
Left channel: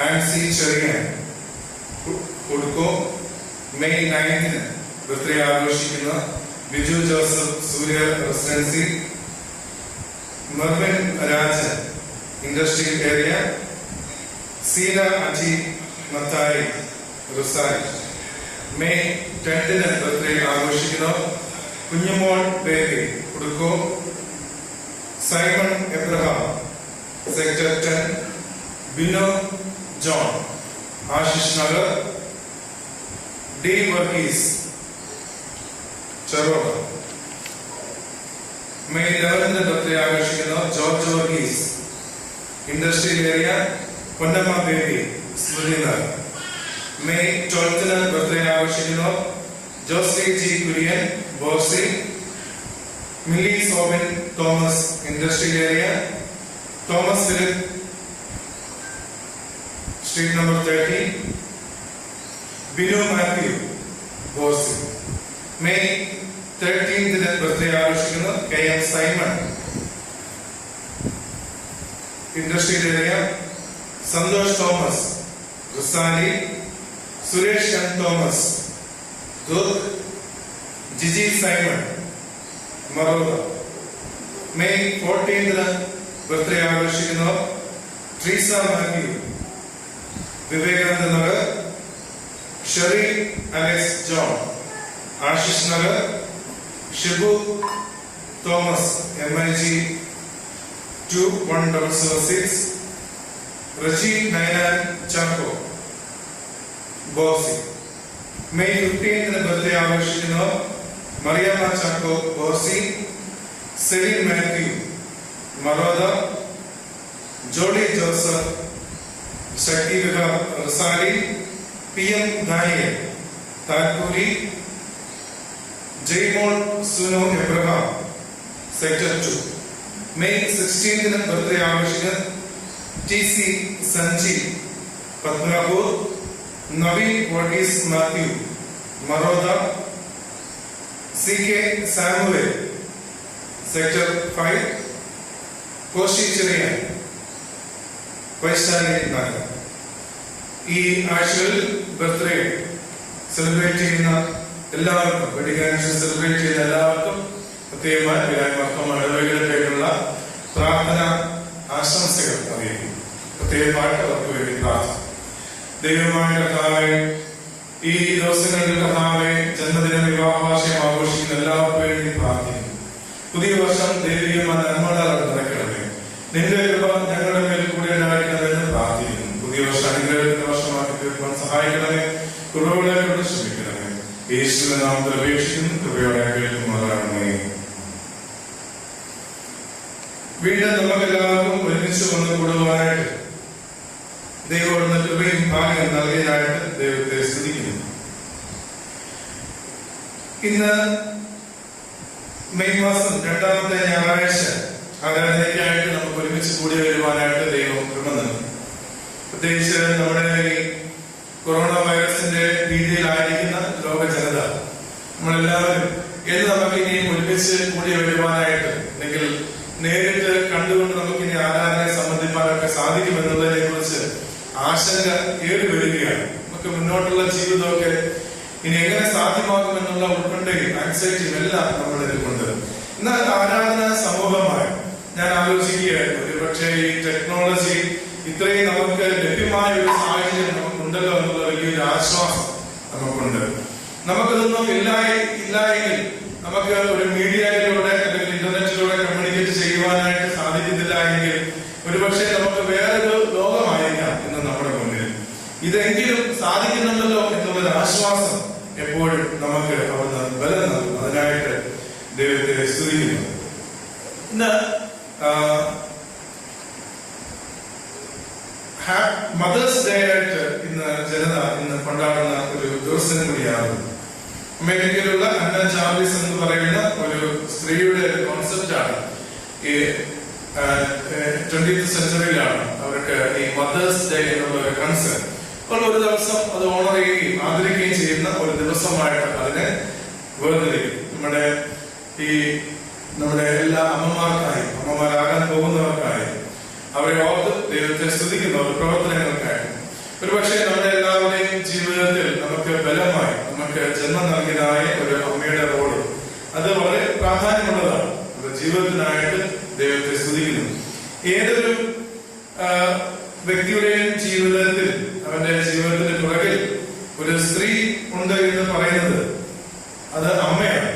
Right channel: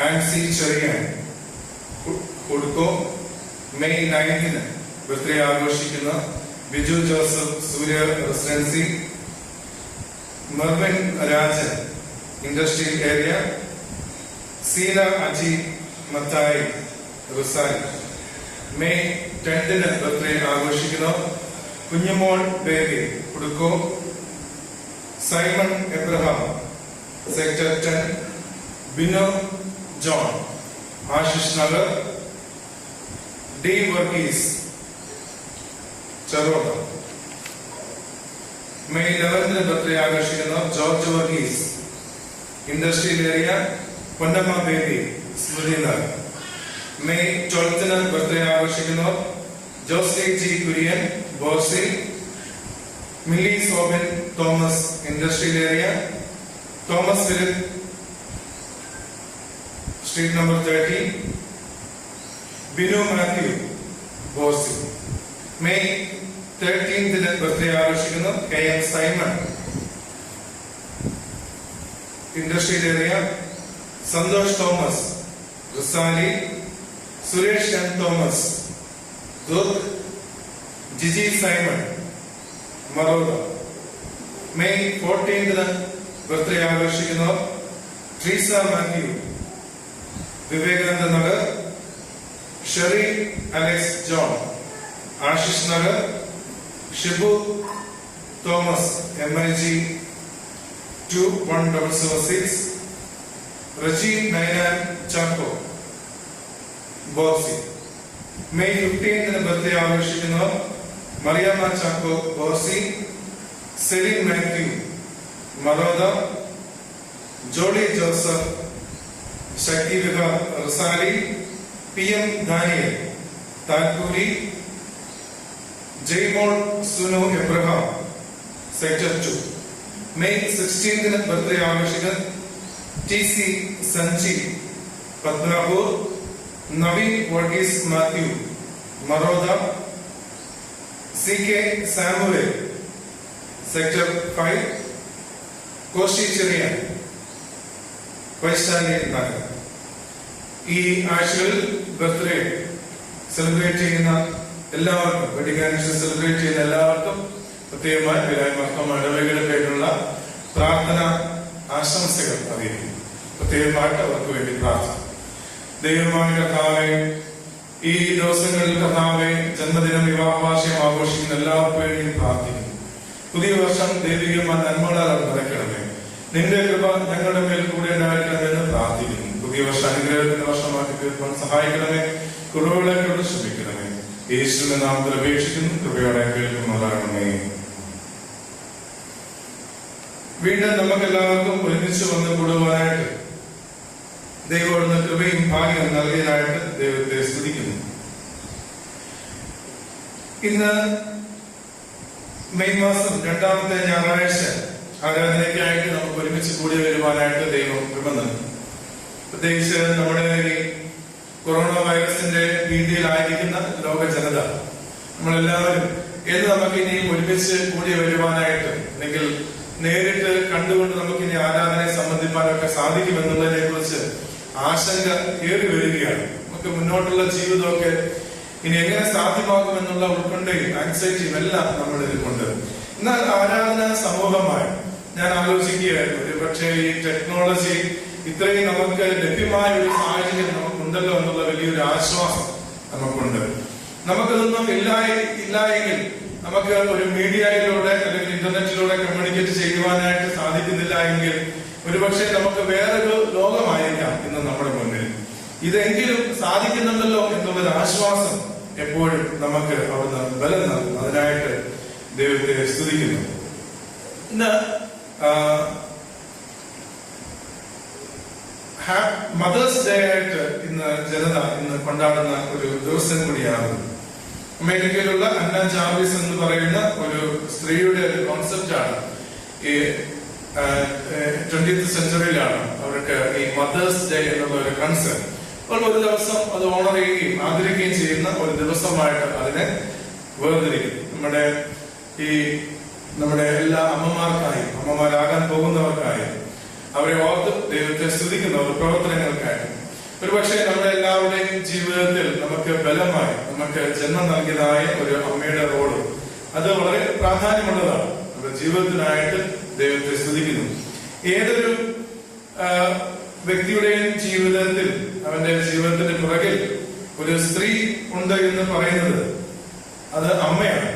ആൻസി ചെറിയാൻ കുടുക്കോ. മെയ് 9 ബർത്ത്ഡേ ആഘോഷിക്കുന്ന Biju Joseph Surya residency, Mervin Rajan industrial area, Seena Aji Mathai Risali. May 10 birthday ആഘോഷിക്കുന്ന കുഞ്ഞുമോൾ ബേബി കുടുക്കോ, Simon Abraham sector 10, Bino John Ashish Nagar, D Varghese Cheruva. May 11 birthday ആഘോഷിക്കുന്ന George Varghese industrial area, Ponnamma Baby Smritinagar. May 12 birthday ആഘോഷിക്കുന്ന Josly G Kurian Borsi, Milly Soubin Thomas industrial area, Thomas Philip street number 30, Binu Mathew Borsi. May 13 birthday ആഘോഷിക്കുന്ന K M Simon industrial area, Santosh Thomas Risali, Suresh N Thomas Durg, Jiji Simon Maroda. May 14 birthday ആഘോഷിക്കുന്ന Treesa Mathew Vivekananda Nagar, Sherry Alex John Ashish Nagar, Shibu Thomas MIG 21006, Reji Ninan Chacko Borsi. May 15 birthday ആഘോഷിക്കുന്ന Mariamma Chacko Borsi, Celine Mathew Maroda, Jodi Joseph Shakti Vihar Risali, PM Daniel Talpuri, Jaimol Sunu Abraham sector 2. May 16 birthday ആഘോഷിക്കുന്ന TC Sanji Padmanabhpur, Naveen Varghese Mathew Maroda, CK Samuel sector 5, Koshy Cherian Vaishali Nagar. ഈ ആഴ്ചകളിൽ birthday celebrate ചെയ്യുന്ന എല്ലാവർക്കും, wedding anniversary celebrate ചെയ്യുന്ന എല്ലാവർക്കും പ്രത്യേകമായി വിരാമർത്തം ഇടവകയിലേക്കുള്ള പ്രാർത്ഥന ആശംസകൾ അറിയിക്കും. പ്രത്യേകമായിട്ട് അവർക്ക് വേണ്ടി പ്രാർത്ഥന. ദൈവമായ കർത്താവേ, ഈ ദിവസങ്ങളിൽ കർത്താവേ ജന്മദിനം വിവാഹവാർഷികം ആഘോഷിക്കുന്ന എല്ലാവർക്കും വേണ്ടി പ്രാർത്ഥിക്കുന്നു. പുതിയ വർഷം ദൈവികമായ നന്മകളാൽ നിറയ്ക്കണമേ. നിന്റെ കൃപ ഞങ്ങളുടെ മേൽ കൂടെ ഉണ്ടായിരിക്കണമെന്ന് പ്രാർത്ഥിക്കുന്നു. പുതിയ വർഷം അനുഗ്രഹത്തിന്റെ വർഷമാക്കി തീർക്കാൻ സഹായിക്കണമേ. കുറവുകളെ കൊണ്ട് ശ്രമിക്കണമേ. യേശുവിന്റെ നാമത്തിൽ അപേക്ഷിക്കുന്നു. കൃപയോടെ കേൾക്കുന്നവരാണമേ. വീണ്ടും നമുക്കെല്ലാവർക്കും ഒരുമിച്ച് വന്ന് കൂടുവാനായിട്ട് ദൈവം കൃപയും ഭാഗ്യം നൽകിയതായിട്ട് ദൈവത്തെ സ്തുതിക്കുന്നു. ഇന്ന് മെയ് മാസം 2ാമത്തെ ഞായറാഴ്ച ആരാധനയ്ക്കായിട്ട് നമുക്ക് ഒരുമിച്ച് കൂടി വരുവാനായിട്ട് ദൈവം കൃപ നൽകി. പ്രത്യേകിച്ച് നമ്മുടെ ഈ കൊറോണ വൈറസിന്റെ ഭീതിയിലായിരിക്കുന്ന ലോക ജനത, നമ്മളെല്ലാവരും എന്ന് നമുക്ക് ഇനിയും ഒരുമിച്ച് കൂടി വരുവാനായിട്ട് അല്ലെങ്കിൽ നേരിട്ട് കണ്ടുകൊണ്ട് നമുക്കിനി ആരാധനയെ സംബന്ധിക്കാനൊക്കെ സാധിക്കുമെന്നുള്ളതിനെ കുറിച്ച് ആശങ്ക ഏറി വരികയാണ്. നമുക്ക് മുന്നോട്ടുള്ള ജീവിതമൊക്കെ ഇനി എങ്ങനെ സാധ്യമാകുമെന്നുള്ള ഉത്കണ്ഠയും ആൻസൈറ്റിയും എല്ലാം നമ്മൾ ഇതിൽക്കൊണ്ട്. എന്നാൽ ആരാധന സമൂഹമായി ഞാൻ ആലോചിക്കുകയായിരുന്നു, ഒരു പക്ഷേ ഈ ടെക്നോളജി ഇത്രയും നമുക്ക് ലഭ്യമായ ഒരു സാഹചര്യം നമുക്കുണ്ടല്ലോ എന്നുള്ള വലിയൊരു ആശ്വാസം നമുക്കുണ്ട്. നമുക്കിതൊന്നും ഇല്ലായെങ്കിൽ നമുക്ക് ഒരു മീഡിയയിലൂടെ അല്ലെങ്കിൽ ഇന്റർനെറ്റിലൂടെ കമ്മ്യൂണിക്കേറ്റ് ചെയ്യുവാനായിട്ട് സാധിക്കുന്നില്ല എങ്കിൽ ഒരുപക്ഷെ നമുക്ക് വേറൊരു ലോകമായിരിക്കാം ഇന്ന് നമ്മുടെ മുന്നിൽ. ഇതെങ്കിലും സാധിക്കുന്നുണ്ടല്ലോ എന്നുള്ളൊരു ആശ്വാസം എപ്പോഴും നമുക്ക് അവിടുന്ന് ബലം നൽകും. അതിനായിട്ട് ദൈവത്തെ സ്തുതിക്കുന്നു. ഇന്ന് മദേഴ്സ് ഡേ ആയിട്ട് ജനത ഇന്ന് കൊണ്ടാടുന്ന ഒരു ദിവസം കൂടിയാണ്. അമേരിക്കയിലുള്ള അന്ന ചാർലിസ് എന്ന് പറയുന്ന ഒരു സ്ത്രീയുടെ ഒരു കോൺസെപ്റ്റാണ്. ഈ 20th സെഞ്ചുറിയിലാണ് അവർക്ക് ഈ മദേഴ്സ് ഡേ എന്നുള്ള ഒരു കൺസെപ്റ്റ്. അപ്പോൾ ഒരു ദിവസം അത് ഓണർ ചെയ്യുകയും ആദരിക്കുകയും ചെയ്യുന്ന ഒരു ദിവസമായിട്ട് അതിനെ വേർതിരിക്കും. നമ്മുടെ എല്ലാ അമ്മമാർക്കായും അമ്മമാരാകാൻ പോകുന്നവർക്കായും അവരെ ഓർത്ത് ദൈവത്തെ സ്തുതിക്കുന്ന ഒരു പ്രവർത്തനങ്ങൾക്കായി ഒരുപക്ഷെ നമ്മുടെ എല്ലാവരുടെയും ജീവിതത്തിൽ നമുക്ക് ബലമായി നമുക്ക് ജന്മം നൽകിയതായ ഒരു അമ്മയുടെ റോള് അത് വളരെ പ്രാധാന്യമുള്ളതാണ്. നമ്മുടെ ജീവിതത്തിനായിട്ട് ദൈവത്തെ സ്തുതിക്കുന്നു. ഏതൊരു വ്യക്തിയുടെയും ജീവിതത്തിൽ അവന്റെ ജീവിതത്തിന്റെ പുറകിൽ ഒരു സ്ത്രീ ഉണ്ട് എന്ന് പറയുന്നത് അത് അമ്മയാണ്.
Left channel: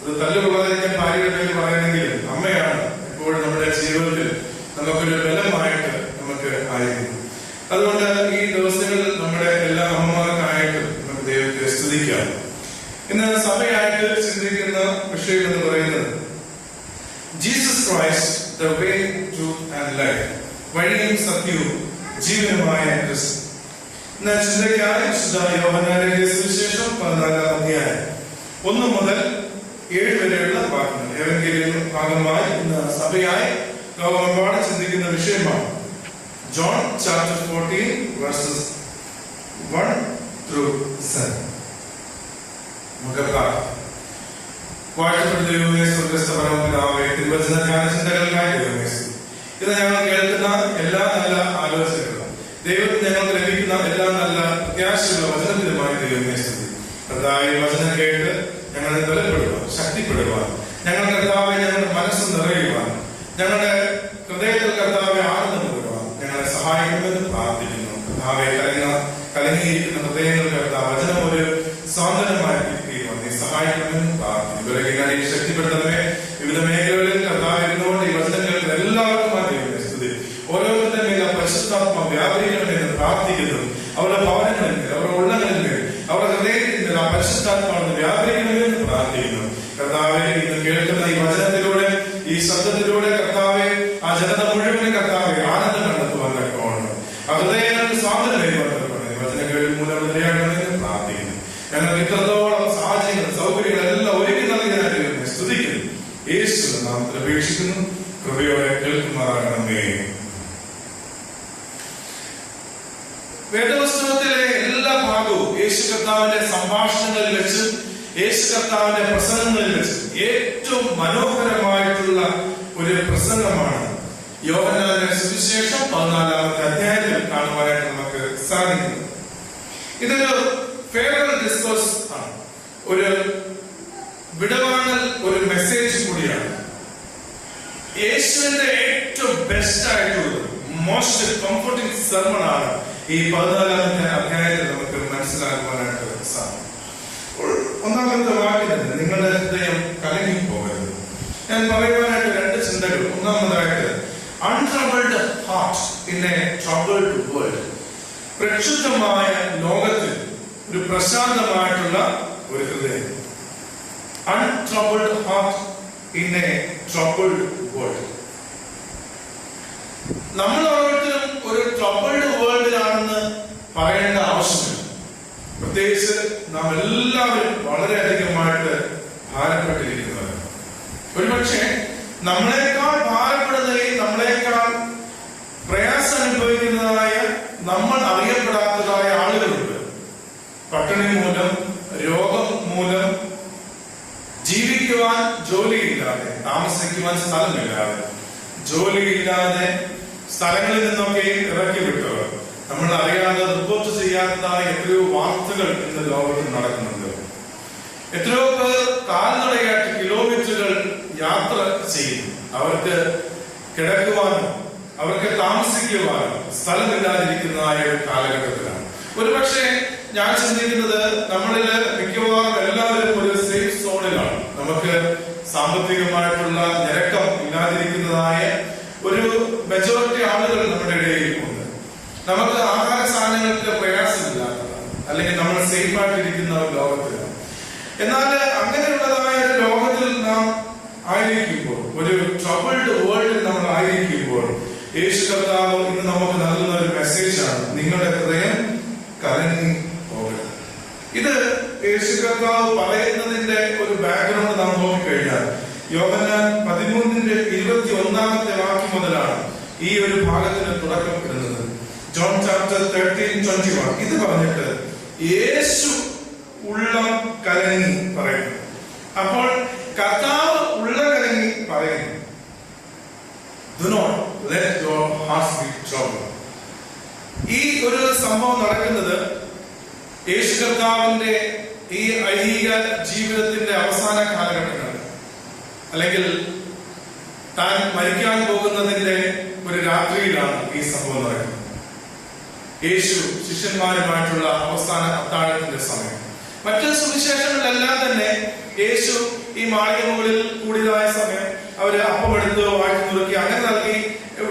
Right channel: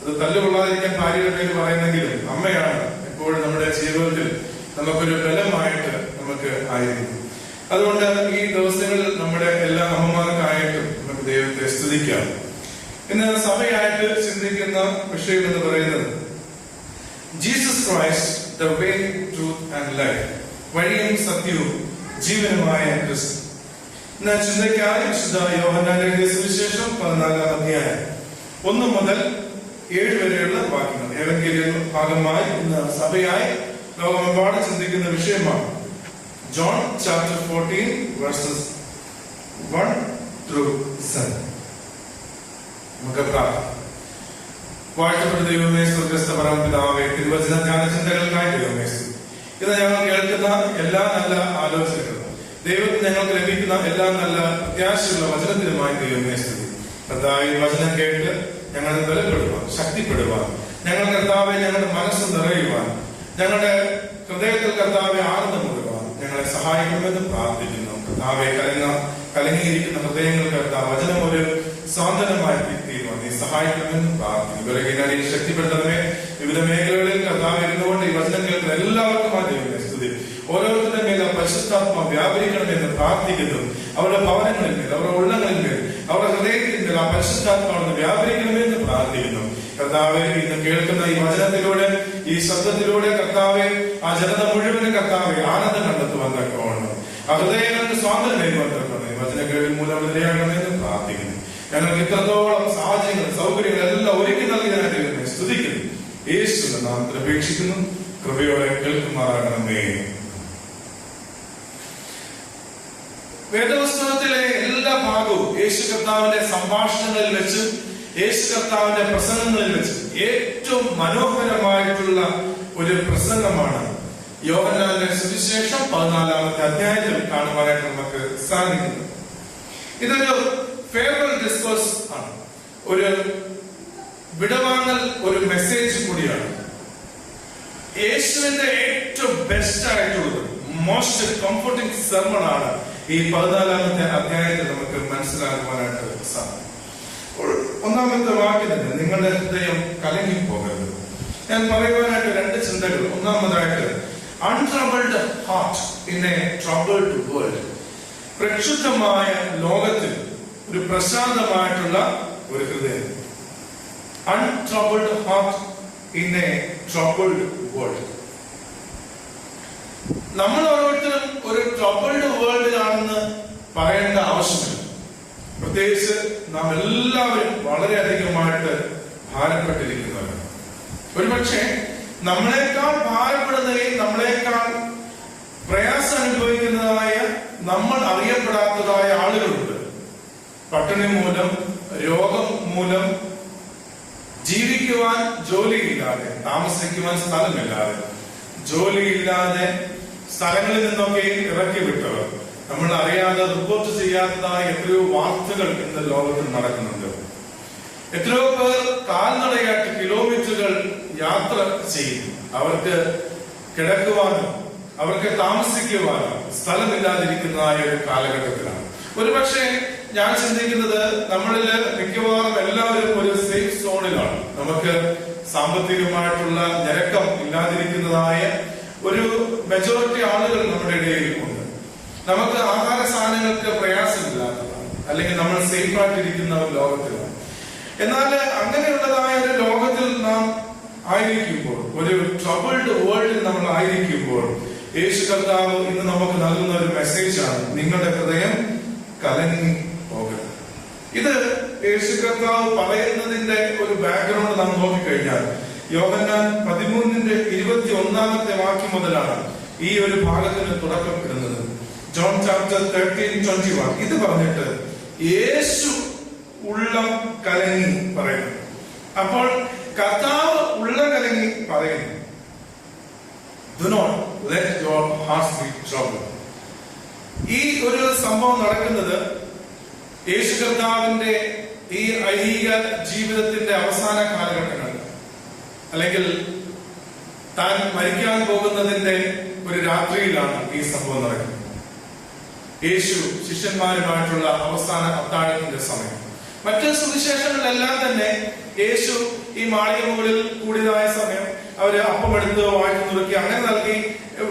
അത് തല്ലുകൊള്ളാതിരിക്കാൻ ഭാര്യയുടെ പേര് പറയുന്നെങ്കിലും അമ്മയാണ് എപ്പോഴും നമ്മുടെ ജീവിതത്തിൽ നമുക്കൊരു ബലമായിട്ട് നമുക്ക് ആയിരിക്കും. അതുകൊണ്ട് ഈ ദിവസങ്ങളിൽ നമ്മുടെ എല്ലാ അമ്മമാർക്കായിട്ടും നമുക്ക് ദൈവത്തെ സ്തുതിക്കാം. ഇന്ന് സഭയായിട്ട് ചിന്തിക്കുന്ന വിഷയം എന്ന് പറയുന്നത് Jesus Christ the way truth and life, വഴിയും സത്യവും ജീവനുമായ ക്രിസ്തു. ഇന്ന് ചിന്തയ്ക്കായി വിശുദ്ധ യോഹന്നാന്റെ സുവിശേഷം 14-ാം അധ്യായം 1 മുതൽ 7 വരെയുള്ള വാക്യങ്ങൾ ഏവൻഗേലിയൻ ഭാഗമായി ഇന്ന് സഭയായി ലോകമെമ്പാടും ചിന്തിക്കുന്ന വിഷയമാണ്. John chapter 14 verses 1 through 7. നമുക്ക് വാഴ്ത്തപ്പെട്ട ദൈവമേ, സ്വർഗ്ഗസ്ഥ പരമപിതാവേ, തിരുവചന ധ്യാനചിന്തകളിലായി ദൈവമേ, ഇത് ഞങ്ങൾ കേൾക്കുന്ന എല്ലാ നല്ല ആലോചനകളും ദൈവത്തിൽ ഞങ്ങൾക്ക് ലഭിക്കുന്ന എല്ലാ നല്ല പ്രത്യാശയുള്ള വചനത്തിലുമായി ദൈവമേ സ്തുതി. കർത്താവേ, വചനം കേട്ട് ഞങ്ങളെ ബലപ്പെടുവാൻ, ശക്തിപ്പെടുവാൻ, ഞങ്ങൾ കർത്താവെ ഞങ്ങളുടെ മനസ്സ് നിറയുവാൻ, ഞങ്ങളുടെ ഹൃദയത്തിൽ കർത്താവെ ആനന്ദം കൊടുക്കുവാൻ ഞങ്ങളെ സഹായിക്കുമെന്ന് പ്രാർത്ഥിക്കുന്നു. കർത്താവെ, കലങ്ങിയിരിക്കുന്ന ഹൃദയങ്ങൾ കർത്താവ് വചനം ഒരു സ്വാതന്ത്ര്യമായി തീരുവാൻ നീ സഹായിക്കുമെന്ന് പ്രാർത്ഥിക്കുന്നു. വിലകിനായി ശക്തിപ്പെടുത്തണമേ. വിവിധ മേഖലകളിൽ കർത്താവ് ഇരുന്നുകൊണ്ട് ഈ വചനം കേൾക്കുന്ന എല്ലാവർക്കും സ്തുതി. ഓരോരുത്തരുടെ മേൽ പരിശുദ്ധാത്മ വ്യാപരിക്കണമെന്ന് പ്രാർത്ഥിക്കുന്നു. അവരുടെ ഭവനങ്ങളിൽ മേൽ, അവരുടെ ഉള്ളങ്ങളിൽ മേൽ, അവരുടെ ഹൃദയത്തിൽ മേൽ ആ പരിശുദ്ധാത്മാവിനെ വ്യാപരിക്കണമെന്ന് പ്രാർത്ഥിക്കുന്നു. കർത്താവെ, ഇന്ന് കേൾക്കുന്ന ഈ വചനത്തിലൂടെ, ഈ ശബ്ദത്തിലൂടെ കർത്താവെ ആ ജനത മുഴുവനും കർത്താവെ ആനന്ദം കണ്ടെത്തുവാൻ തക്കവണ്ണം ആ ഹൃദയങ്ങൾക്ക് സ്വാതന്ത്ര്യം നേടുവാൻ തക്കവണ്ണം വചനങ്ങളിൽ മൂലം നിലയാക്കണമെന്ന് പ്രാർത്ഥിക്കുന്നു. ഞങ്ങൾക്ക് ഇത്രത്തോളം സാഹചര്യങ്ങൾ, സൗകര്യങ്ങൾ എല്ലാം ഒരുക്കി നൽകിയതിനായിട്ട് സ്തുതിക്കുന്നു. യേശുവിന്റെ നാമത്തിൽ അപേക്ഷിക്കുന്നു. കൃപയോടെ കേൾക്കുമാറാകണമേ. വേദപുസ്തകത്തിലെ എല്ലാ ഭാഗവും യേശു കർത്താവിന്റെ സംഭാഷണങ്ങളിൽ വെച്ച്, യേശു കർത്താവിന്റെ പ്രസംഗങ്ങളിൽ വെച്ച് ഏറ്റവും മനോഹരമായിട്ടുള്ള ഒരു പ്രസംഗമാണ് യോഹന്നാന്റെ സുവിശേഷം 14-ാമത്തെ അധ്യായത്തിൽ കാണുവാനായിട്ട് നമുക്ക് സാധിക്കുന്നു. ഇതൊരു ഫെയർവെൽ ഡിസ്കോഴ്സ് ആണ്, ഒരു വിടവാങ്ങൽ, ഒരു മെസ്സേജ് കൂടിയാണ്. യേശുവിന്റെ ഏറ്റവും ബെസ്റ്റ് ആയിട്ടുള്ളത്, മോസ്റ്റ് കംഫർട്ടിംഗ് സെർമൺ ആണ് ഈ 14-ാമത്തെ അധ്യായത്തിൽ നമുക്ക് മനസ്സിലാക്കുവാനായിട്ട് സാധിക്കും. 1-ാമത്തെ വാക്യത്തിൽ നിങ്ങളുടെ ഹൃദയം കലങ്ങി പോകരുത്. ഞാൻ പറയുവാനായിട്ട് 2 ചിന്തകൾ. ഒന്നാമതായിട്ട് untroubled heart in a troubled world. പ്രക്ഷുബ്ധമായ ലോകത്തിൽ ഒരു പ്രശാന്തമായിട്ടുള്ള ഒരു ഹൃദയം. Untroubled heart in a troubled world. നമ്മൾ ഓരോരുത്തരും ഒരു ട്രബിൾഡ് വേൾഡിലാണെന്ന് പറയേണ്ട ആവശ്യമില്ല. പ്രത്യേകിച്ച് നാം എല്ലാവരും വളരെയധികമായിട്ട് ഭാരപ്പെട്ടിരിക്കുന്നവരാണ്. ഒരുപക്ഷെ നമ്മളെക്കാൾ ഭാരപ്പെടുന്നതിൽ, നമ്മളെക്കാൾ പ്രയാസം അനുഭവിക്കുന്നതായ, നമ്മൾ അറിയപ്പെടാത്തതായ ആളുകളുണ്ട്. പട്ടിണി മൂലം, രോഗം മൂലം, ജീവിക്കുവാൻ ജോലിയില്ലാതെ, താമസിക്കുവാൻ സ്ഥലമില്ലാതെ, ജോലിയില്ലാതെ സ്ഥലങ്ങളിൽ നിന്നൊക്കെ ഇറക്കി വിട്ടവർ, നമ്മൾ അറിയാതെ റിപ്പോർട്ട് ചെയ്യാത്തതായ എത്രയോ വാർത്തകൾ ഇന്ന് ലോകത്തിൽ നടക്കുന്നുണ്ട്. എത്രയോ പേർ കാൽനടയായിട്ട് കിലോമീറ്ററുകൾ യാത്ര ചെയ്യും. അവർക്ക് കിടക്കുവാനോ അവർക്ക് താമസിക്കുവാനോ സ്ഥലമില്ലാതിരിക്കുന്നതായ ഒരു കാലഘട്ടത്തിലാണ്. ഒരുപക്ഷെ ഞാൻ ചിന്തിക്കുന്നത് നമ്മളില് മിക്കവാറും എല്ലാവരും ഒരു സേഫ് സോണിലാണ്. നമുക്ക് സാമ്പത്തികമായിട്ടുള്ള ഞെരുക്കം ഇല്ലാതിരിക്കുന്നതായ ഒരു മെജോറിറ്റി ആളുകൾ നമ്മുടെ ഇടയിൽ ഉണ്ട്. നമുക്ക് ആഹാര സാധനങ്ങൾക്ക് പ്രയാസമില്ലാത്തതാണ്, അല്ലെങ്കിൽ നമ്മൾ സേഫ് ആയിട്ടിരിക്കുന്ന ഒരു ലോകത്തിലാണ്. എന്നാൽ അങ്ങനെയുള്ളതായ ഒരു ലോകത്തിൽ നാം ആയിരിക്കുമ്പോൾ, ഒരു ട്രബിൾഡ് വേൾഡിൽ നമ്മൾ ആയിരിക്കുമ്പോൾ, യേശു കർത്താവ് ഇന്ന് നമുക്ക് നൽകുന്ന ഒരു മെസ്സേജാണ്, നിങ്ങളുടെ ഹൃദയം കലങ്ങി പോകരുത്. ഇത് യേശു കർത്താവ് പറയുന്നതിന്റെ ഒരു ബാക്ക്ഗ്രൗണ്ട് നാം നോക്കിക്കഴിഞ്ഞാൽ യോഹന്നാൻ 13:21 വാക്യം മുതലാണ് ഈ ഒരു ഭാഗത്തിന് തുടക്കപ്പെടുന്നത്. ജോൺ ചാപ്റ്റർ 13:21 ഇത് പറഞ്ഞിട്ട് യേശു ഉള്ളം കലങ്ങി പറയുന്നു. അപ്പോൾ കർത്താവ് ഉള്ള കലങ്ങി പറയുന്നു, Do not let your hearts be troubled. ഈ ഒരു സംഭവം നടക്കുന്നത് യേശു കർത്താവിന്റെ ഈ ഐഹിക ജീവിതത്തിന്റെ അവസാന കാലഘട്ടങ്ങളിൽ, അല്ലെങ്കിൽ താൻ മരിക്കാൻ പോകുന്നതിന്റെ ഒരു രാത്രിയിലാണ് ഈ സംഭവം നടക്കുന്നത്. യേശു ശിഷ്യന്മാരുമായിട്ടുള്ള അവസാന അത്താഴത്തിന്റെ സമയം. മറ്റ് സുവിശേഷങ്ങളിലെല്ലാം തന്നെ യേശു ഈ മാളിക മുകളിൽ കൂടിയതായ സമയം അവര് അപ്പമെടുത്ത് വാഴ്ത്തി നുറുക്കി അങ്ങനെ നൽകി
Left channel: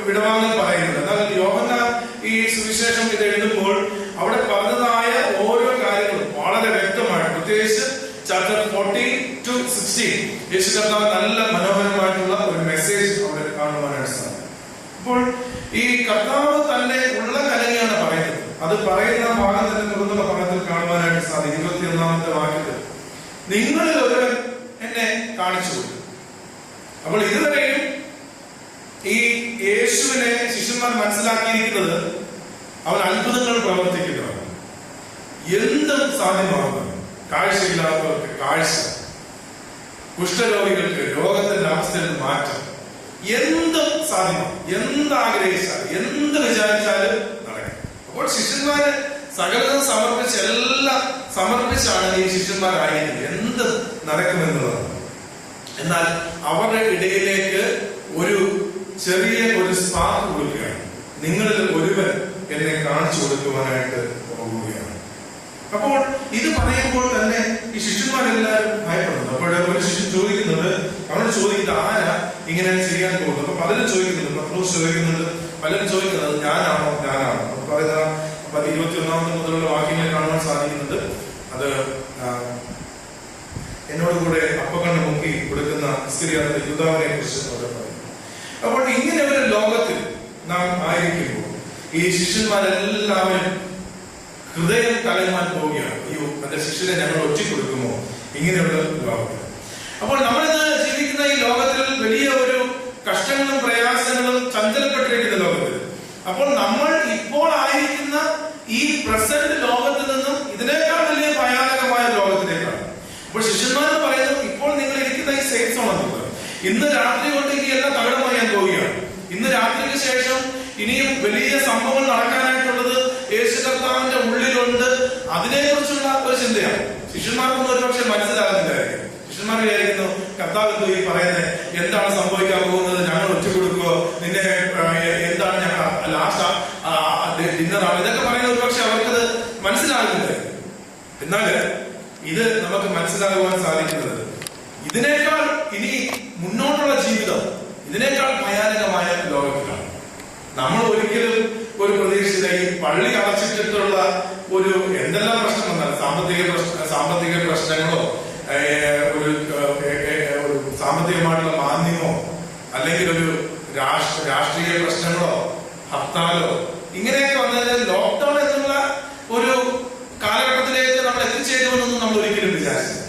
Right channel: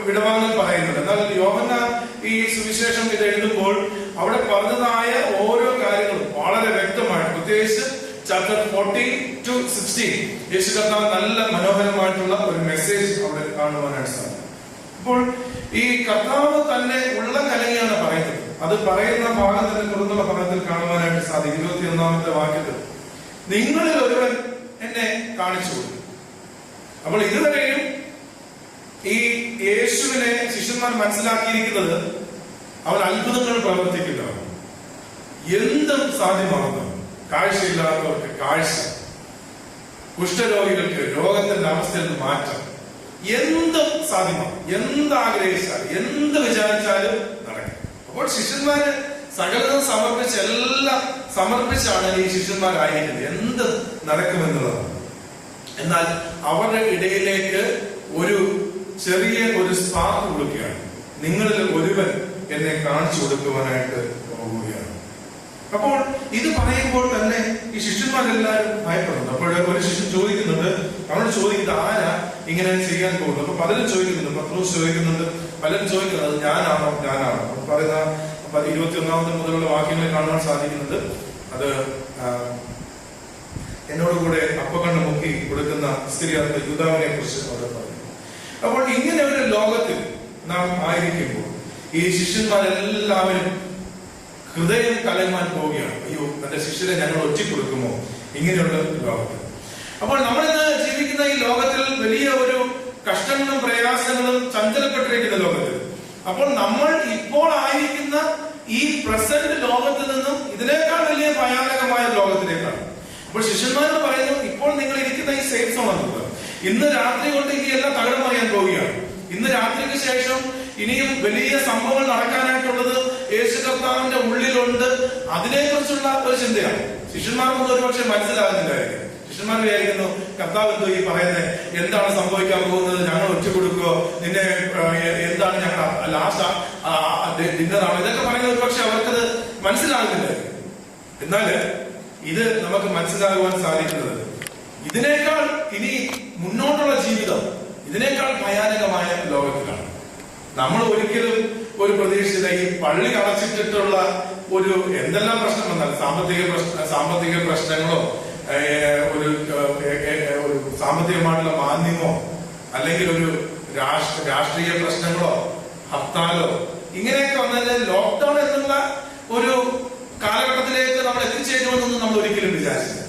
വിടവാങ്ങൽ പറയുന്നുണ്ട്. എന്നാൽ യോഹന്നാൻ ഈ സുവിശേഷം ഇത് എഴുതുമ്പോൾ അവിടെ പറഞ്ഞതായ ഓരോ കാര്യങ്ങളും വളരെ വ്യക്തമായിട്ട്, പ്രത്യേകിച്ച് ചാപ്റ്റർ 14-16 യേശു കർത്താവ് നല്ല മനോഹരമായിട്ടുള്ള ഒരു മെസ്സേജ് അവിടെ കാണുവാനായിട്ട് സാധിക്കും. അപ്പോൾ ഈ കർത്താവ് തന്നെ ഉള്ള കലങ്ങിയാണ് പറയുന്നത്. അത് പറയുന്ന ഭാഗം തന്നെ തുടർന്നുള്ള ഭാഗത്തിൽ കാണുവാനായിട്ട് സാധിക്കും. 21 വാക്യത്തിൽ നിങ്ങളിൽ ഒരുവൻ എന്നെ കാണിച്ചു കൊടുത്തു. അപ്പോൾ ഇതുവരെയും ഈ യേശുവിനെ ശിഷ്യന്മാർ മനസ്സിലാക്കിയിരിക്കുന്നത് അവൻ അത്ഭുതങ്ങൾ പ്രവർത്തിക്കുന്നവൻ, എന്തും സാധ്യമാകുന്നു. കാഴ്ചയില്ലാത്തവർക്ക് കാഴ്ച, കുഷ്ഠരോഗികൾക്ക് രോഗത്തിന്റെ അവസ്ഥയിൽ മാറ്റം, എന്തും സാധ്യമാണ്. എന്താഗ്രഹിച്ചാൽ, എന്ത് വിചാരിച്ചാലും നടക്കും. അപ്പോൾ ശിഷ്യന്മാര് സകലതും സമർപ്പിച്ച്, എല്ലാം സമർപ്പിച്ചാണ് ഈ ശിഷ്യന്മാരായിരിക്കുന്നത്. എന്ത് നടക്കുമെന്നുള്ളതാണ്. എന്നാൽ അവരുടെ ഇടയിലേക്ക് ഒരു ചെറിയ ഒരു സ്പാർക്ക് കൊടുക്കുകയാണ്. നിങ്ങളിൽ ഒരുവൻ എന്നെ കാണിച്ചു കൊടുക്കുവാനായിട്ട് പോകുകയാണ്. അപ്പോൾ ഇത് പറയുമ്പോൾ തന്നെ ഈ ശിഷ്യന്മാരെല്ലാവരും ഭയപ്പെടുന്നു. അപ്പോൾ ഒരു ശിഷ്യൻ ചോദിക്കുന്നുണ്ട്, അവൻ ചോദിക്കുന്നത് ആരാ ഇങ്ങനെ ചെയ്യാൻ പോകുന്നത്? അപ്പൊ പലരും ചോദിക്കുന്നുണ്ട്, പത്രോസ് ചോദിക്കുന്നുണ്ട്, പലരും ചോദിക്കുന്നത് ഞാനാണോ. പറയുന്ന 21 മുതലുള്ള വാക്യങ്ങൾ കാണാൻ സാധിക്കുന്നുണ്ട്. അത് എന്നോട് കൂടെ അപ്പക്കണ്ണ് മുക്കി കൊടുക്കുന്ന ഇസ്കറിയോത്ത യൂദാവിനെ കുറിച്ച് അവിടെ പറയുന്നു. അപ്പോൾ ഇങ്ങനെ ഒരു ലോകത്തിൽ നാം ആയിരിക്കുമ്പോൾ ഈ ശിഷ്യന്മാരെല്ലാവരും ഹൃദയം കലങ്ങാൻ പോവുകയാണ്. അയ്യോ, തന്റെ ശിഷ്യരെ ഞങ്ങൾ ഒറ്റിക്കൊടുക്കുമോ? ഇങ്ങനെയുള്ള ലോകത്തിൽ. അപ്പോൾ നമ്മളിന്ന് ജീവിക്കുന്ന ഈ ലോകത്തിൽ വലിയ ഒരു കഷ്ടങ്ങളും പ്രയാസങ്ങളും ചഞ്ചലപ്പെട്ടിരിക്കുന്ന ലോകത്തിൽ. അപ്പോൾ നമ്മൾ ഇപ്പോൾ ആയിരിക്കുന്ന ഈ പ്രസന്റ് ലോകത്തിൽ നിന്നും ഇതിനേക്കാൾ വലിയ ഭയാനകമായ ലോകത്തിലേക്കാണ്. അപ്പോൾ ശിഷ്യന്മാരെന്ന് പറയുന്നത്, ഇപ്പോൾ നിങ്ങൾ ഇരിക്കുന്ന ഈ സേഫ് സോൺ എന്നുള്ളത് ഇന്ന് രാത്രി കൊണ്ട് ഇനി എല്ലാം തകർന്നറിയാൻ പോവുകയാണ്. ഇന്ന് രാത്രിക്ക് ശേഷം ഇനിയും വലിയ സംഭവങ്ങൾ നടക്കാനായിട്ടുള്ളത് യേശു കർത്താവിന്റെ ഉള്ളിലുണ്ട്. അതിനെക്കുറിച്ചുള്ള ഒരു ചിന്തയാണ്. ശിഷ്യന്മാർക്കൊന്നും ഒരുപക്ഷെ മനസ്സിലാകുന്നില്ലായിരിക്കും. ശിഷ്യന്മാർ വിചാരിക്കുന്നു, കർത്താവ് എന്തോ ഈ പറയുന്നത്, എന്താണ് സംഭവിക്കാൻ പോകുന്നത്? ഞങ്ങൾ ഒറ്റക്കൊടുക്കുവോ? നിന്നെ എന്താണ് ഞങ്ങൾ ലാസ്റ്റ് ഡിന്നറാണ്? ഇതൊക്കെ പറയുന്നത് ഒരുപക്ഷെ അവർക്കത് മനസ്സിലാകുന്നില്ല. എന്നാൽ ഇത് നമുക്ക് മനസ്സിലാകുവാൻ സാധിക്കുന്നത് ഇതിനേക്കാൾ ഇനി മുന്നോട്ടുള്ള ജീവിതം ഇതിനേക്കാൾ ഭയാനകമായ ലോകത്തിലാണ്. നമ്മൾ ഒരിക്കലും ഒരു പ്രതീക്ഷിത ഈ പള്ളി അടച്ചിട്ടിട്ടുള്ള ഒരു എന്തെല്ലാം പ്രശ്നം വന്നാൽ, സാമ്പത്തിക പ്രശ്നങ്ങളോ, ഒരു സാമ്പത്തികമായിട്ടുള്ള മാന്ദ്യമോ, അല്ലെങ്കിൽ ഒരു രാഷ്ട്രീയ പ്രശ്നങ്ങളോ, ഹർത്താലോ, ഇങ്ങനെയൊക്കെ വന്നാൽ ലോക്ക്ഡൌൺ എന്നുള്ള ഒരു കാലഘട്ടത്തിലേക്ക് നമ്മൾ എത്തിച്ചേരുമെന്നൊന്നും നമ്മൾ ഒരിക്കലും വിചാരിച്ചില്ല.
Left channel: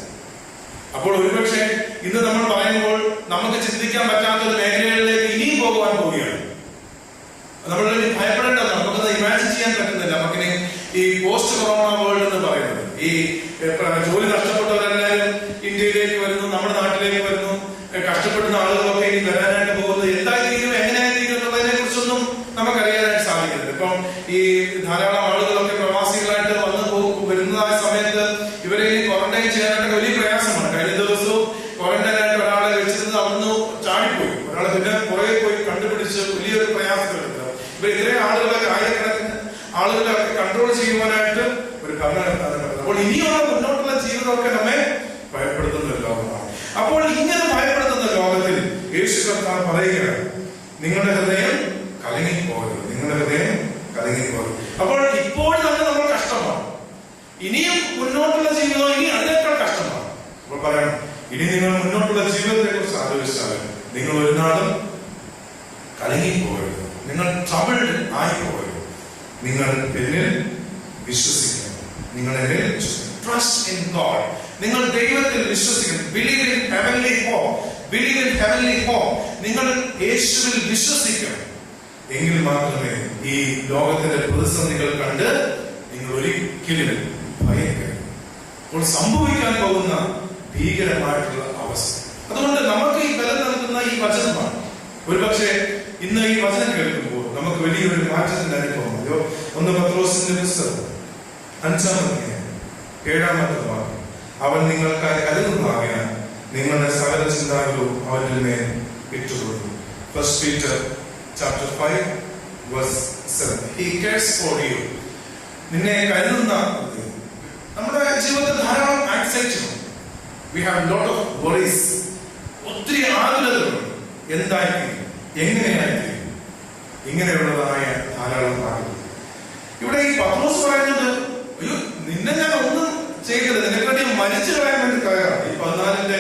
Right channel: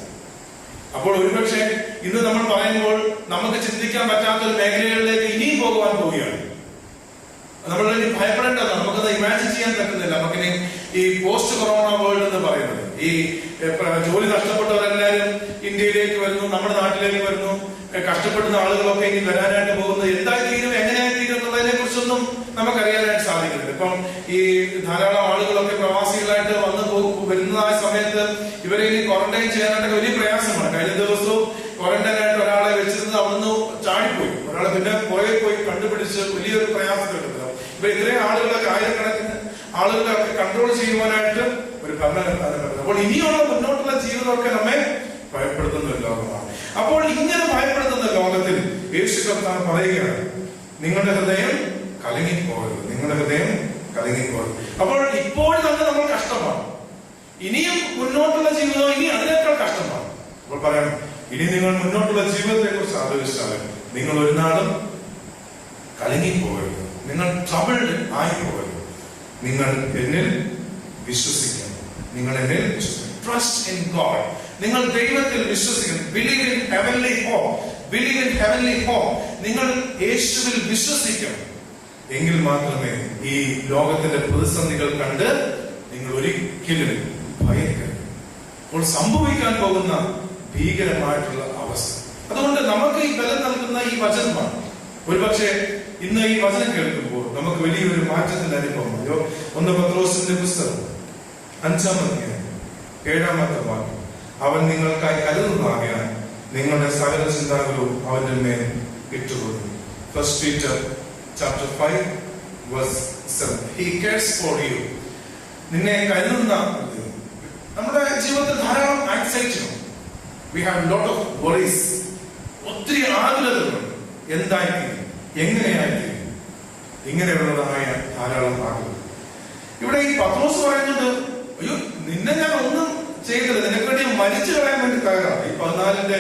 അപ്പോൾ ഒരുപക്ഷെ ഇന്ന് നമ്മൾ പറയുമ്പോൾ നമുക്ക് ചിന്തിക്കാൻ പറ്റാത്ത ഒരു മേഖലകളിലേക്ക് ഇനിയും പോകുവാൻ പോവുകയാണ്. നമ്മൾ ഭയപ്പെടേണ്ടതാണ്. നമുക്കത് ഇമാജിൻ ചെയ്യാൻ പറ്റുന്നില്ല. നമുക്കിനി ഈ പോസ്റ്റ് കൊറോണ വേൾഡ് എന്ന് പറയുന്നത്, ഈ ജോലി നഷ്ടപ്പെട്ടവരെല്ലാവരും ഇന്ത്യയിലേക്ക് വരുന്നു, നമ്മുടെ നാട്ടിലേക്ക് വരുന്നു, കഷ്ടപ്പെടുന്ന ആളുകളൊക്കെ ഇനി വരാനായിട്ട് പോകുന്നത് എന്തായി തീരും, എങ്ങനെയായി തീരും എന്നുള്ളതിനെ കുറിച്ചൊന്നും നമുക്കറിയാനായിട്ട് സാധിക്കുന്നില്ല. ഇപ്പം ഈ ധാരാളം ആളുകളൊക്കെ പ്രവാസികളായിട്ട് വരുന്നതായ സമയത്ത് ഇവരെ ഈ ക്വാറന്റൈൻ ചെയ്യാനായിട്ട് വലിയ പ്രയാസമാണ്. കഴിഞ്ഞ ദിവസവും ക്വാറന്റൈനായിട്ട് ഒരാളെ വെച്ചിരുന്നത് അവിടുന്ന് ചാടിപ്പോയി, ഒരാളെ പിന്നെ പുറകെ പോയി കണ്ടുപിടിച്ച് വലിയൊരു പ്രയാസത്തിലെത്തുക. ഇവർ ഇത്രയും ആളുകളൊക്കെ, ആയിരക്കണക്കിന് ആളുകളൊക്കെ കൺട്രോൾ ചെയ്യുവാനായിട്ട് ഒരു ഭരണകർത്താവിനെ പറ്റുന്നത്. അപ്പോൾ ഇനിയുള്ള മുന്നോട്ടുള്ള ജീവിതമൊക്കെ നമ്മെ ഭയപ്പെടുത്തുന്ന ഒരു ലോകമാണ്. അപ്പോൾ ഇങ്ങനെ ഭയപ്പെടുത്തുന്ന ലോകത്തിൽ യേശു കർത്താവ് പറയുകയാണ്, നിങ്ങളുടെ ഹൃദയം കലങ്ങിപ്പോകരുത്, നിങ്ങളുടെ ഹൃദയം കലങ്ങിപ്പോകരുത്. അപ്പോൾ ഇപ്പോൾ തന്നെ നമ്മൾ കഷ്ടമാണ്, ഇനിയും മുന്നോട്ടുള്ള ജീവിതം ഇനി അതിനേക്കാൾ കഷ്ടമാണ്. അപ്പോൾ പറയണം, ഇനി നിങ്ങൾ മുന്നോട്ടുള്ള ജീവിതത്തെ കുറിച്ച് ആലോചിച്ചാൽ നിങ്ങൾ ഒരു നാളും കലങ്ങിപ്പോകരുത്, നിങ്ങൾ ട്രബിൾഡ് ആയി പോകരുത്. നിങ്ങൾ എന്നിൽ വിശ്വസിക്കണം, നിങ്ങൾ എന്നിൽ വിശ്വസിക്കണം. ട്രസ്റ്റ് ഇൻ ഗോഡ്, നിങ്ങൾ ദൈവത്തിൽ വിശ്വസിക്കണം. Believe in heavenly hope, believe in heavenly hope. നിങ്ങൾ യേശുവിൽ വിശ്വസിക്കണം. എങ്കിൽ മാത്രമേ ഈ ലോകത്തിന്റെ പ്രതിസന്ധികൾ കണ്ട് നിങ്ങൾ ഒരിക്കലും ഭയക്കരുത്. അപ്പോൾ സംഭവിക്കാൻ പോകുന്ന ഭീകരമായിട്ടുള്ള അവസ്ഥ. അതുകൊണ്ട് നമുക്ക് ഈ ബലം നൽകുന്ന ഈ വചനമാണ്. ഒരുപക്ഷെ ഇന്ന് ഈ വചനം കേൾക്കുമ്പോൾ നമുക്ക് വലിയൊരു മാറ്റത്തിന്റെ അനുഭവം. 1 പത്രോസിന്റെ പുസ്തകം 5-ാം അധ്യായം 7-ാമത്തെ വാക്യം, അവൻ നിങ്ങൾക്കായി കരുതുന്നതാകാൻ നിങ്ങളുടെ സകല ചിന്താകളും അവന്റെ മേൽ ഇട്ടുകൊടുക്കും. 1 Peter chapter 5 verse 7. He cares for you. നിന്നെ കരുതുന്ന. നമ്മുടെ ജീവിതത്തിൽ ധാരാളം anxiety, we have lot of worries, ഒത്തിരി ആകുലതകളുണ്ട്. എന്തായിരിക്കും, എങ്ങനെയായിരിക്കും, ഇങ്ങനെയുള്ളതായ ധാരാളം ആകുലത. ഇവിടെ ഈ പത്രോസ് പറയുന്നത്, അയ്യോ നിന്നെ ഞാൻ ഒന്നും ചെയ്തത്, നിനക്ക് വേണ്ടി മരിച്ചു കളയാൻ വേണ്ടി കയറാം. ഈ 14-ന്റെ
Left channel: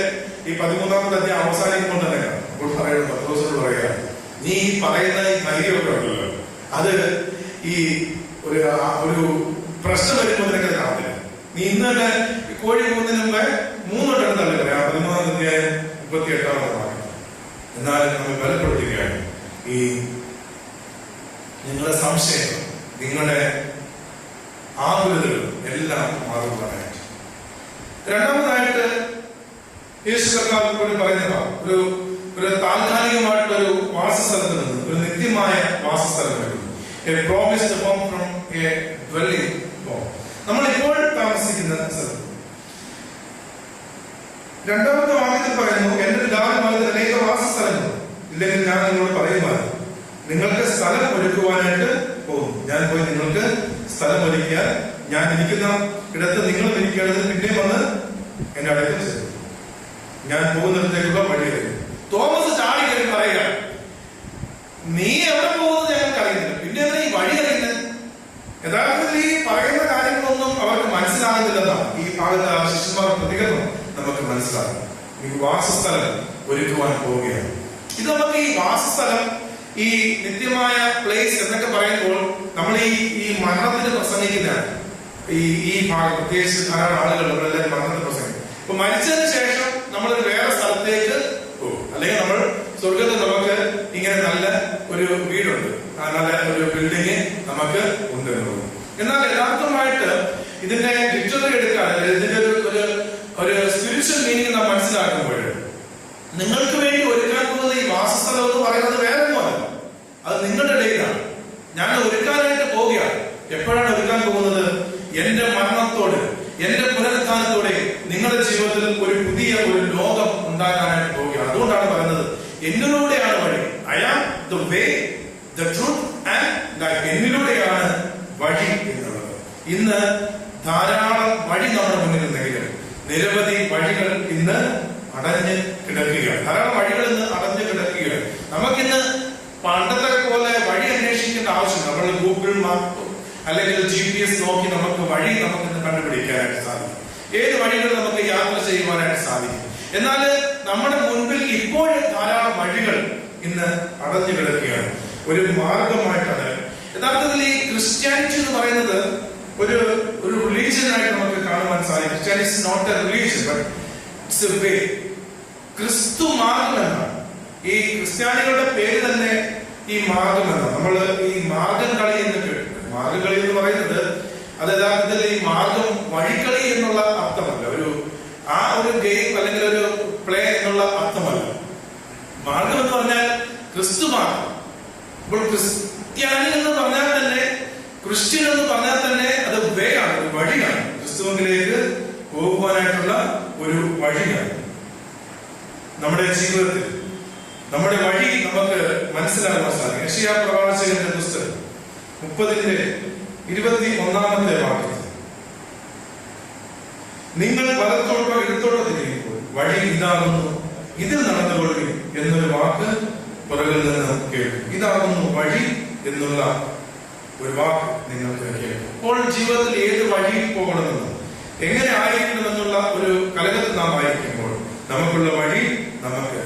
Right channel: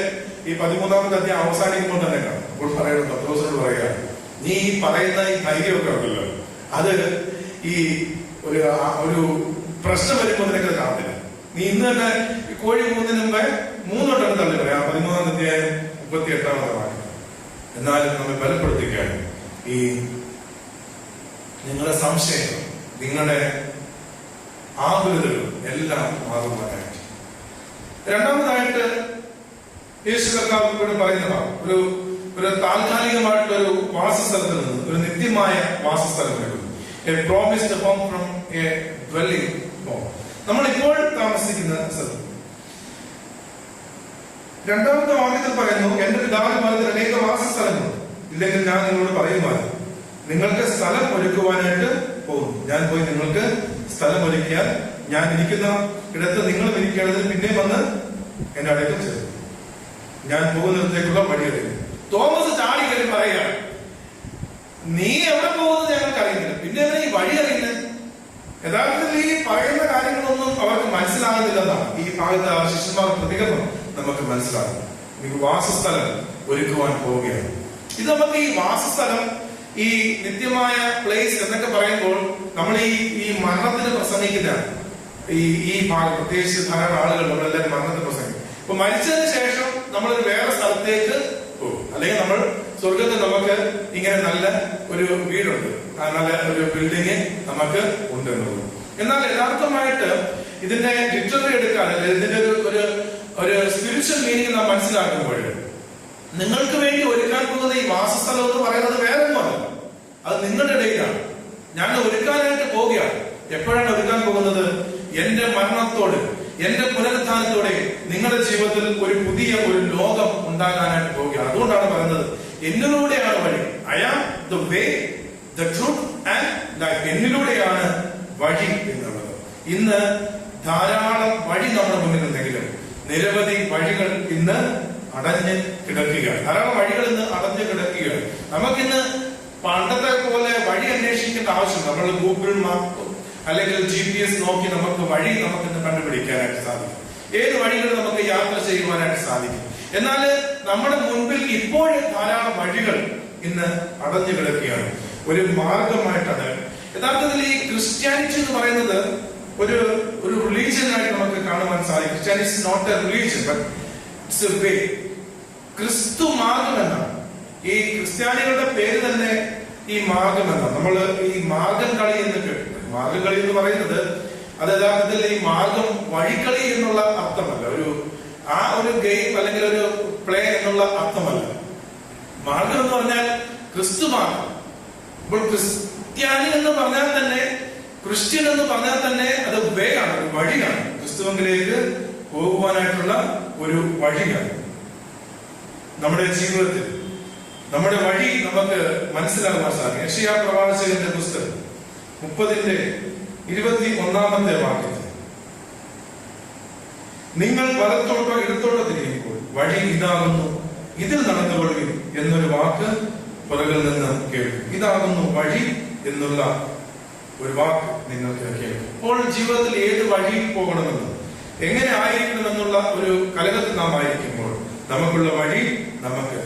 ഈ 13-ാമത്തെ അധ്യായം അവസാനിക്കുമ്പോൾ തന്നെ കാണാം. അപ്പോൾ പറയുന്നത്, പത്രോസിനോട് പറയുക, നീ ഈ പറയുന്ന ഈ ധൈര്യമൊക്കെ ഉണ്ടല്ലോ, അത് ഈ ഒരു പ്രശ്നം വരുമ്പോൾ നിനക്ക് കാണത്തില്ല. നീ ഇന്ന് തന്നെ കോഴി പോകുന്നതിന് മുമ്പേ 3 വട്ടം തള്ളി പറയാം. 13-ാം അധ്യായം 38-ാമത്തെ വാക്യം. എന്നാലും നമ്മൾ ബലപ്പെടുത്തുകയാണ് ഈ നിങ്ങളുടെ സംശയം, നിങ്ങളുടെ ആകുലതകൾ എല്ലാം മാറുവാനായിട്ട്. രണ്ടാമതായിട്ട് യേശു കർത്താവ് പറയുന്നതാണ്, ഒരു താൽക്കാലികമായിട്ടൊരു വാസസ്ഥലത്ത് നിന്ന് ഒരു നിത്യമായ വാസസ്ഥലം വരുന്നു. A promised home from A dwelling home. നമ്മൾ ഇപ്പോൾ താമസിക്കുന്ന സ്ഥലം. രണ്ടാമത്തെ വാക്യത്തിൽ പറയുന്നു, എന്റെ പിതാവിന്റെ ഭവനത്തിൽ അനേക വാസസ്ഥലങ്ങൾ ഇല്ലെങ്കിൽ ഞാൻ നിങ്ങളോട് പറയുമായിരുന്നു, നിങ്ങൾക്ക് സ്ഥലം ഒരുക്കുവാനായിട്ട് പോകുന്നു. ഞാൻ പോയി നിങ്ങൾക്ക് സ്ഥലം ഒരുക്കിയാൽ ഞാൻ ഇരിക്കുന്ന ഇടത്ത് നിങ്ങളും ഇരിക്കുകയാണെങ്കിൽ പിന്നെ വന്ന് എന്റെ അടുത്ത് ചേരും. ഞാൻ പോകുന്നിടത്തേക്കുള്ള വഴിയറിയും. തോമസ് ചാടി കയറി പറയുക, നീ എവിടെ പോകുന്നത് ഞങ്ങൾക്ക് അറിയുന്നില്ല, പിന്നെ എന്താ ഈ വഴി അറിയുന്നത്? യഥാർത്ഥത്തിൽ ഈ പറയുന്ന കാര്യങ്ങളൊന്നും അവർക്ക് മനസ്സിലാകുന്നില്ലെന്നാണ് ഈ ഭാഗത്ത് ശിഷ്യന്മാർ പ്രതികരണം നമുക്ക് മനസ്സിലാകും. എനിക്ക് വാസസ്ഥലം ഒരുക്കുവാൻ പോവുകയാണ്. ഇത് നമുക്ക് ഈ വാസസ്ഥലം, ഈ നിത്യമായ പ്ലേസ് എന്നൊക്കെ പറയുമ്പോൾ നമ്മൾ ഈ മരണത്തിന് പ്രസംഗിക്കുന്നതാണ്. ഈ ഭാഗം പ്രത്യേകിച്ച് ധാരാളം ആളുകൾ നമ്മളെല്ലാവരും മരണത്തിന് പ്രസംഗിക്കും. അപ്പൊ മരിച്ചതിന് ശേഷം നമ്മളൊരു വേറെ സ്ഥലത്തേക്ക് പോകും, അല്ലെങ്കിൽ നമ്മൾ സ്വർഗത്തിൽ നമുക്ക് ഇങ്ങനെ നല്ല ഒരു വീടുണ്ട്, നല്ല ഒരു ബിൽഡിങ് നമുക്ക് ഉണ്ട് എന്ന് തോന്നും. എന്നാൽ യഥാർത്ഥമായിട്ട് ഇതിന്റെ ലിറ്റററി എടുക്കാൻ, ഇതിന്റെ ഒരു സ്പിരിച്വൽ മീനിങ് നാം മനസ്സിലാക്കുമ്പോൾ നിങ്ങൾക്ക് വേണ്ടി ഒരുക്കാൻ പോകുന്ന ഈ വാസസ്ഥലം എന്ന് പറയുന്നത് വേറെ ഒന്നുമല്ല, അത് നിങ്ങളുടെ ഇടയിലാണ്. ഞാൻ ഒരുക്കാനായിട്ട് പോവുകയാണ്. എപ്പോഴാണ് ഒരുക്കാൻ പോകുന്നത്? എന്റെ മരണത്തോട്, എന്റെ പുനരുത്ഥാനത്തോടെ നിങ്ങളുടെ ജീവിതത്തിൽ ഒരു പുതിയ ഒരു ലോകം ഉണ്ടാകാനായിട്ട് പോവുകയാണ്. അതുകൊണ്ടാണ് പറയുന്നത്, എന്നിലൂടെയാണ് വഴി. I am the way, the truth and life. എന്നിലൂടെയാണ് വഴി എന്നുള്ളത്. ഇന്ന് ധാരാളം വഴി നമ്മുടെ മുന്നിൽ ഉണ്ടെങ്കിലും നിരവധി വഴികൾ ഇന്ന് അടഞ്ഞ് കിടക്കുകയാണ്. ധാരാളം വഴികൾ ഇന്ന് അടഞ്ഞു കിടക്കുകയാണ്. നമുക്കിന്ന് പണ്ടത്തെ പോലെ വഴി അന്വേഷിക്കേണ്ട ആവശ്യം, നമ്മൾ ഗൂഗിൾ മാപ്പ് അല്ലെങ്കിൽ GPS നോക്കി നമുക്ക് വഴി നമുക്കിന്ന് കണ്ടുപിടിക്കാനായിട്ട് സാധിക്കും. ഏത് വഴികൾ നമുക്ക് യാത്ര ചെയ്യുവാനായിട്ട് സാധിക്കും. എന്നാൽ നമ്മുടെ മുൻപിൽ ഇപ്പോഴും ധാരാളം വഴികൾ ഇന്ന് അടഞ്ഞു കിടക്കുകയാണ്. ഒരു മാർഗമായിട്ടാണ് യഥാർത്ഥത്തിൽ ഈ ക്രിസ്ത്യാനിറ്റി എന്ന് പറയുന്നത് ഒരു റിലീജിയനായിട്ട് നമുക്ക് കാണുവാൻ സാധിക്കും. Christianity is not a religion, but it's a way. ക്രിസ്തു മാർഗം എന്നാണ്. ഈ ക്രിസ്ത്യാനികളുടെ പേര് തന്നെ ഈ മാർഗം എന്നാണ്. നമ്മൾ ഈ മാർഗം കളി എന്ന് കേട്ടു. മാർഗം കളി എന്ന് പറയുന്നത് അത് യഥാർത്ഥത്തിൽ ഈ മാർഗം വഴിക്കളി എന്നുള്ള അർത്ഥമല്ല, ഒരു ഗെയിം അല്ലെങ്കിൽ ഒരു പ്ലേ എന്നുള്ള അർത്ഥമല്ല. മാർഗം എന്ന് പറഞ്ഞാൽ ക്രിസ്തു മാർഗം. അപ്പോൾ ക്രിസ്ത്യാനി എന്ന് പറഞ്ഞാൽ തന്നെ, ക്രിസ്ത്യൻ എന്ന് പറഞ്ഞാൽ തന്നെ അത് വേ ആണ്, ഒരു വഴിയാണ്. ക്രിസ്തുവിലേക്ക് പോകുവാനായിട്ടുള്ള ഒരു വഴിയാണ്. നമ്മുടെ ജീവിതത്തിൽ നമ്മുടെ വഴി നമുക്ക് മനസ്സിലാക്കാൻ സാധിക്കും. യെശയ്യാ പ്രവാചകന്റെ പുസ്തകം 30-ന്റെ 21-ാമത്തെ വാക്യത്തിൽ നിങ്ങൾ വലത്തോട്ടോ ഇടത്തോട്ടോ തിരിയുമ്പോൾ വഴി ഇതാകുന്നു, ഇതിൽ നടന്നുകൊള്ളുവിൻ എന്നൊരു വാക്ക് പുറകിൽ നിന്ന് കേൾക്കും. ഇതാകുന്നു വഴി എന്നുള്ള ഒരു വാക്ക് നിങ്ങൾക്ക് കേൾക്കും. അപ്പോൾ ജീവിതത്തിൽ ഏത് വഴിയിൽ പോകണമെന്ന്, എങ്ങനെ ആയിരിക്കണമെന്നുള്ള ഒരു കലകത്തിൽ നാം ആയിരിക്കുമ്പോൾ നമുക്കുള്ള വഴി നമുക്ക്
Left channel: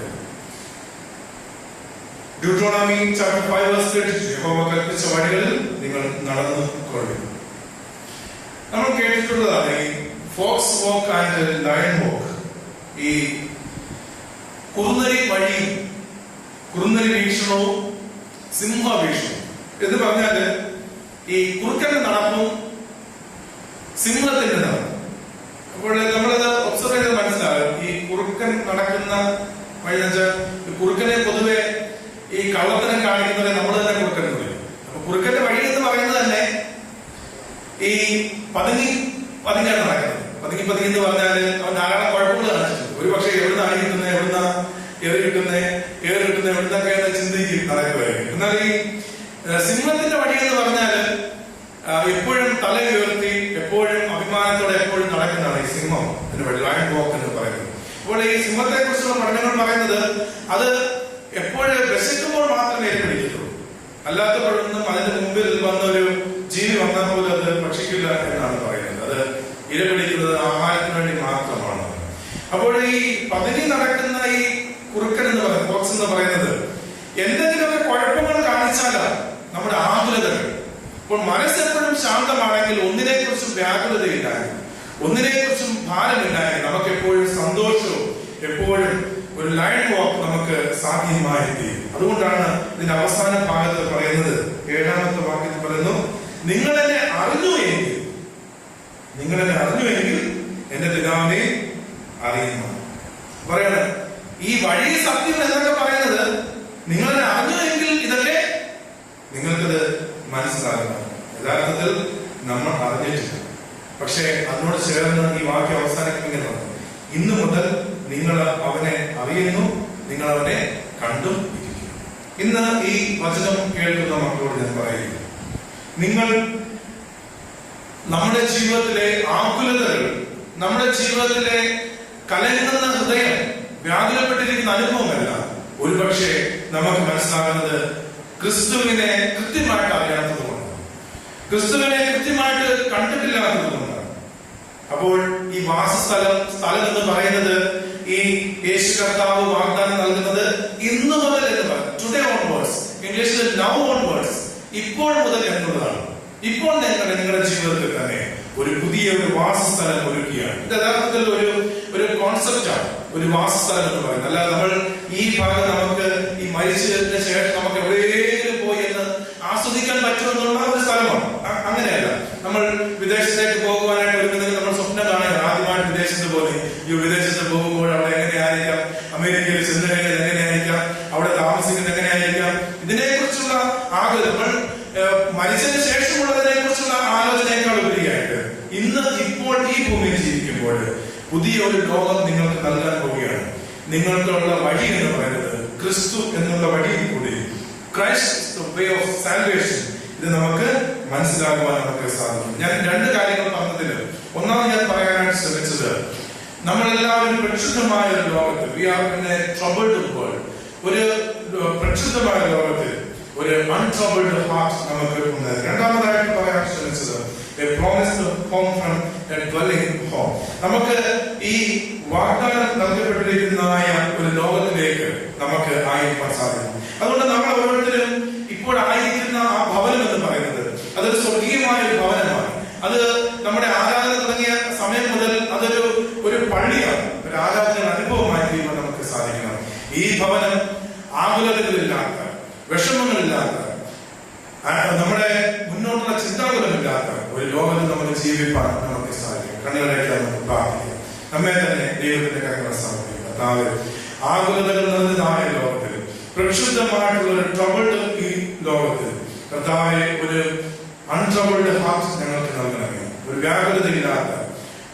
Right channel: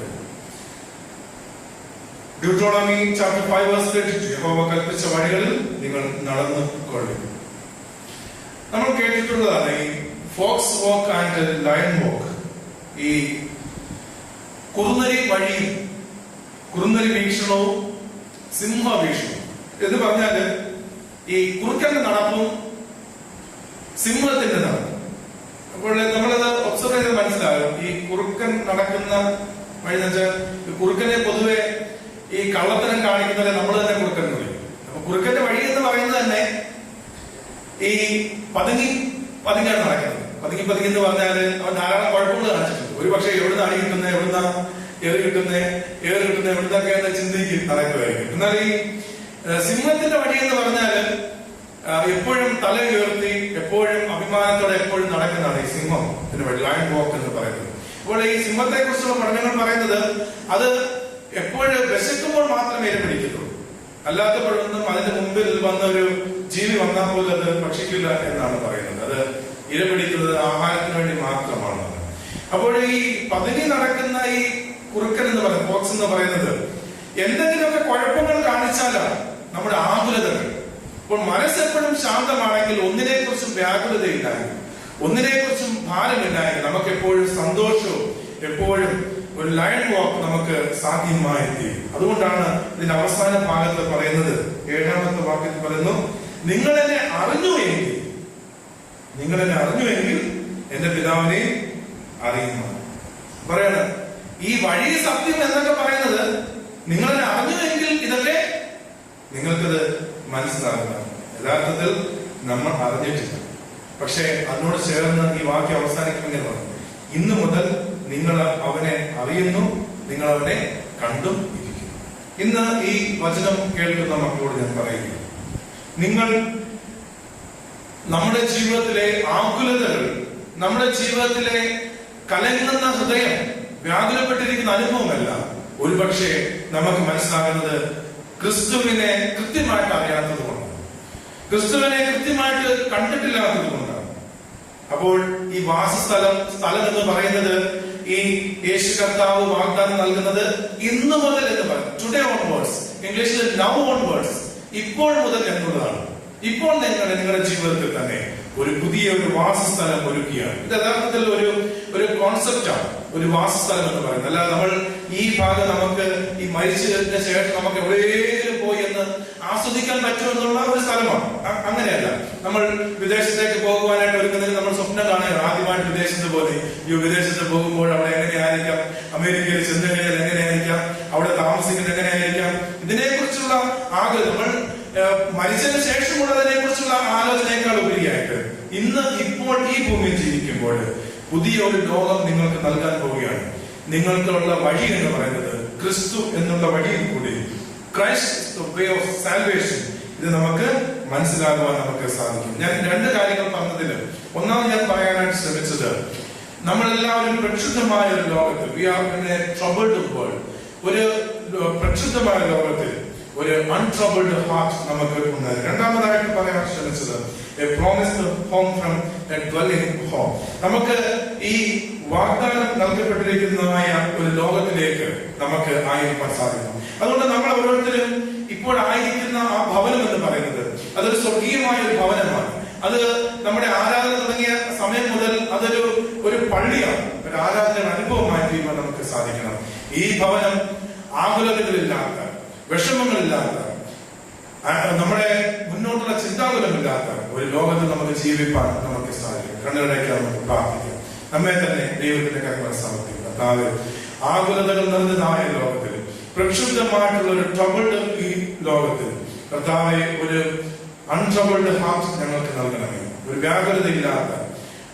Deuteronomy chapter 5 verse 32 യഹോവ കൽപ്പിച്ച വഴികളിൽ നിങ്ങൾ നടന്നു കൊള്ളുക. നമ്മൾ കേട്ടിട്ടുള്ളതാണ് ഈ ഫോക്സ് വാക്ക് ആൻഡ് ലയൺ വാക്ക്. ഈ കുറുനരി വഴിയും കുറുനരി വീക്ഷണവും സിംഹ വീക്ഷണവും എന്ന് പറഞ്ഞാല് ഈ കുറുക്കന്റെ നടപ്പും സിംഹത്തിന്റെ നടപ്പും. അപ്പോൾ നമ്മളത് ഒബ്സർവ് ചെയ്ത് മനസ്സിലാകും. ഈ കുറുക്കൻ നടക്കുന്ന വഴി എന്ന് വെച്ചാൽ കുറുക്കനെ പൊതുവെ ഈ കള്ളത്തരം കാണിക്കുന്നവരെ നമ്മൾ തന്നെ കുറുക്കൻ പറയും. അപ്പൊ കുറുക്കന്റെ വഴി എന്ന് പറയുന്നത് തന്നെ ഈ പതുങ്ങിയാണ് നടക്കുന്നത്. പതുങ്ങി എന്ന് പറഞ്ഞാല് അവൻ ധാരാളം കുഴപ്പങ്ങൾ കാണിച്ചിട്ടുണ്ട്. ഒരു പക്ഷേ എവിടുന്ന് അടി കിട്ടുന്നത്, എവിടുന്ന ഏറ് കിട്ടുന്നത്, എവിടുന്നൊക്കെ എന്ന് ചിന്തിക്കും നടക്കുമായിരിക്കും. എന്നാൽ ഈ സിംഹത്തിന്റെ വഴി എന്ന് പറഞ്ഞാല് എപ്പോഴും തല ഉയർത്തി എപ്പോഴും അഭിമാനത്തോടെ എപ്പോഴും നടക്കുന്നതാണ് ഈ സിംഹം എന്ന് വഴി, ലയൺ വാക്ക് എന്ന് പറയുന്നത്. അപ്പോൾ ഈ സിംഹത്തെ കുറിച്ചുള്ള പഠനങ്ങൾ പറയുന്നത് അത് എപ്പോഴും വിശക്കുമ്പോൾ മാത്രമേ ഇരപിടിക്കത്തുള്ളൂ, അല്ലാത്തപ്പോഴൊന്നും അതിന്റെ മുമ്പിൽ വന്ന ഒരു ജീവി വന്നാൽ പോലും അത് ഭക്ഷിക്കില്ല എന്നാണ് പറയുന്നത്. അത് ഇരപിടിക്കുന്നത് ആഹാരത്തിന് വേണ്ടി മാത്രമാണ്. അപ്പോൾ ഈ പതുങ്ങി നടക്കുന്ന ഈ കുറുക്കൻ എന്ന് പറയുന്നത്, ഫോക്സ് എന്ന് പറയുന്നത് എന്തെങ്കിലുമൊക്കെ കുഴപ്പങ്ങൾ കാണിച്ചാലാണ് നമ്മുടെ ആകുലതകൾ. അപ്പോൾ മനസ്സെപ്പോഴും ശാന്തമാണെങ്കിൽ, ഒന്നിനെ കുറിച്ചും വ്യാകുലതയില്ലായെങ്കിൽ, ഒന്നിനെ കുറിച്ചും ഭാരമില്ലായെങ്കിൽ നമുക്ക് എപ്പോഴും സന്തോഷവും എപ്പോഴും ഒരു ലയൺ വാക്ക് നമുക്ക് സാധ്യമായി തീരും. അതുകൊണ്ടാണ് ഇതിന്റെ അവസാന ഭാഗത്ത് പറയുന്നത്, 7ാമത്തെ വാക്യത്തിൽ പറയുന്നു, നിങ്ങളെന്നെ അറിഞ്ഞുവെങ്കിൽ എന്റെ പിതാവിനെ അറിയുന്നു. പറയണം ഈ വഴി സത്യം എന്നൊക്കെ പറയുന്നത് നിങ്ങളെന്നെ അറിഞ്ഞുവെങ്കിൽ ഇതൊക്കെ നിങ്ങൾക്കത് മനസ്സിലാകുന്നു. യഥാർത്ഥത്തിൽ നമ്മൾ അറിഞ്ഞിട്ടില്ല. പക്ഷെ അതിനോട് ചേർന്ന് ഈ വാക്യം അവസാനിക്കുന്നത്, ഇന്നു മുതൽ നിങ്ങൾ അവനെ അറിയുന്നു, നിങ്ങൾ അവനെ കണ്ടും ഇരിക്കുന്നു. ഇന്ന് ഈ വചനം കേൾക്കുന്ന മക്കളോട് ഞാൻ പറയുന്നു, നിങ്ങൾ നമ്മുടെ ജീവിതത്തിലെ ആകുലതകൾ, നമ്മുടെ ജീവിതത്തിലെ കലങ്ങുന്ന ഹൃദയം, വ്യാകുലപ്പെട്ടിരിക്കുന്ന അനുഭവമല്ല ഒരുപക്ഷെ നമുക്ക് മനസ്സിലാകുന്നത് ക്രിസ്തുവിനെ കൃത്യമായിട്ട് അറിയാത്തതുകൊണ്ട്, ക്രിസ്തുവിനെ കൃത്യമായിട്ട് കണ്ടിട്ടില്ലാത്തതുകൊണ്ടാണ്. അപ്പോൾ ഈ സ്ഥലം എന്ന് പറയുന്നത് ഈ യേശു കർത്താവ് വാഗ്ദാനം നൽകുന്നത് ഇന്നു മുതൽ എന്ന് പറയും, ടുഡേ ഓൺവേർഡ്സ്, ഇംഗ്ലീഷിൽ നൗ ഓൺവേർഡ്സ്, ഇപ്പോൾ മുതൽ എന്നുള്ളതാണ്. ഇപ്പോൾ നിങ്ങളുടെ ജീവിതത്തിൽ തന്നെ ഒരു പുതിയ വാസസ്ഥലം ഒരുക്കുകയാണ്. ഇത് യഥാർത്ഥത്തിൽ ഒരു കോൺസെപ്റ്റാണ്, ഒരു വാസസ്ഥലം എന്ന് പറയുന്നത്. അല്ല നമ്മൾ ഈ ഭാഗം നമുക്ക് ഈ മരിച്ചതിന് ശേഷം നമുക്ക് എവിടെയെങ്കിലും പോയി എന്ന് ആസ്വദിക്കാൻ പറ്റുമെന്നുള്ള ഒരു സ്ഥലമാണ്. അങ്ങനെയല്ല. നമ്മൾ വിദേശത്തേക്ക് പോകുവാനായിട്ട് ഒരുങ്ങുന്നതിന് നമ്മൾ സ്വപ്നം കാണുക, ആദ്യമായിട്ട് വിദേശത്ത് പോലെ ഈ വിദേശത്ത് പോകുമ്പോൾ അവിടെ എങ്ങനെയായിരിക്കാം, അമേരിക്കയിൽ ചെന്ന് കഴിഞ്ഞാൽ എങ്ങനെയായിരിക്കാം, അവിടെ താമസിക്കുന്നത് എങ്ങനെയായിരിക്കാം, ഇതിനെ കുറിച്ചുള്ള ആഗ്രഹം, നമ്മൾ മരിച്ചതിന് ശേഷമുള്ളതിനെ കുറിച്ചുള്ള ആലോചനയേക്കാൾ ഉപരിയായിട്ട് ഇപ്പോൾ ഈ ഭൂമിയിൽ ജീവിക്കുമ്പോൾ പുതിയ ഒരു ലോകം നിങ്ങൾക്ക് നൽകാൻ പോവുകയാണ്. നിങ്ങൾക്കുള്ള വഴി എന്ന് പറയുന്നത് ക്രിസ്തു എന്നുള്ള വഴിയിൽ കൂടി, ക്രൈസ്റ്റ് വേ ഓഫ് സാൽവേഷൻ, ഇത് നമുക്ക് മനസ്സിലാക്കുവാൻ നമുക്ക് സാധിക്കും. ഞാൻ 2 കാര്യങ്ങൾ പറഞ്ഞതിൽ ഒന്നാമത് ഞാൻ പറയാനായിട്ട് ശ്രമിച്ചത്, നമ്മളെല്ലാവരും പ്രക്ഷുബ്ധമായ ഒരു ലോകത്തിൽ, we are in a troubled world, ഒരു പ്രക്ഷുബ്ധമായ ലോകത്തിൽ ഒരു അൺട്രബിൾഡ് ഹാർട്ട് നമുക്ക് ഉണ്ട്. രണ്ടാമതായിട്ട് പറയാൻ ശ്രമിച്ചത് a promised home from a dwelling home. നമുക്ക് ഈ വാഗ്ദാനം നൽകപ്പെട്ടിരിക്കുന്നതായ ഒരു ലോകത്തിലേക്ക് നമുക്ക് ആയിരിക്കാൻ സാധിക്കും. അതുകൊണ്ട് നമ്മൾ ഓരോരുത്തരും ഇപ്പോൾ ആയിരിക്കുന്ന ആ ഭവനം എന്ന് പറയുന്നത് അതൊരു സ്വർഗീയമായ ഒരു ഭവനമാണ്. അത് നമ്മുടെ ആരാധന തുടങ്ങിയ സമയം മുതൽ അതൊരു പള്ളിയാണ്, ഒരു ആരാധന അനുഭവമായി തീരുവാൻ നമുക്ക് സാധിക്കണം. ഈ ഭവനം ആകുലതകളില്ലാത്ത, വിഷമങ്ങളില്ലാത്ത, നമ്മുടെ മുന്നോട്ടുള്ള ചിന്താകുലമില്ലാത്ത ഒരു ലോകത്ത് നമുക്ക് ജീവിക്കാൻ നമുക്ക് സാധിക്കും. കണ്ണുകളേക്ക് നമുക്ക് പ്രാർത്ഥിക്കാം. നമ്മെ തന്നെ ദൈവത്തിന്റെ കരങ്ങളിൽ സമർപ്പിക്കുക. കർത്താവേ, ആകുലതകൾ നിറഞ്ഞതായ ലോകത്തിൽ, പ്രക്ഷുബ്ധമായിട്ടുള്ള ഒരു ട്രബിൾഡ് ഈ ലോകത്തിൽ കർത്താവെ ഒരു അൺട്രബിൾഡ് ഹാർട്ട് ഞങ്ങൾക്ക് നൽകണമേ. ഒരു വ്യാകുലതയില്ലാത്ത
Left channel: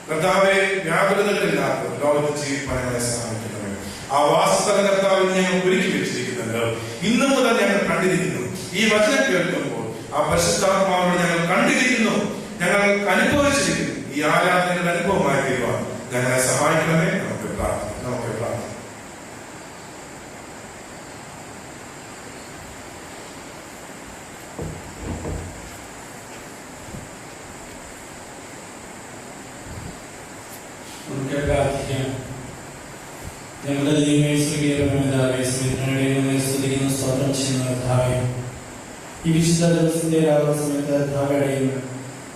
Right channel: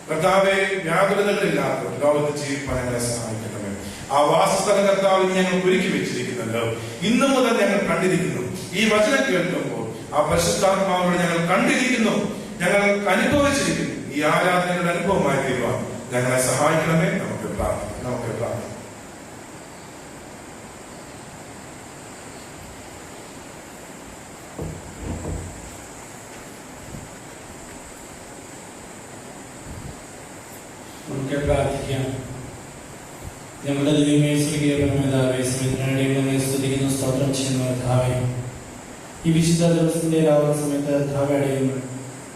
കർത്താവെ, വ്യാകുലതകളില്ലാത്ത ലോകത്ത് ജീവിക്കാൻ ഞങ്ങളെ സഹായിക്കണമേ. ആ വാസസ്ഥല കർത്താവിന് ഞങ്ങൾ ഒരുക്കി വെച്ചിരിക്കുന്നല്ലോ. ഇന്നു മുതൽ ഞങ്ങൾ കണ്ടിരിക്കുന്നു. ഈ വചനം കേൾക്കുമ്പോൾ ആ പരിശുദ്ധാത്മാവിനെ ഞങ്ങൾ കണ്ടിരിക്കുന്നു, ഞങ്ങൾ അനുഭവിച്ചിരിക്കുന്നു. ഈ ഈ ആരാധനയുടെ അനുഭവമായി തീരുവാൻ ഞങ്ങളെ സഹായിക്കണമേ. നമുക്ക് പ്രാർത്ഥിക്കാം. നമുക്ക് പ്രാർത്ഥിക്കാം. ഞങ്ങളുടെ ദൈവമേ, സ്വീകരിക്കണമെന്നാവേ, സ്നേഹിതനെ സ്തുതിക്കുന്ന സ്തോത്രം ചെയ്യുന്ന കർത്താവേ, ഈ വിശുദ്ധ ദിവസത്തിന്റെ രാവിലെ സമയത്ത് കർത്താവടയുന്നു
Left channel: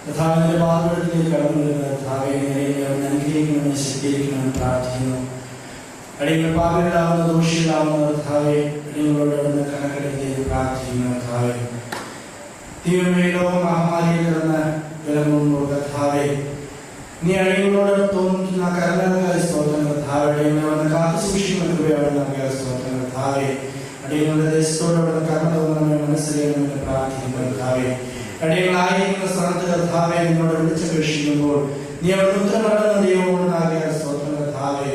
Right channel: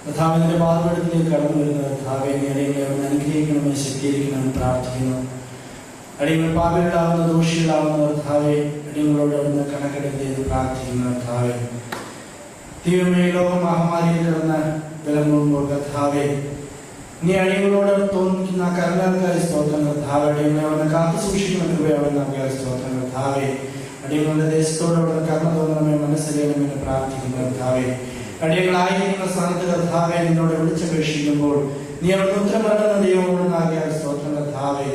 കർത്താവിന്റെ വാഗ്ദത്തത്തിൽ കടന്നു വരുന്ന കർത്താവെ, നേരെ അനുഗ്രഹിക്കണമെന്ന് ശക്തീകരിക്കണമെന്ന് പ്രാർത്ഥിക്കുന്നു. അടിയങ്ങൾ പാപികളാവുന്ന ദോഷികളാവുന്ന കർത്താവെ, അടിയങ്ങളോട് കണക്കെടുത്ത് പ്രാർത്ഥിക്കുന്നു. കർത്താവെ, ദൈവമേ, ലോക മഹാമാരിയിൽ കിടന്ന് വിലങ്ങുമ്പോൾ കർത്താവെ, നീ അടിയങ്ങളോട് തോന്നിക്കുന്ന കരുണാകാരി സ്തോത്രം കർത്താവെ, അടിയങ്ങളോട് കാത്തു സൂക്ഷിക്കുന്ന സ്തോത്രം കർത്താവെ, അടിയങ്ങളുടെ ദേശത്തോട് കർമ്മ തോന്നണമെന്ന് മനസ്സിലാക്കണമെന്ന് പ്രാർത്ഥിക്കുന്നു. കർത്താവെ, അടിയങ്ങളായിരിക്കുന്ന സ്ഥാനത്ത് കർത്താവെ നിന്നോട് വിളിച്ചപേക്ഷിക്കുമ്പോൾ നീ അവിടെ ഉത്തരമടങ്ങുന്ന ദൈവമോടാകിയ സ്തോത്രം കർത്താവെ,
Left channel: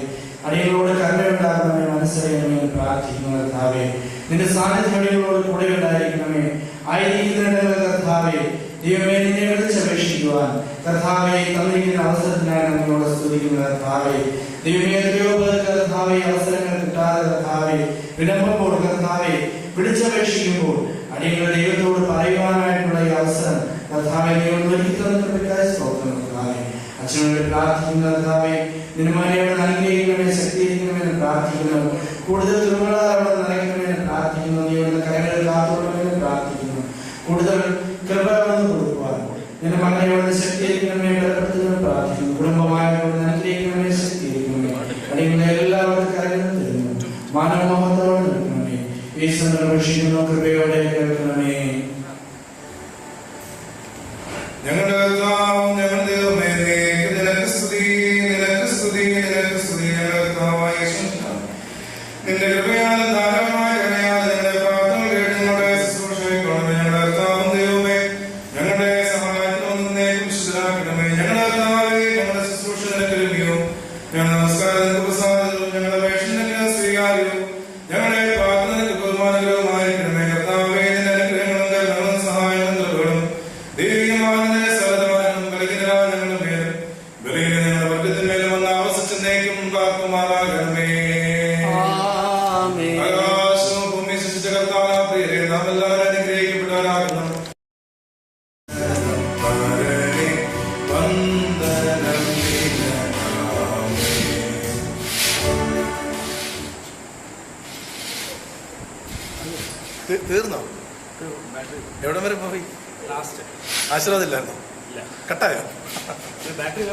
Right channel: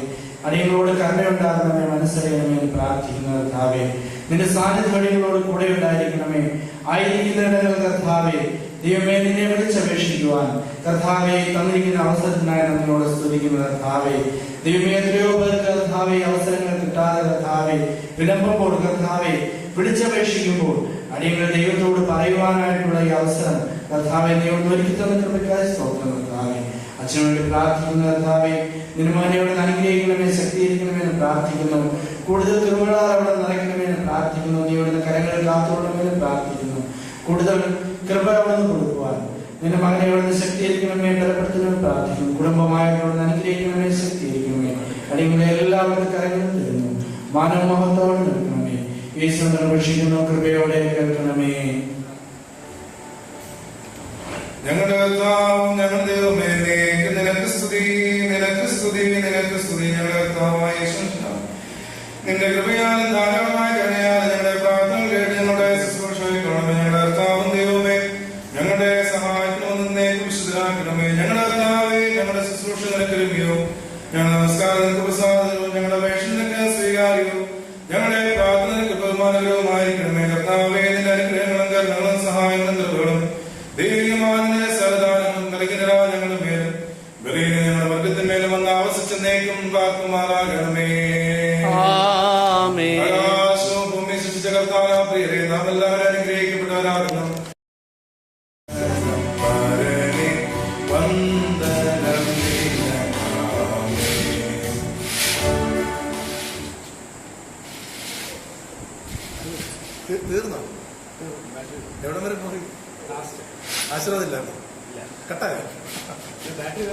അടിയങ്ങളോട് കരുണയുണ്ടാകണമേ, മനസ്സിലാക്കണമെന്ന് പ്രാർത്ഥിക്കുന്നു. കർത്താവെ, നിന്റെ സാന്നിധ്യം അടിയങ്ങളോട് കൂടെ ഉണ്ടായിരിക്കണമേ. ആയിരിക്കുന്ന കർത്താവെ, ദൈവമേ, നിന്നെ വിളിച്ചപേക്ഷിക്കുവാൻ കർത്താവെ തന്നിരിക്കുന്ന അവസരത്തിനായി നമ്മോട് സ്തുതിക്കുന്ന കർത്താവെ, ദൈവമേ, എത്രയോ കർത്താവെ അവസരങ്ങൾ കിട്ടാതെ കർത്താവെ വിളമ്പുമ്പോൾ കർത്താവെ വിളിച്ചപേക്ഷിക്കുമ്പോൾ അടിയങ്ങൾ ദൈവത്തോട് പറയുവാനായിട്ടുള്ള ഈ അവസരം കർത്താവെ ദൈവം ഒരുക്കിത്തന്നതിനായ സ്തോത്രം കർത്താവെ. അച്ഛനോട് പ്രാർത്ഥിക്കുന്ന കർത്താവെ, നിരുമാനയോട് അനുഗ്രഹിക്കണമെന്ന് ശക്തീകരിക്കണമെന്ന് പ്രാർത്ഥിക്കുന്നു. കൂടുതൽ തുറമുകളോടെ നിറയ്ക്കണമെന്ന് പ്രാർത്ഥിക്കുന്നു. ദൈവത്തിന്റെ കരങ്ങൾ കാത്തുകൊള്ളണമെന്ന് പ്രാർത്ഥിക്കുന്നു. കൂടുതൽ കൃപ വന്ന് കൊടുക്കുവാൻ നിന്റെ മകനെയോട് ശക്തീകരിക്കണമേ, ബലപ്പെടുത്തണമെന്ന് പ്രാർത്ഥിക്കുന്നു. കുടുംബമായോട് അനുഗ്രഹിക്കണമേ, ശക്തീകരിക്കണമേ. അടിയങ്ങളെ എല്ലാവരും കരങ്ങൾ തരുന്നു. മാനവമോഹത്തോടെ നിൽക്കണമേ. യേശുവിനെ അപേക്ഷിക്കുന്ന കൃപയോടെ കേൾക്കണമേ. ഞങ്ങളുടെ കർത്താവും ഞങ്ങളുടെ ദൈവമേ, നിനക്ക് സ്തുതി, നിനക്ക് സ്തുതി, നിനക്ക് സ്തുതി. ഞങ്ങളുടെ കർത്താവായ യേശുവേ, നിന്റെ കൃപയാൽ ധാരാളമായ കരുണയാൽ ഞങ്ങളുടെ പ്രാർത്ഥന കേട്ട് ഞങ്ങളുടെ ശുശ്രൂഷയിക്കണമേ. ഞങ്ങളുടെ കർത്താവും ദൈവമേ, ഞങ്ങളുടെ സഹായത്തിനും നിന്നെ വിശുദ്ധരാക്കണമേ. ഞങ്ങളുടെ കർത്താവേ, ഞങ്ങളുടെ ശുശ്രൂഷ നിനക്ക് ലഭ്യവും ഞങ്ങളുടെ നമസ്കാരം നിനക്ക് പ്രസാദവും ഞങ്ങളുടെ വേഷം നിനക്ക് സ്വീകാര്യവും ഞങ്ങളുടെ പ്രാർത്ഥന നിനക്ക് ബഹുമാനകരവുമായിരിക്കണമേ. കർത്താവേ, നിന്റെ അനുഗ്രഹങ്ങളും കരുണകളും സഹായങ്ങളും കൃപകളും ദൈവീയമായ സരദാനങ്ങളും കലകിനരാ ഞങ്ങളുടെ മേലും ബലഹീന ഞങ്ങളുടെ വർഗത്തിന്മേലും വന്ന് ആവസിച്ചെന്നേക്കും പാർക്കുമാറാകണമേ. ആകാശവും ഭൂമി സൃഷ്ടിച്ച കർത്താവായ പ്രിയരേ, നാം എല്ലാവരും അനുഗ്രഹിക്കപ്പെട്ടവരാകുന്നു. തീർന്നോ? എവിടെ വരെ പോയി? ആശീർവാദം ഇല്ലായിരുന്നു, കട്ടായോ? ബാറ്ററി